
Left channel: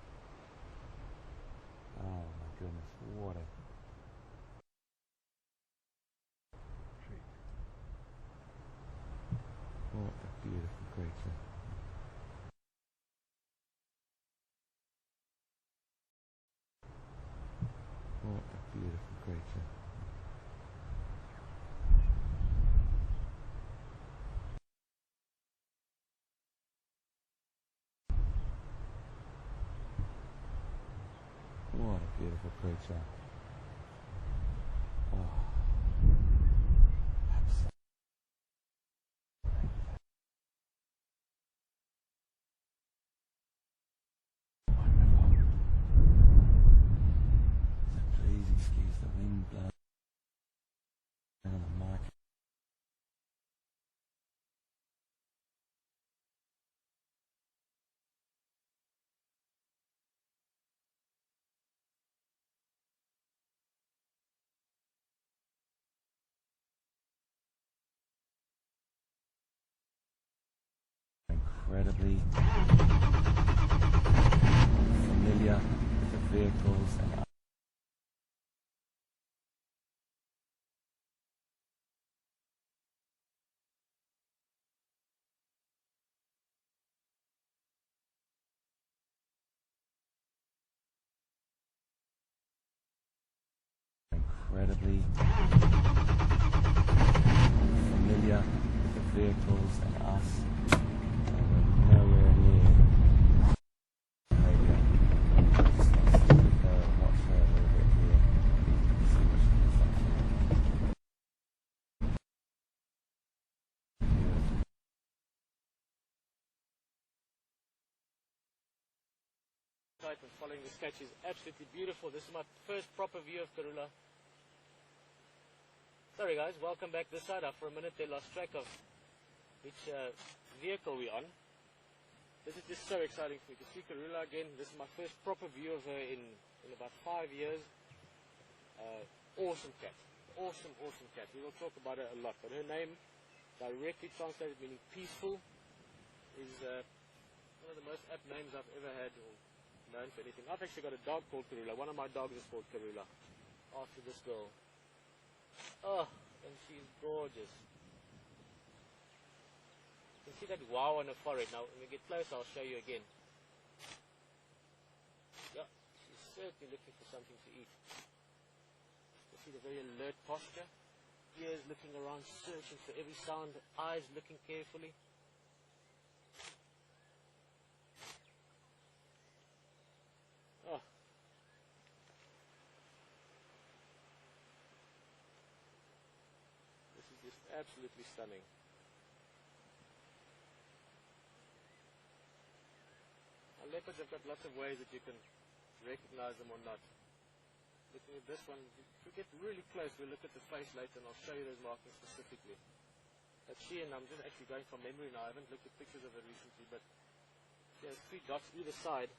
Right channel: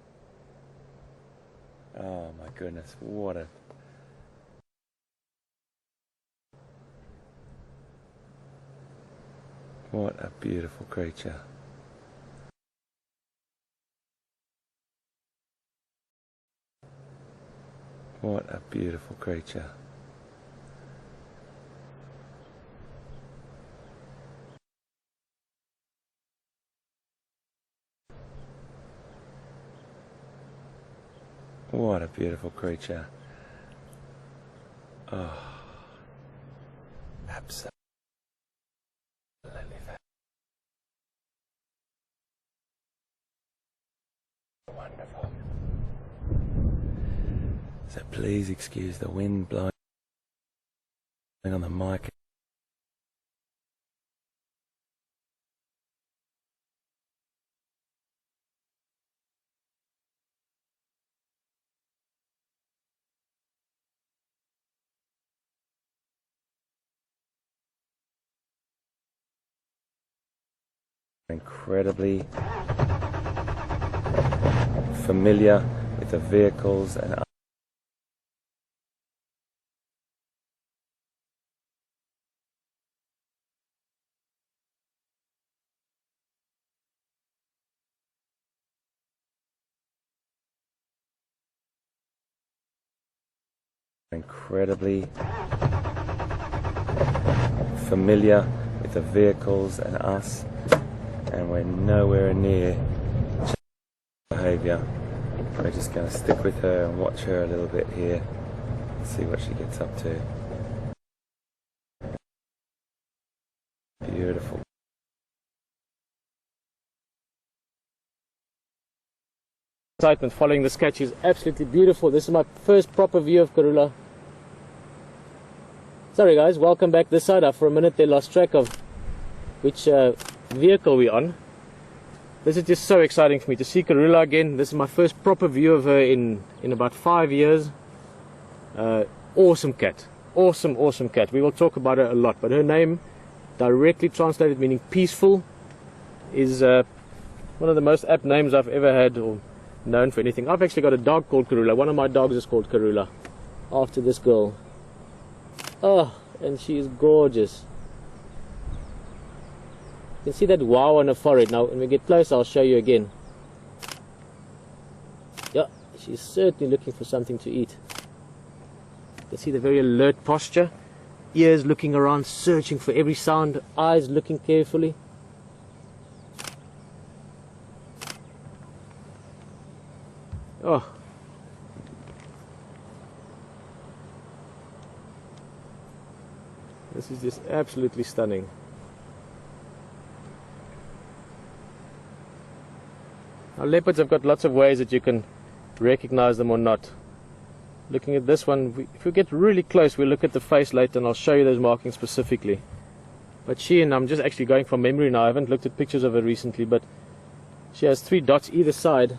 Oh my goodness, what a beautiful creature. What a beautiful creature. What a beautiful creature. Oh, absolutely wonderful. So please excuse the wind blowing on the mic. Incredibly, familiar with the vehicles and incredibly familiar with the vehicles and us, and we're nowhere near behaviour. We're just going to stick with her and watch her a little bit here, see what she gets up to. Beautiful. Excitement following this catch is absolutely beautiful. This is my first proper view of Karula. Sorry guys, welcome back this side. For a minute they lost track of which vehicle we're on. This is just so exciting for me to see Karula again. This is my first proper view of her in about 5 years. Awesome cat. Awesome cat. We will talk about her a lot, but her name, directly translated meaning peaceful, is one of the most apt names I've ever had or known for anything. I've actually got a dog called Karula. One of my dogs is called Karula, after this girl. Oh, and she is gorgeous. You can see that wow on her forehead. Now when we get close I'll show you again. Yeah, she's certainly looking for something to eat. You can see the very alert posture, ears looking around, searching for every sound, eyes looking carefully. Oh, this is just absolutely stunning. Now leopards have got lots of ways that you can recognize them or not. Looking at this one, if we get really close, we'll look at the face later and I'll show you those markings specifically. But she, and I'm just actually going from memory now, I haven't looked at pictures of her recently, but she has 3 dots either side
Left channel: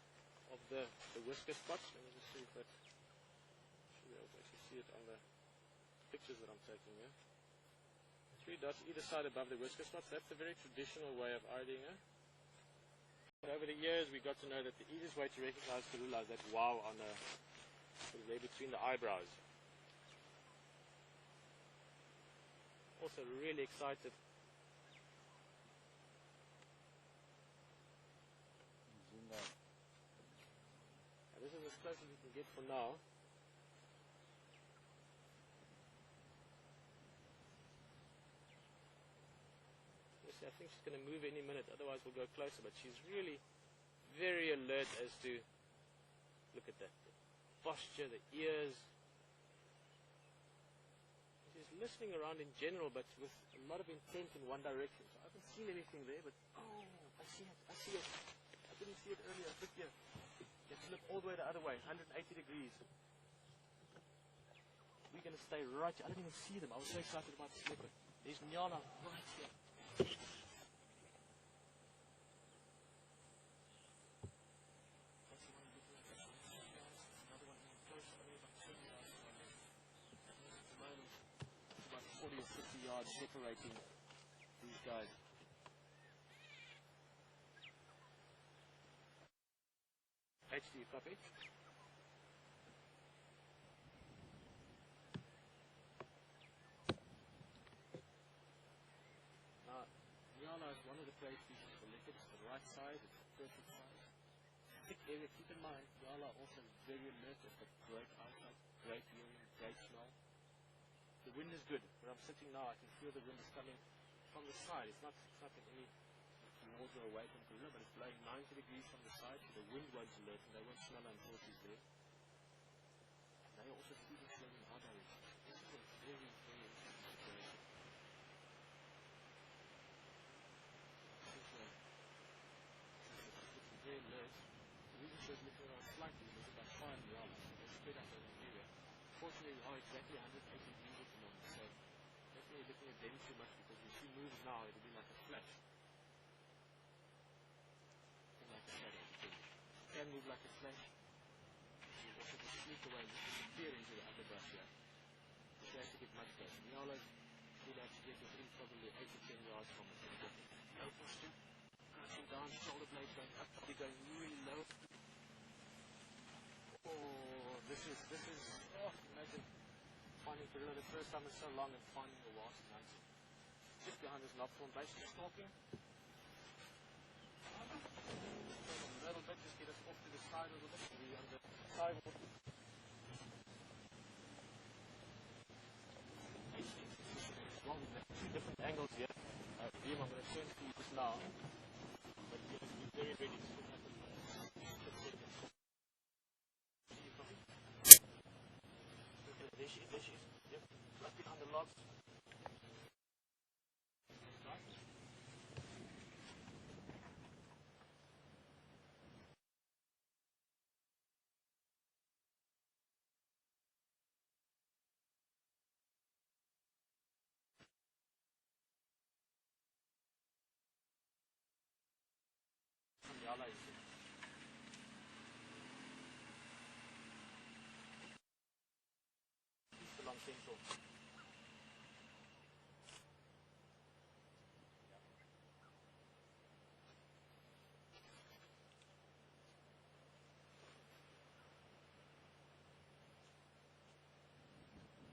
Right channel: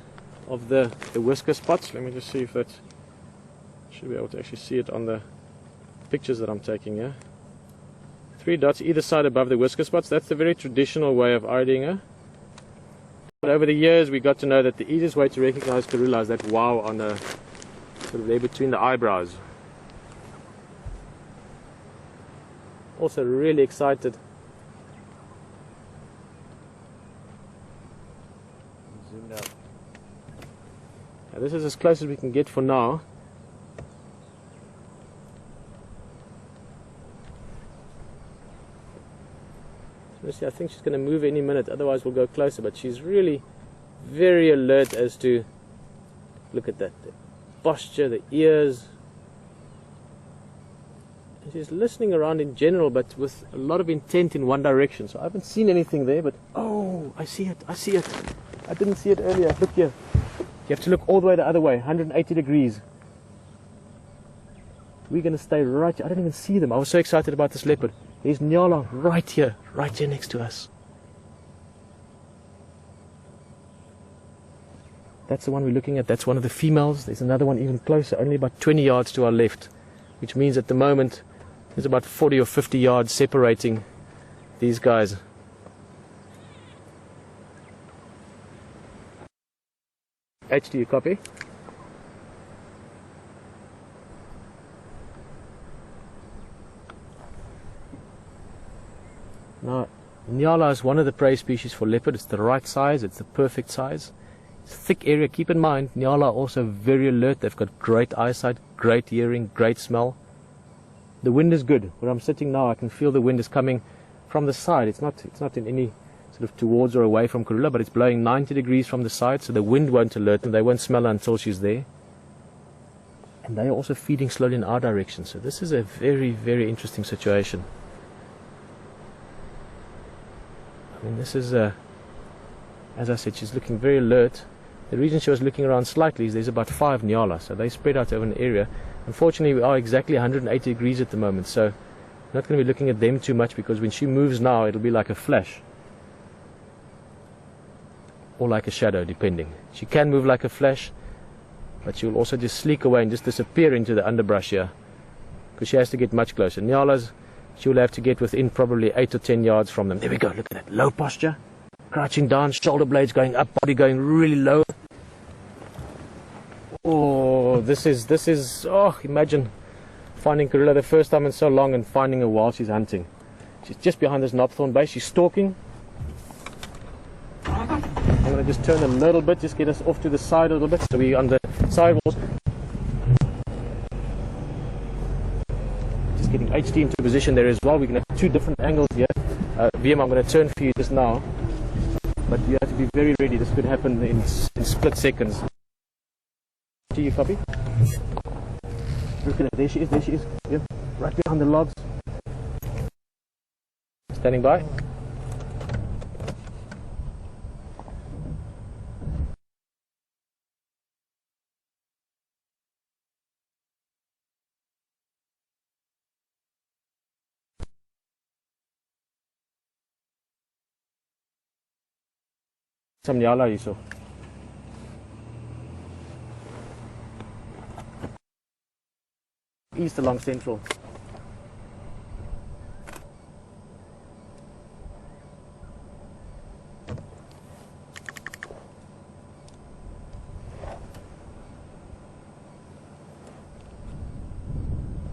of the whisker spots. Let me just see if that, should be able to actually see it on the pictures that I'm taking here. 3 dots either side above the whisker spots. That's the very traditional way of IDing her. But over the years we got to know that the easiest way to recognize Karula is that wow on the sort of there between the eyebrows. Also really excited. Zoomed out. Now this is as close as we can get for now. See, I think she's going to move any minute, otherwise we'll go closer, but she's really very alert as to, look at that, the posture, the ears. And she's listening around in general, but with a lot of intent in one direction. So I haven't seen anything there, but oh, I see it. I didn't see it earlier. Look here. You have to look all the way the other way, 180 degrees. We're going to stay right here. I don't even see them. I was so excited about this leopard. There's Nyala right here next to us. That's the one we're looking at. That's one of the females. There's another one even closer, only about 20 yards to our left, which means at the moment there's about 40 or 50 yards separating these guys. H, do you copy? Now, Nyala is one of the prey species for leopard. It's the right size, it's the perfect size. It's a thick area. Keep in mind, Nyala are also very alert. They've got great eyesight, great hearing, great smell. The wind is good. Where I'm sitting now, I can feel the wind is coming from the side. It's not in any sort of towards or away from Karula, but it's blowing 90 degrees from the side, so the wind won't alert them. They won't smell her until she's there. And they are also feeding slowly in our direction. So this is a very, very interesting situation. I mean, this is, as I said, she's looking very alert. The reason she was looking around slightly is there's about 5 Nyala, so they spread out over an area. Unfortunately, we are exactly 180 degrees at the moment, so I'm not going to be looking at them too much, because when she moves now, it'll be like a flash. Or like a shadow, depending. She can move like a flash, but she will also just sleek away and just disappear into the underbrush here, because she has to get much closer. Nyalas, she will have to get within probably 8 or 10 yards from them. There we go, look at that, low posture, crouching down, shoulder blades going up, body going really low. Oh, this is, oh, imagine finding Karula the first time in so long and finding her while she's hunting. She's just behind this knobthorn base, she's stalking. I'm going to just turn a little bit, just get us off to the side a little bit, so we're on the sidewalls. Just getting HD into position there as well. We're going to have two different angles here. VM, I'm going to turn for you just now, but you have to be very ready. This could happen in split seconds. To you, puppy. Look at that. There she is. There she is. Yep. Right behind the logs. Standing by. Some nyala hierso. East along Central.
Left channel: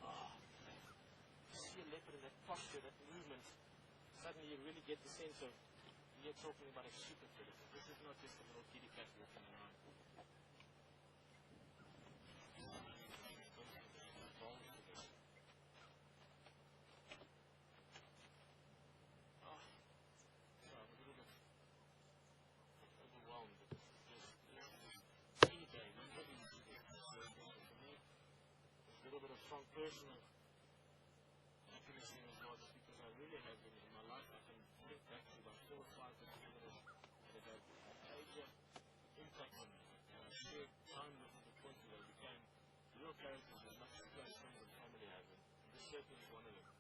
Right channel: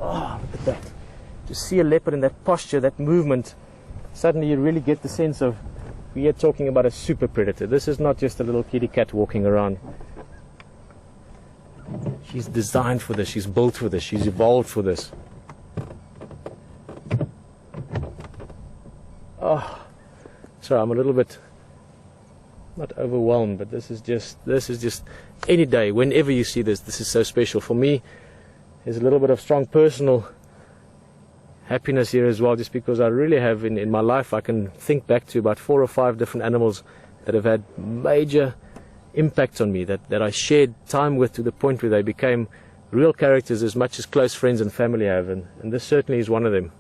Oh, look at that. To see a leopard in that posture, that movement, suddenly you really get the sense of, we are talking about a super predator. This is not just a little kitty cat walking around. She's designed for this, she's built for this, she's evolved for this. Oh, sorry, I'm a little bit, not overwhelmed, but this is just any day, whenever you see this, this is so special. For me, there's a little bit of strong personal happiness here as well, just because I really have in my life, I can think back to about 4 or 5 different animals that have had major impact on me, that I shared time with to the point where they became real characters as much as close friends and family have, and this certainly is one of them.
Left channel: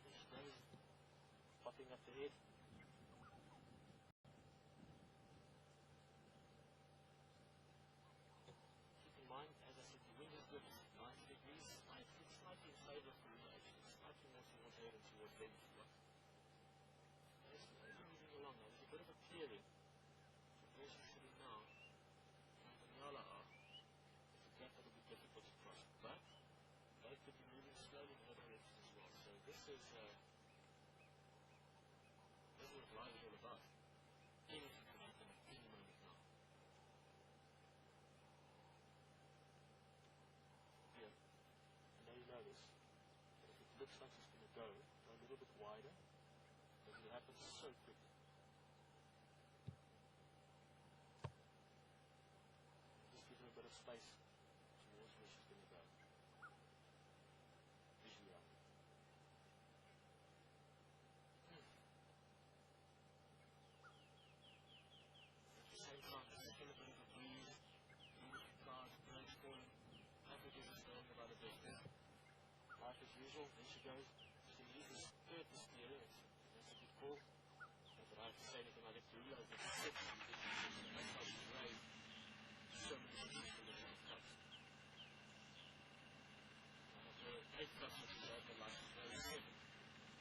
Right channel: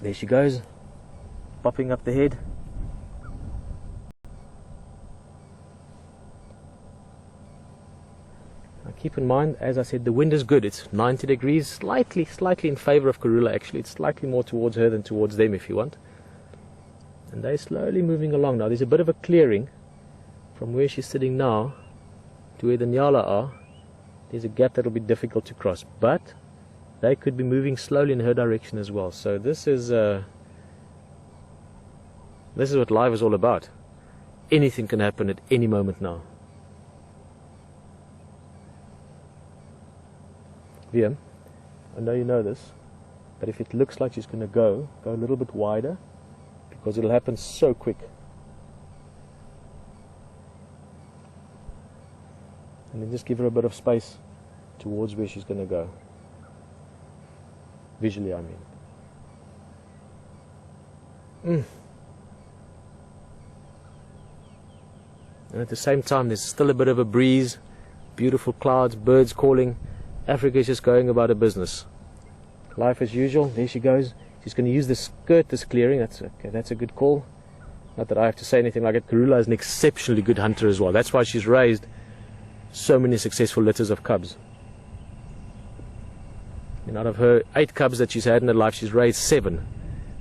There she goes, popping up the head. Keep in mind, as I said, the wind is good. It's 90 degrees, slightly in favor of Karula actually. It's slightly more towards her than towards them if you want. And they're slowly moving along now. There's a bit of a clearing from where she's sitting now to where the nyala are. There's a gap that'll be difficult to cross, but they could be moving slowly in her direction as well. So this is what life is all about. Anything can happen at any moment now. VM, I know you know this, but if it looks like she's going to go a little bit wider, because it'll happen so quick. And then just give her a bit of space towards where she's going to go. Visually, I mean. And at the same time, there's still a bit of a breeze, beautiful clouds, birds calling. Africa is just going about her business. Life as usual. There she goes. She's going to use this skirt, this clearing. That's okay. That's a good call. Not that I have to say anything like it. Karula is an exceptionally good hunter as well. That's why she's raised so many successful litters of cubs. And out of her 8 cubs that she's had in her life, she's raised 7.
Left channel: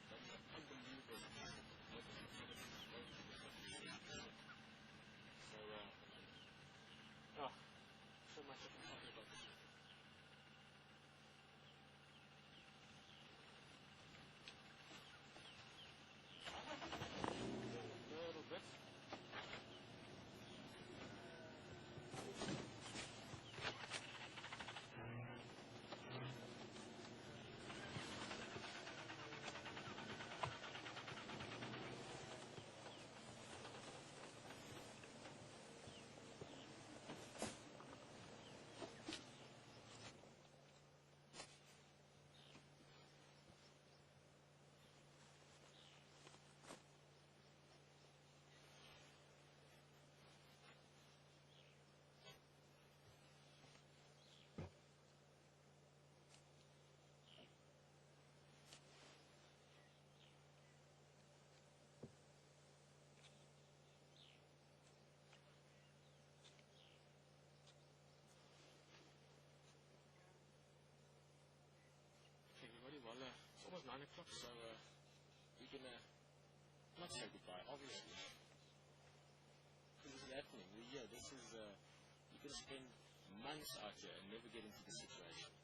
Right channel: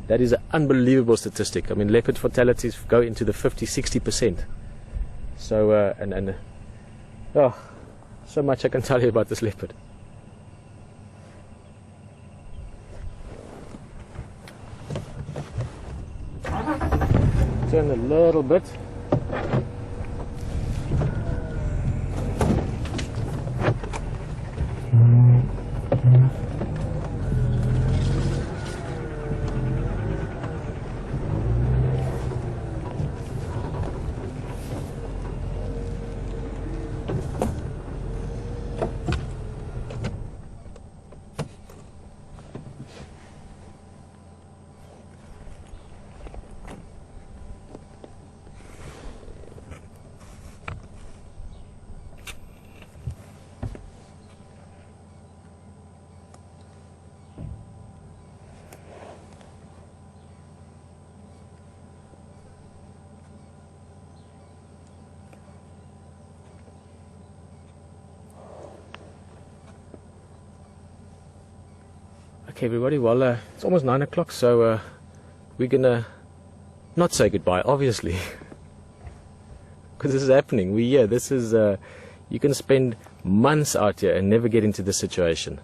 That is an unbelievable statistic. I mean, leopard fatalities go into the 50-60%. So, oh, so much I can tell you about this leopard. Turn a little bit. Okay, everybody, well, it's almost 9 o'clock, so we're gonna not say goodbye, obviously, because this is happening. We're here. This is, you can spend months out here and never get into this situation.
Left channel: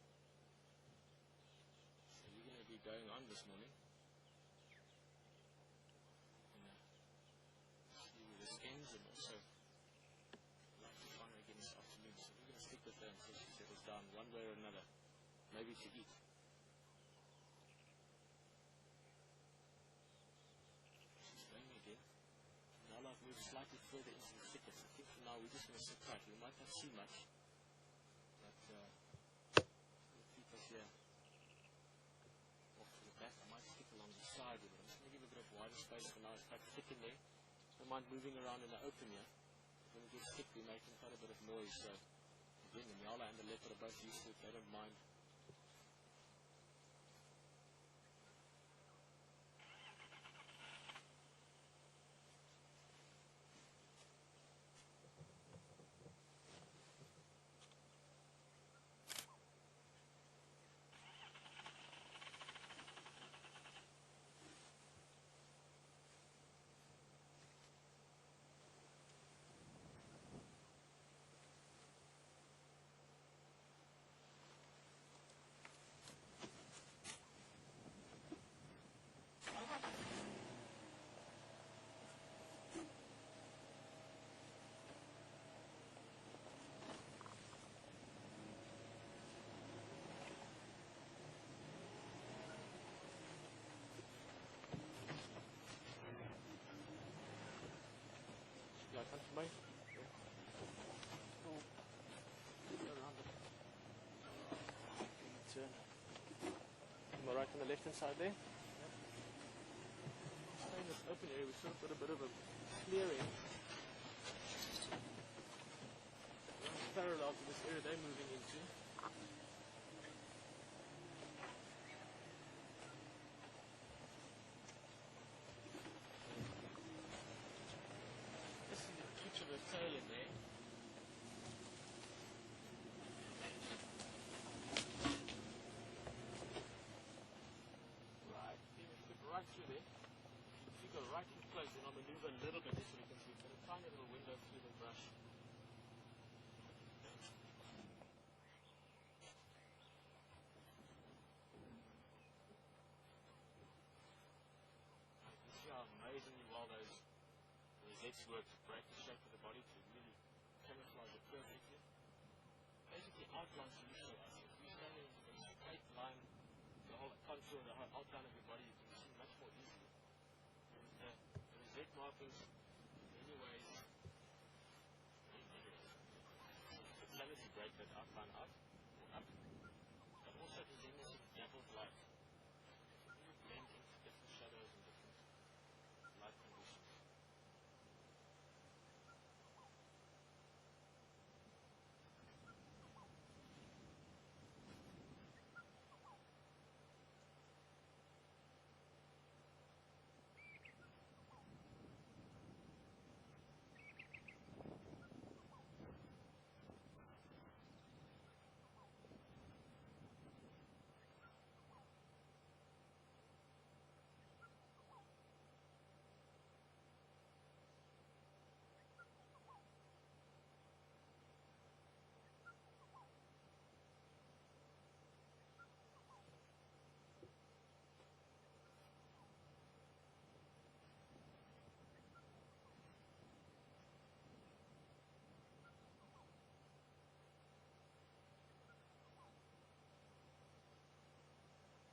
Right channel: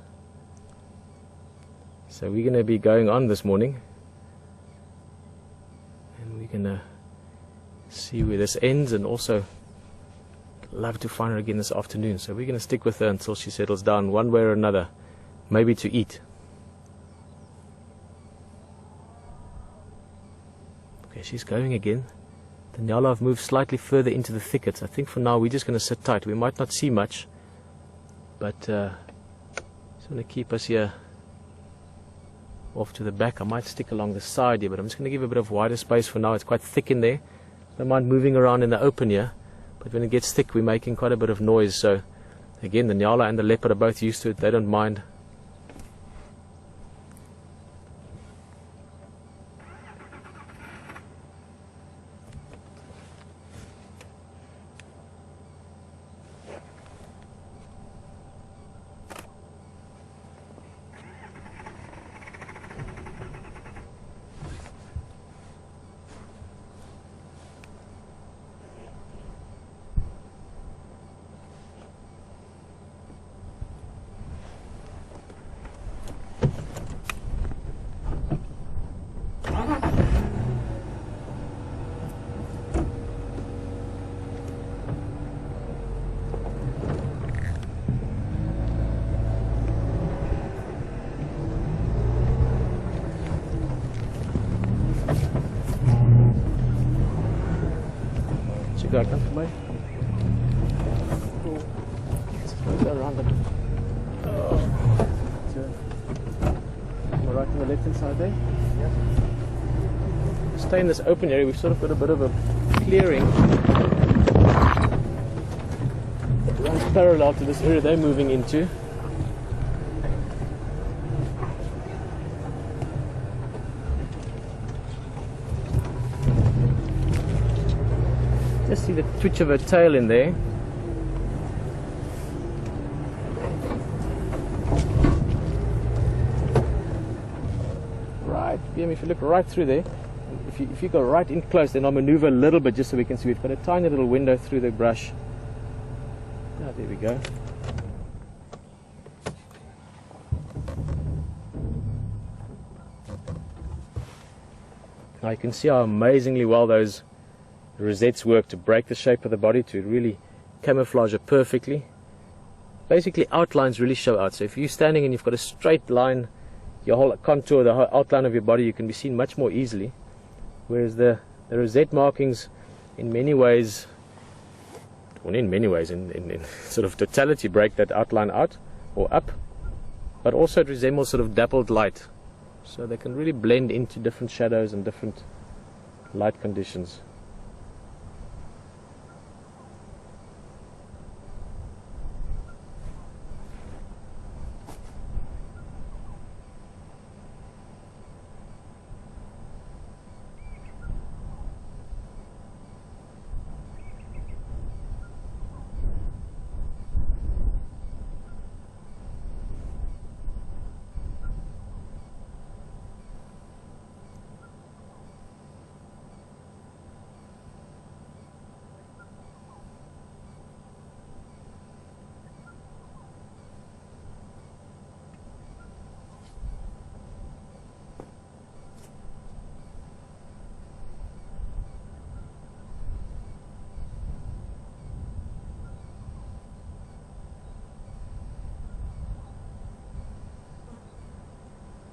So we're gonna be going on this morning, and we're gonna see where this ends, and also love to find her again this afternoon. So we're going to stick with her until she settles down one way or another, maybe to eat. Okay, she's going again. The Nyala have moved slightly further into the thickets. I think for now we're just going to sit tight. We might not see much, but just want to keep us here off to the back. I might stick along the side here, but I'm just going to give a bit of wider space for now. It's quite thick in there. Don't mind moving around in the open here, but when it gets thick we're making quite a bit of noise. So again, the Nyala and the leopard are both used to it. They don't mind. Go by. Go around it. Right on the left hand side there. Yep. Stay in this open area. We've sort of got a bit of a clearing. It runs parallel to this area they're moving into. Just see the twitch of her tail in there. Right, if you look right through there, if you go right in close, then I'll maneuver a little bit just so we can see. We've got a tiny little window through the brush. Ah, there we go. Now you can see how amazingly well those rosettes work to break the shape of the body, to really camouflage it perfectly. Basically, outlines really show out. So if you're standing and you've got a straight line, your whole contour, the whole outline of your body, you can be seen much more easily. Whereas the rosette markings, in many ways, well, in sort of totality, break that outline out or up, but also it resembles sort of dappled light. So they can really blend into different shadows and different light conditions.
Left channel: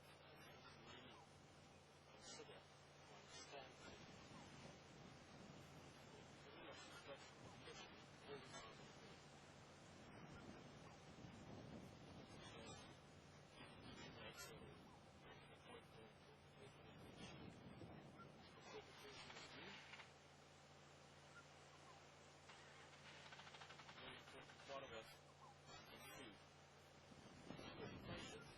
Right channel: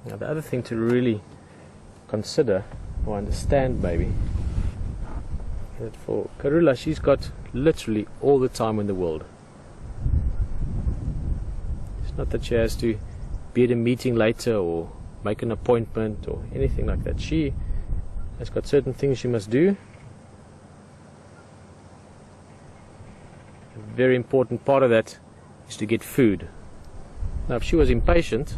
Now the other thing to really consider or understand maybe, that for Karula, she's got literally all the time in the world. It's not that she has to be at a meeting later or make an appointment or anything like that. She has got certain things she must do. A very important part of that is to get food. Now if she was impatient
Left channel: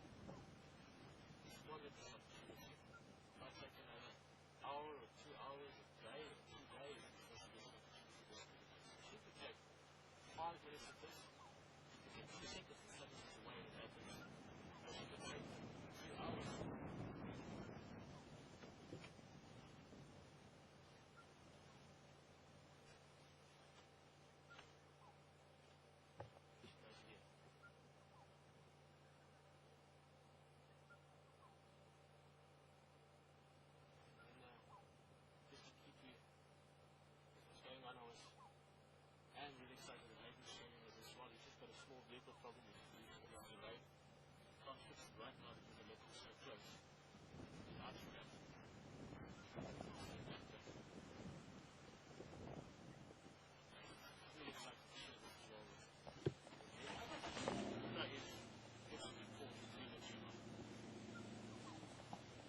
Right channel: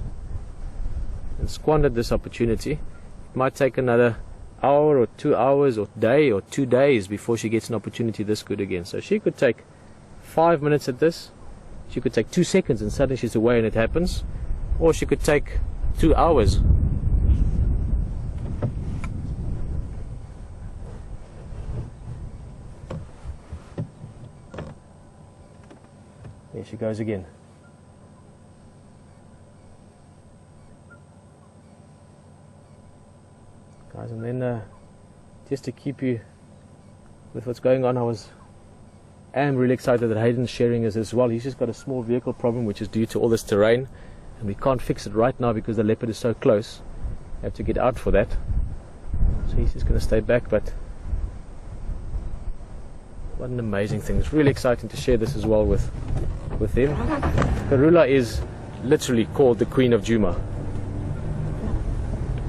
and squandered this opportunity, it might take another hour or 2 hours or day or 2 days before she gets an opportunity this good again. So she could take 5 minutes at this, she could take 2 seconds and suddenly she's away and it happens, or she could take 2 hours. There she goes again. Guys, and then just to keep you with what's going on, am really excited that Hayden's sharing us as well. He's just got a small vehicle problem which is due to all this terrain, and we can't fix it right now because the leopard is so close. We have to get out for that, so he's just going to stay back. But what an amazing thing. It's really exciting to share this as well with them. Karula is literally called the Queen of Djuma.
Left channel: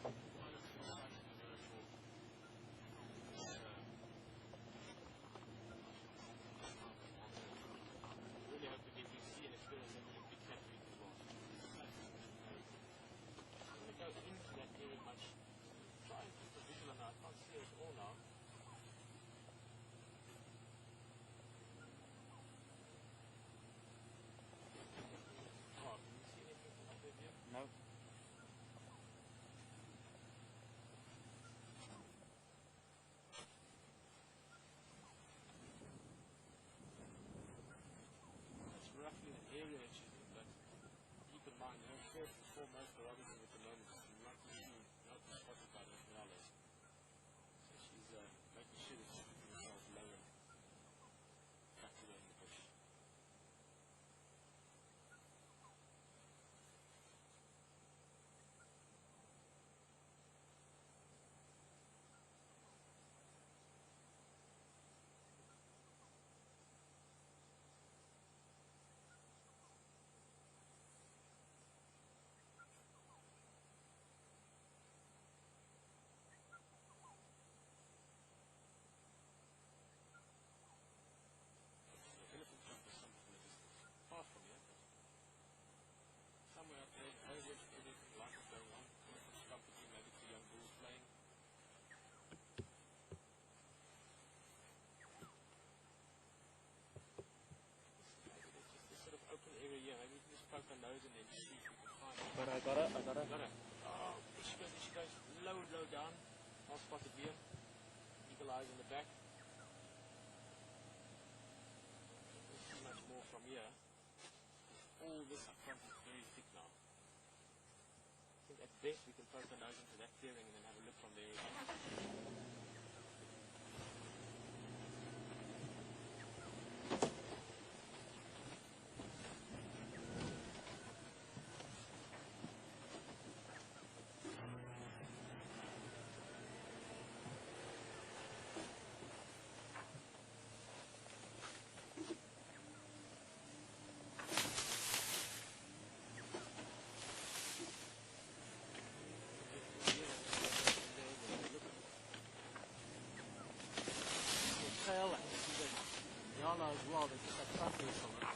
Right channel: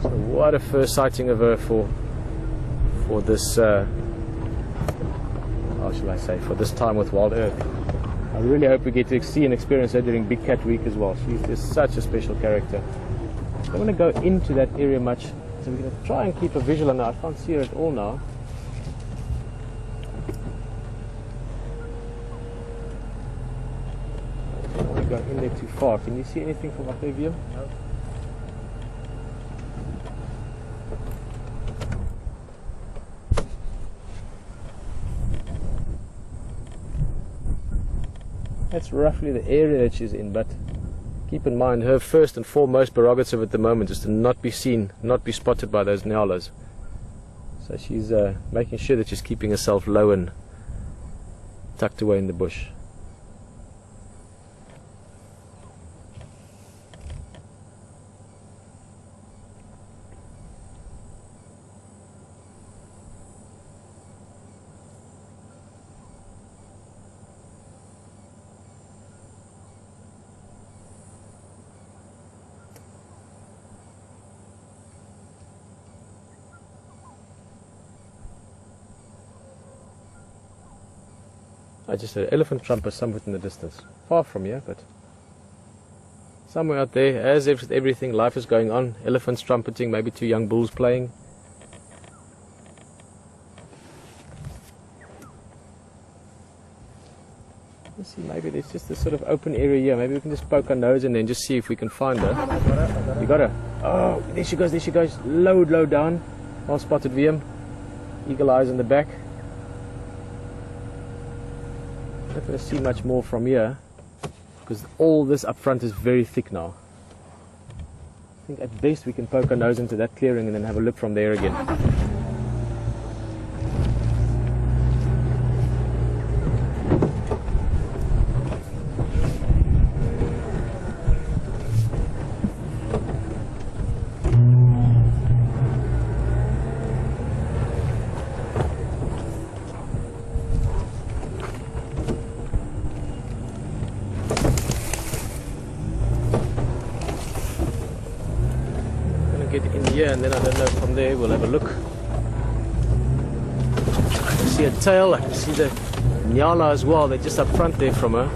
So what a first sighting of her for this how shall I say, for this time with Wild Earth. I really hope we get to see and experience her during Big Cat Week as well. She's just such a special character. I don't want to go into that area much, so we're going to try and keep a visual on her. I can't see her at all now. I don't want to go in there too far. Can you see anything from up there, Viam? No. That's roughly the area that she's in, but keep in mind her first and foremost prerogative at the moment is to not be seen, not be spotted by those nyalas. So she's making sure that she's keeping herself low and tucked away in the bush. I just heard an elephant trumper somewhere in the distance, far from here, but somewhere out there. As if everything, life is going on. Elephants trumpeting, maybe two young bulls playing. Let's see, maybe there's just this sort of open area here. Maybe we can just poke our nose and then just see if we can find her. You got her? Oh, there she goes, there she goes. Low down. Well spotted, VM. Eagle eyes in the back. Not going to see much more from here because all this up front is very thick now. I think at best we can poke our nose into that clearing and then have a look from there again. Get in here and then I don't know, from there we'll have a look. I can see a tail, I can see the nyala as well. They're just up front there from her.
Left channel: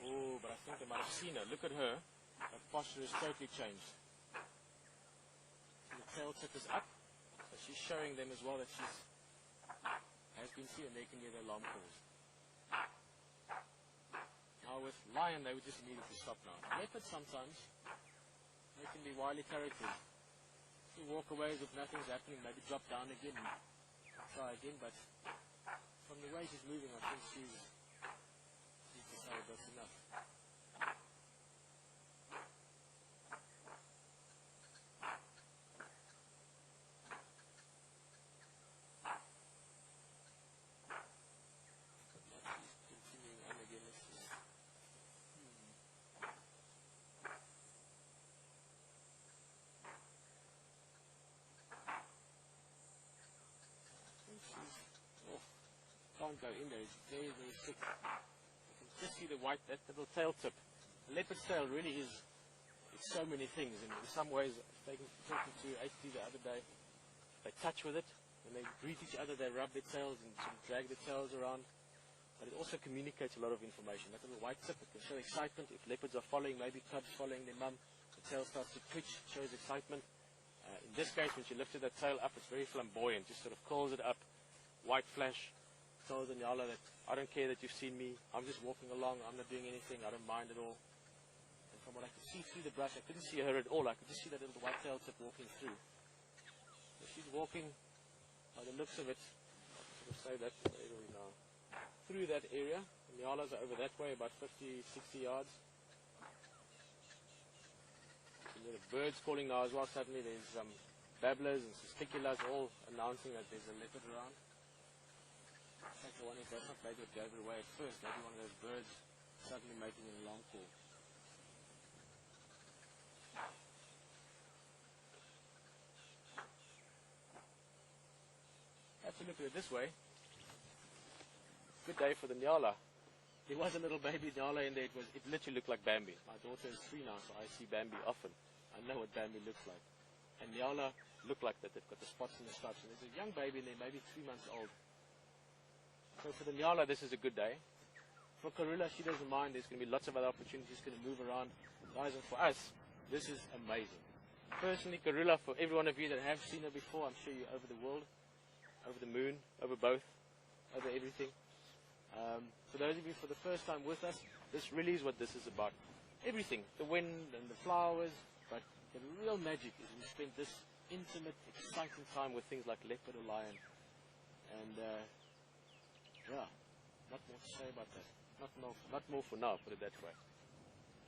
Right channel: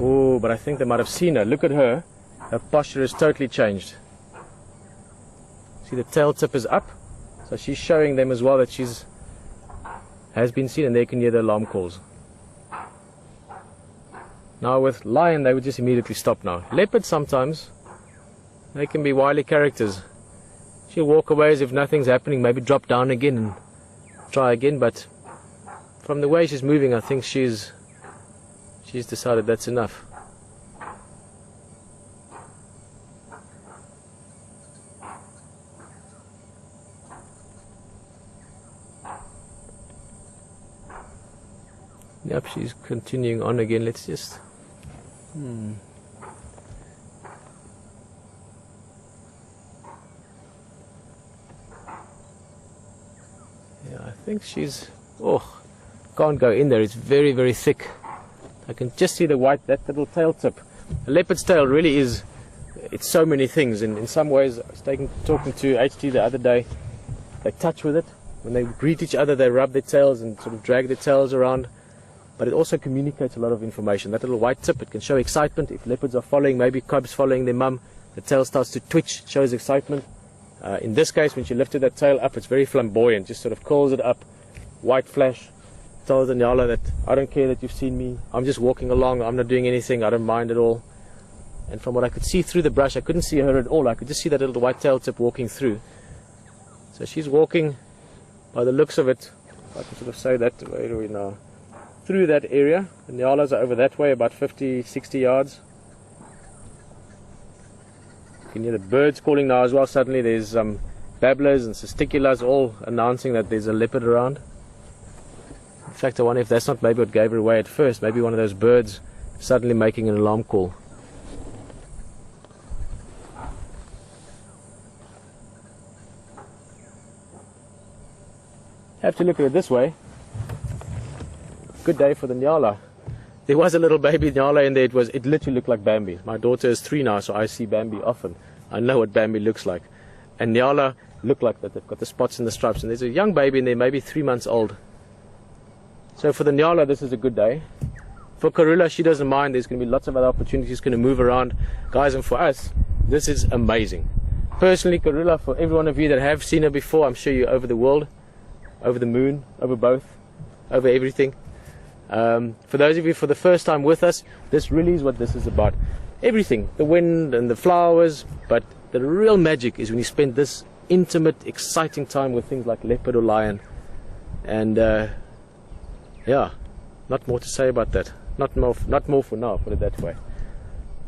Oh, but I think they might have seen her. Look at her. Her posture has totally changed. See, the tail tip is up, so she's showing them as well that has been seen, and they can hear the alarm calls. Now with lion, they would just immediately stop now. Leopard sometimes, they can be wily characters. She'll walk away as if nothing's happening, maybe drop down again and try again, but from the way she's moving, I think she's decided that's enough. Yep, she's continuing on again. Let's just... Yeah, I think she's... Oh, can't go in there. It's very, very thick. I can just see the white, that little tail tip. A leopard's tail really is... It's so many things. And in some ways, I was talking to HT the other day. They touch with it. When they greet each other, they rub their tails and sort of drag their tails around. But it also communicates a lot of information. That little white tip, it can show excitement. If leopards are following, maybe cubs following their mum, the tail starts to twitch, shows excitement. In this case, when she lifted that tail up, it's very flamboyant, just sort of curls it up, white flash, tells the nyala that I don't care that you've seen me, I'm just walking along, I'm not doing anything, I don't mind at all. And from what I could see through the brush, I couldn't see her at all, I could just see that little white tail tip walking through. So she's walking, by the looks of it, if I can sort of say that, where are we now? Through that area. The nyalas are over that way, about 50, 60 yards. You can hear the birds calling now as well. Suddenly there's babblers and cisticulas all announcing that there's a leopard around. In fact, I wonder if that's not maybe what gave her away at first. Maybe one of those birds suddenly making an alarm call. Have to look at it this way. Good day for the nyala. There was a little baby nyala in there. It literally looked like Bambi. My daughter is 3 now, so I see Bambi often. I know what Bambi looks like. And nyala look like that. They've got the spots and the stripes. And there's a young baby in there, maybe 3 months old. So for the nyala, this is a good day. For Karula, she doesn't mind. There's going to be lots of other opportunities going to move around. Guys, and for us, this is amazing. Personally, Karula, for every one of you that have seen her before, I'm sure you're over the world, over the moon, over both, over everything. For those of you for the first time with us, this really is what this is about. Everything, the wind and the flowers, but the real magic is when you spend this intimate, exciting time with things like leopard or lion. And yeah, not more to say about that. Not more for now, put it that way.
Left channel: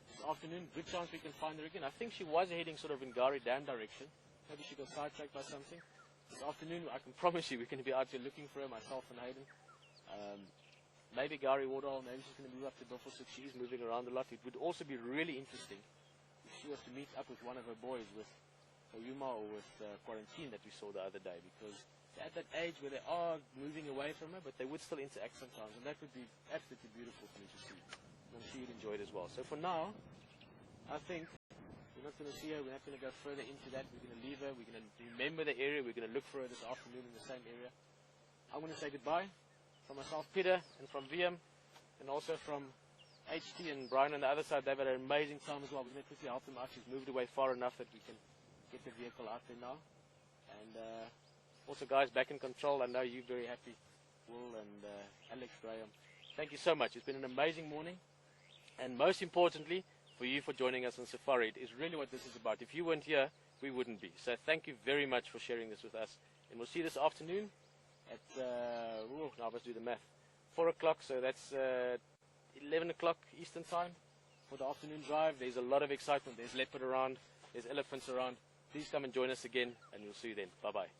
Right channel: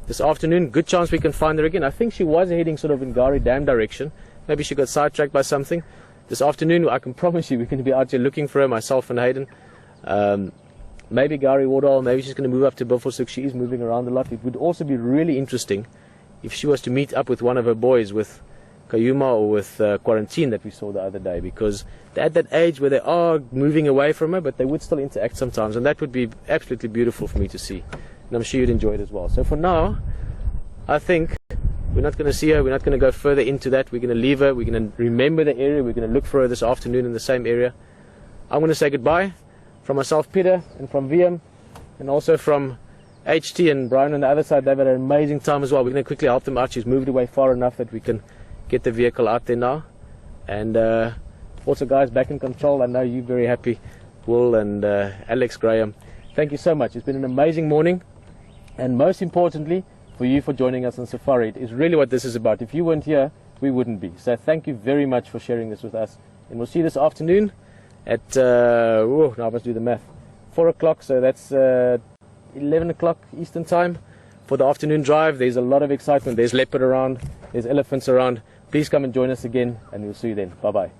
This afternoon, good chance we can find her again. I think she was heading sort of in Gari Dam direction. Maybe she got sidetracked by something. This afternoon, I can promise you, we're going to be out here looking for her, myself and Hayden. Maybe Gari Wardall, maybe she's going to move up to Buffelshoek. She is moving around a lot. It would also be really interesting if she was to meet up with one of her boys, with Kayuma or with Quarantine that we saw the other day, because they're at that age where they are moving away from her, but they would still interact sometimes, and that would be absolutely beautiful for me to see. And I'm sure you'd enjoy it as well. So for now, I think we're not going to see her. We're not going to go further into that. We're going to leave her. We're going to remember the area. We're going to look for her this afternoon in the same area. I'm going to say goodbye from myself, Peter, and from VM, and also from HT and Brian on the other side. They've had an amazing time as well. We're going to quickly help them out. She's moved away far enough that we can get the vehicle out there now. And also, guys, back in control. I know you're very happy, Will and Alex Graham. Thank you so much. It's been an amazing morning, and most importantly, for you for joining us on safari. It is really what this is about. If you weren't here, we wouldn't be. So thank you very much for sharing this with us. And we'll see you this afternoon at, now I must do the math, 4 o'clock, so that's 11 o'clock Eastern time for the afternoon drive. There's a lot of excitement. There's leopard around, there's elephants around. Please come and join us again, and we'll see you then. Bye-bye.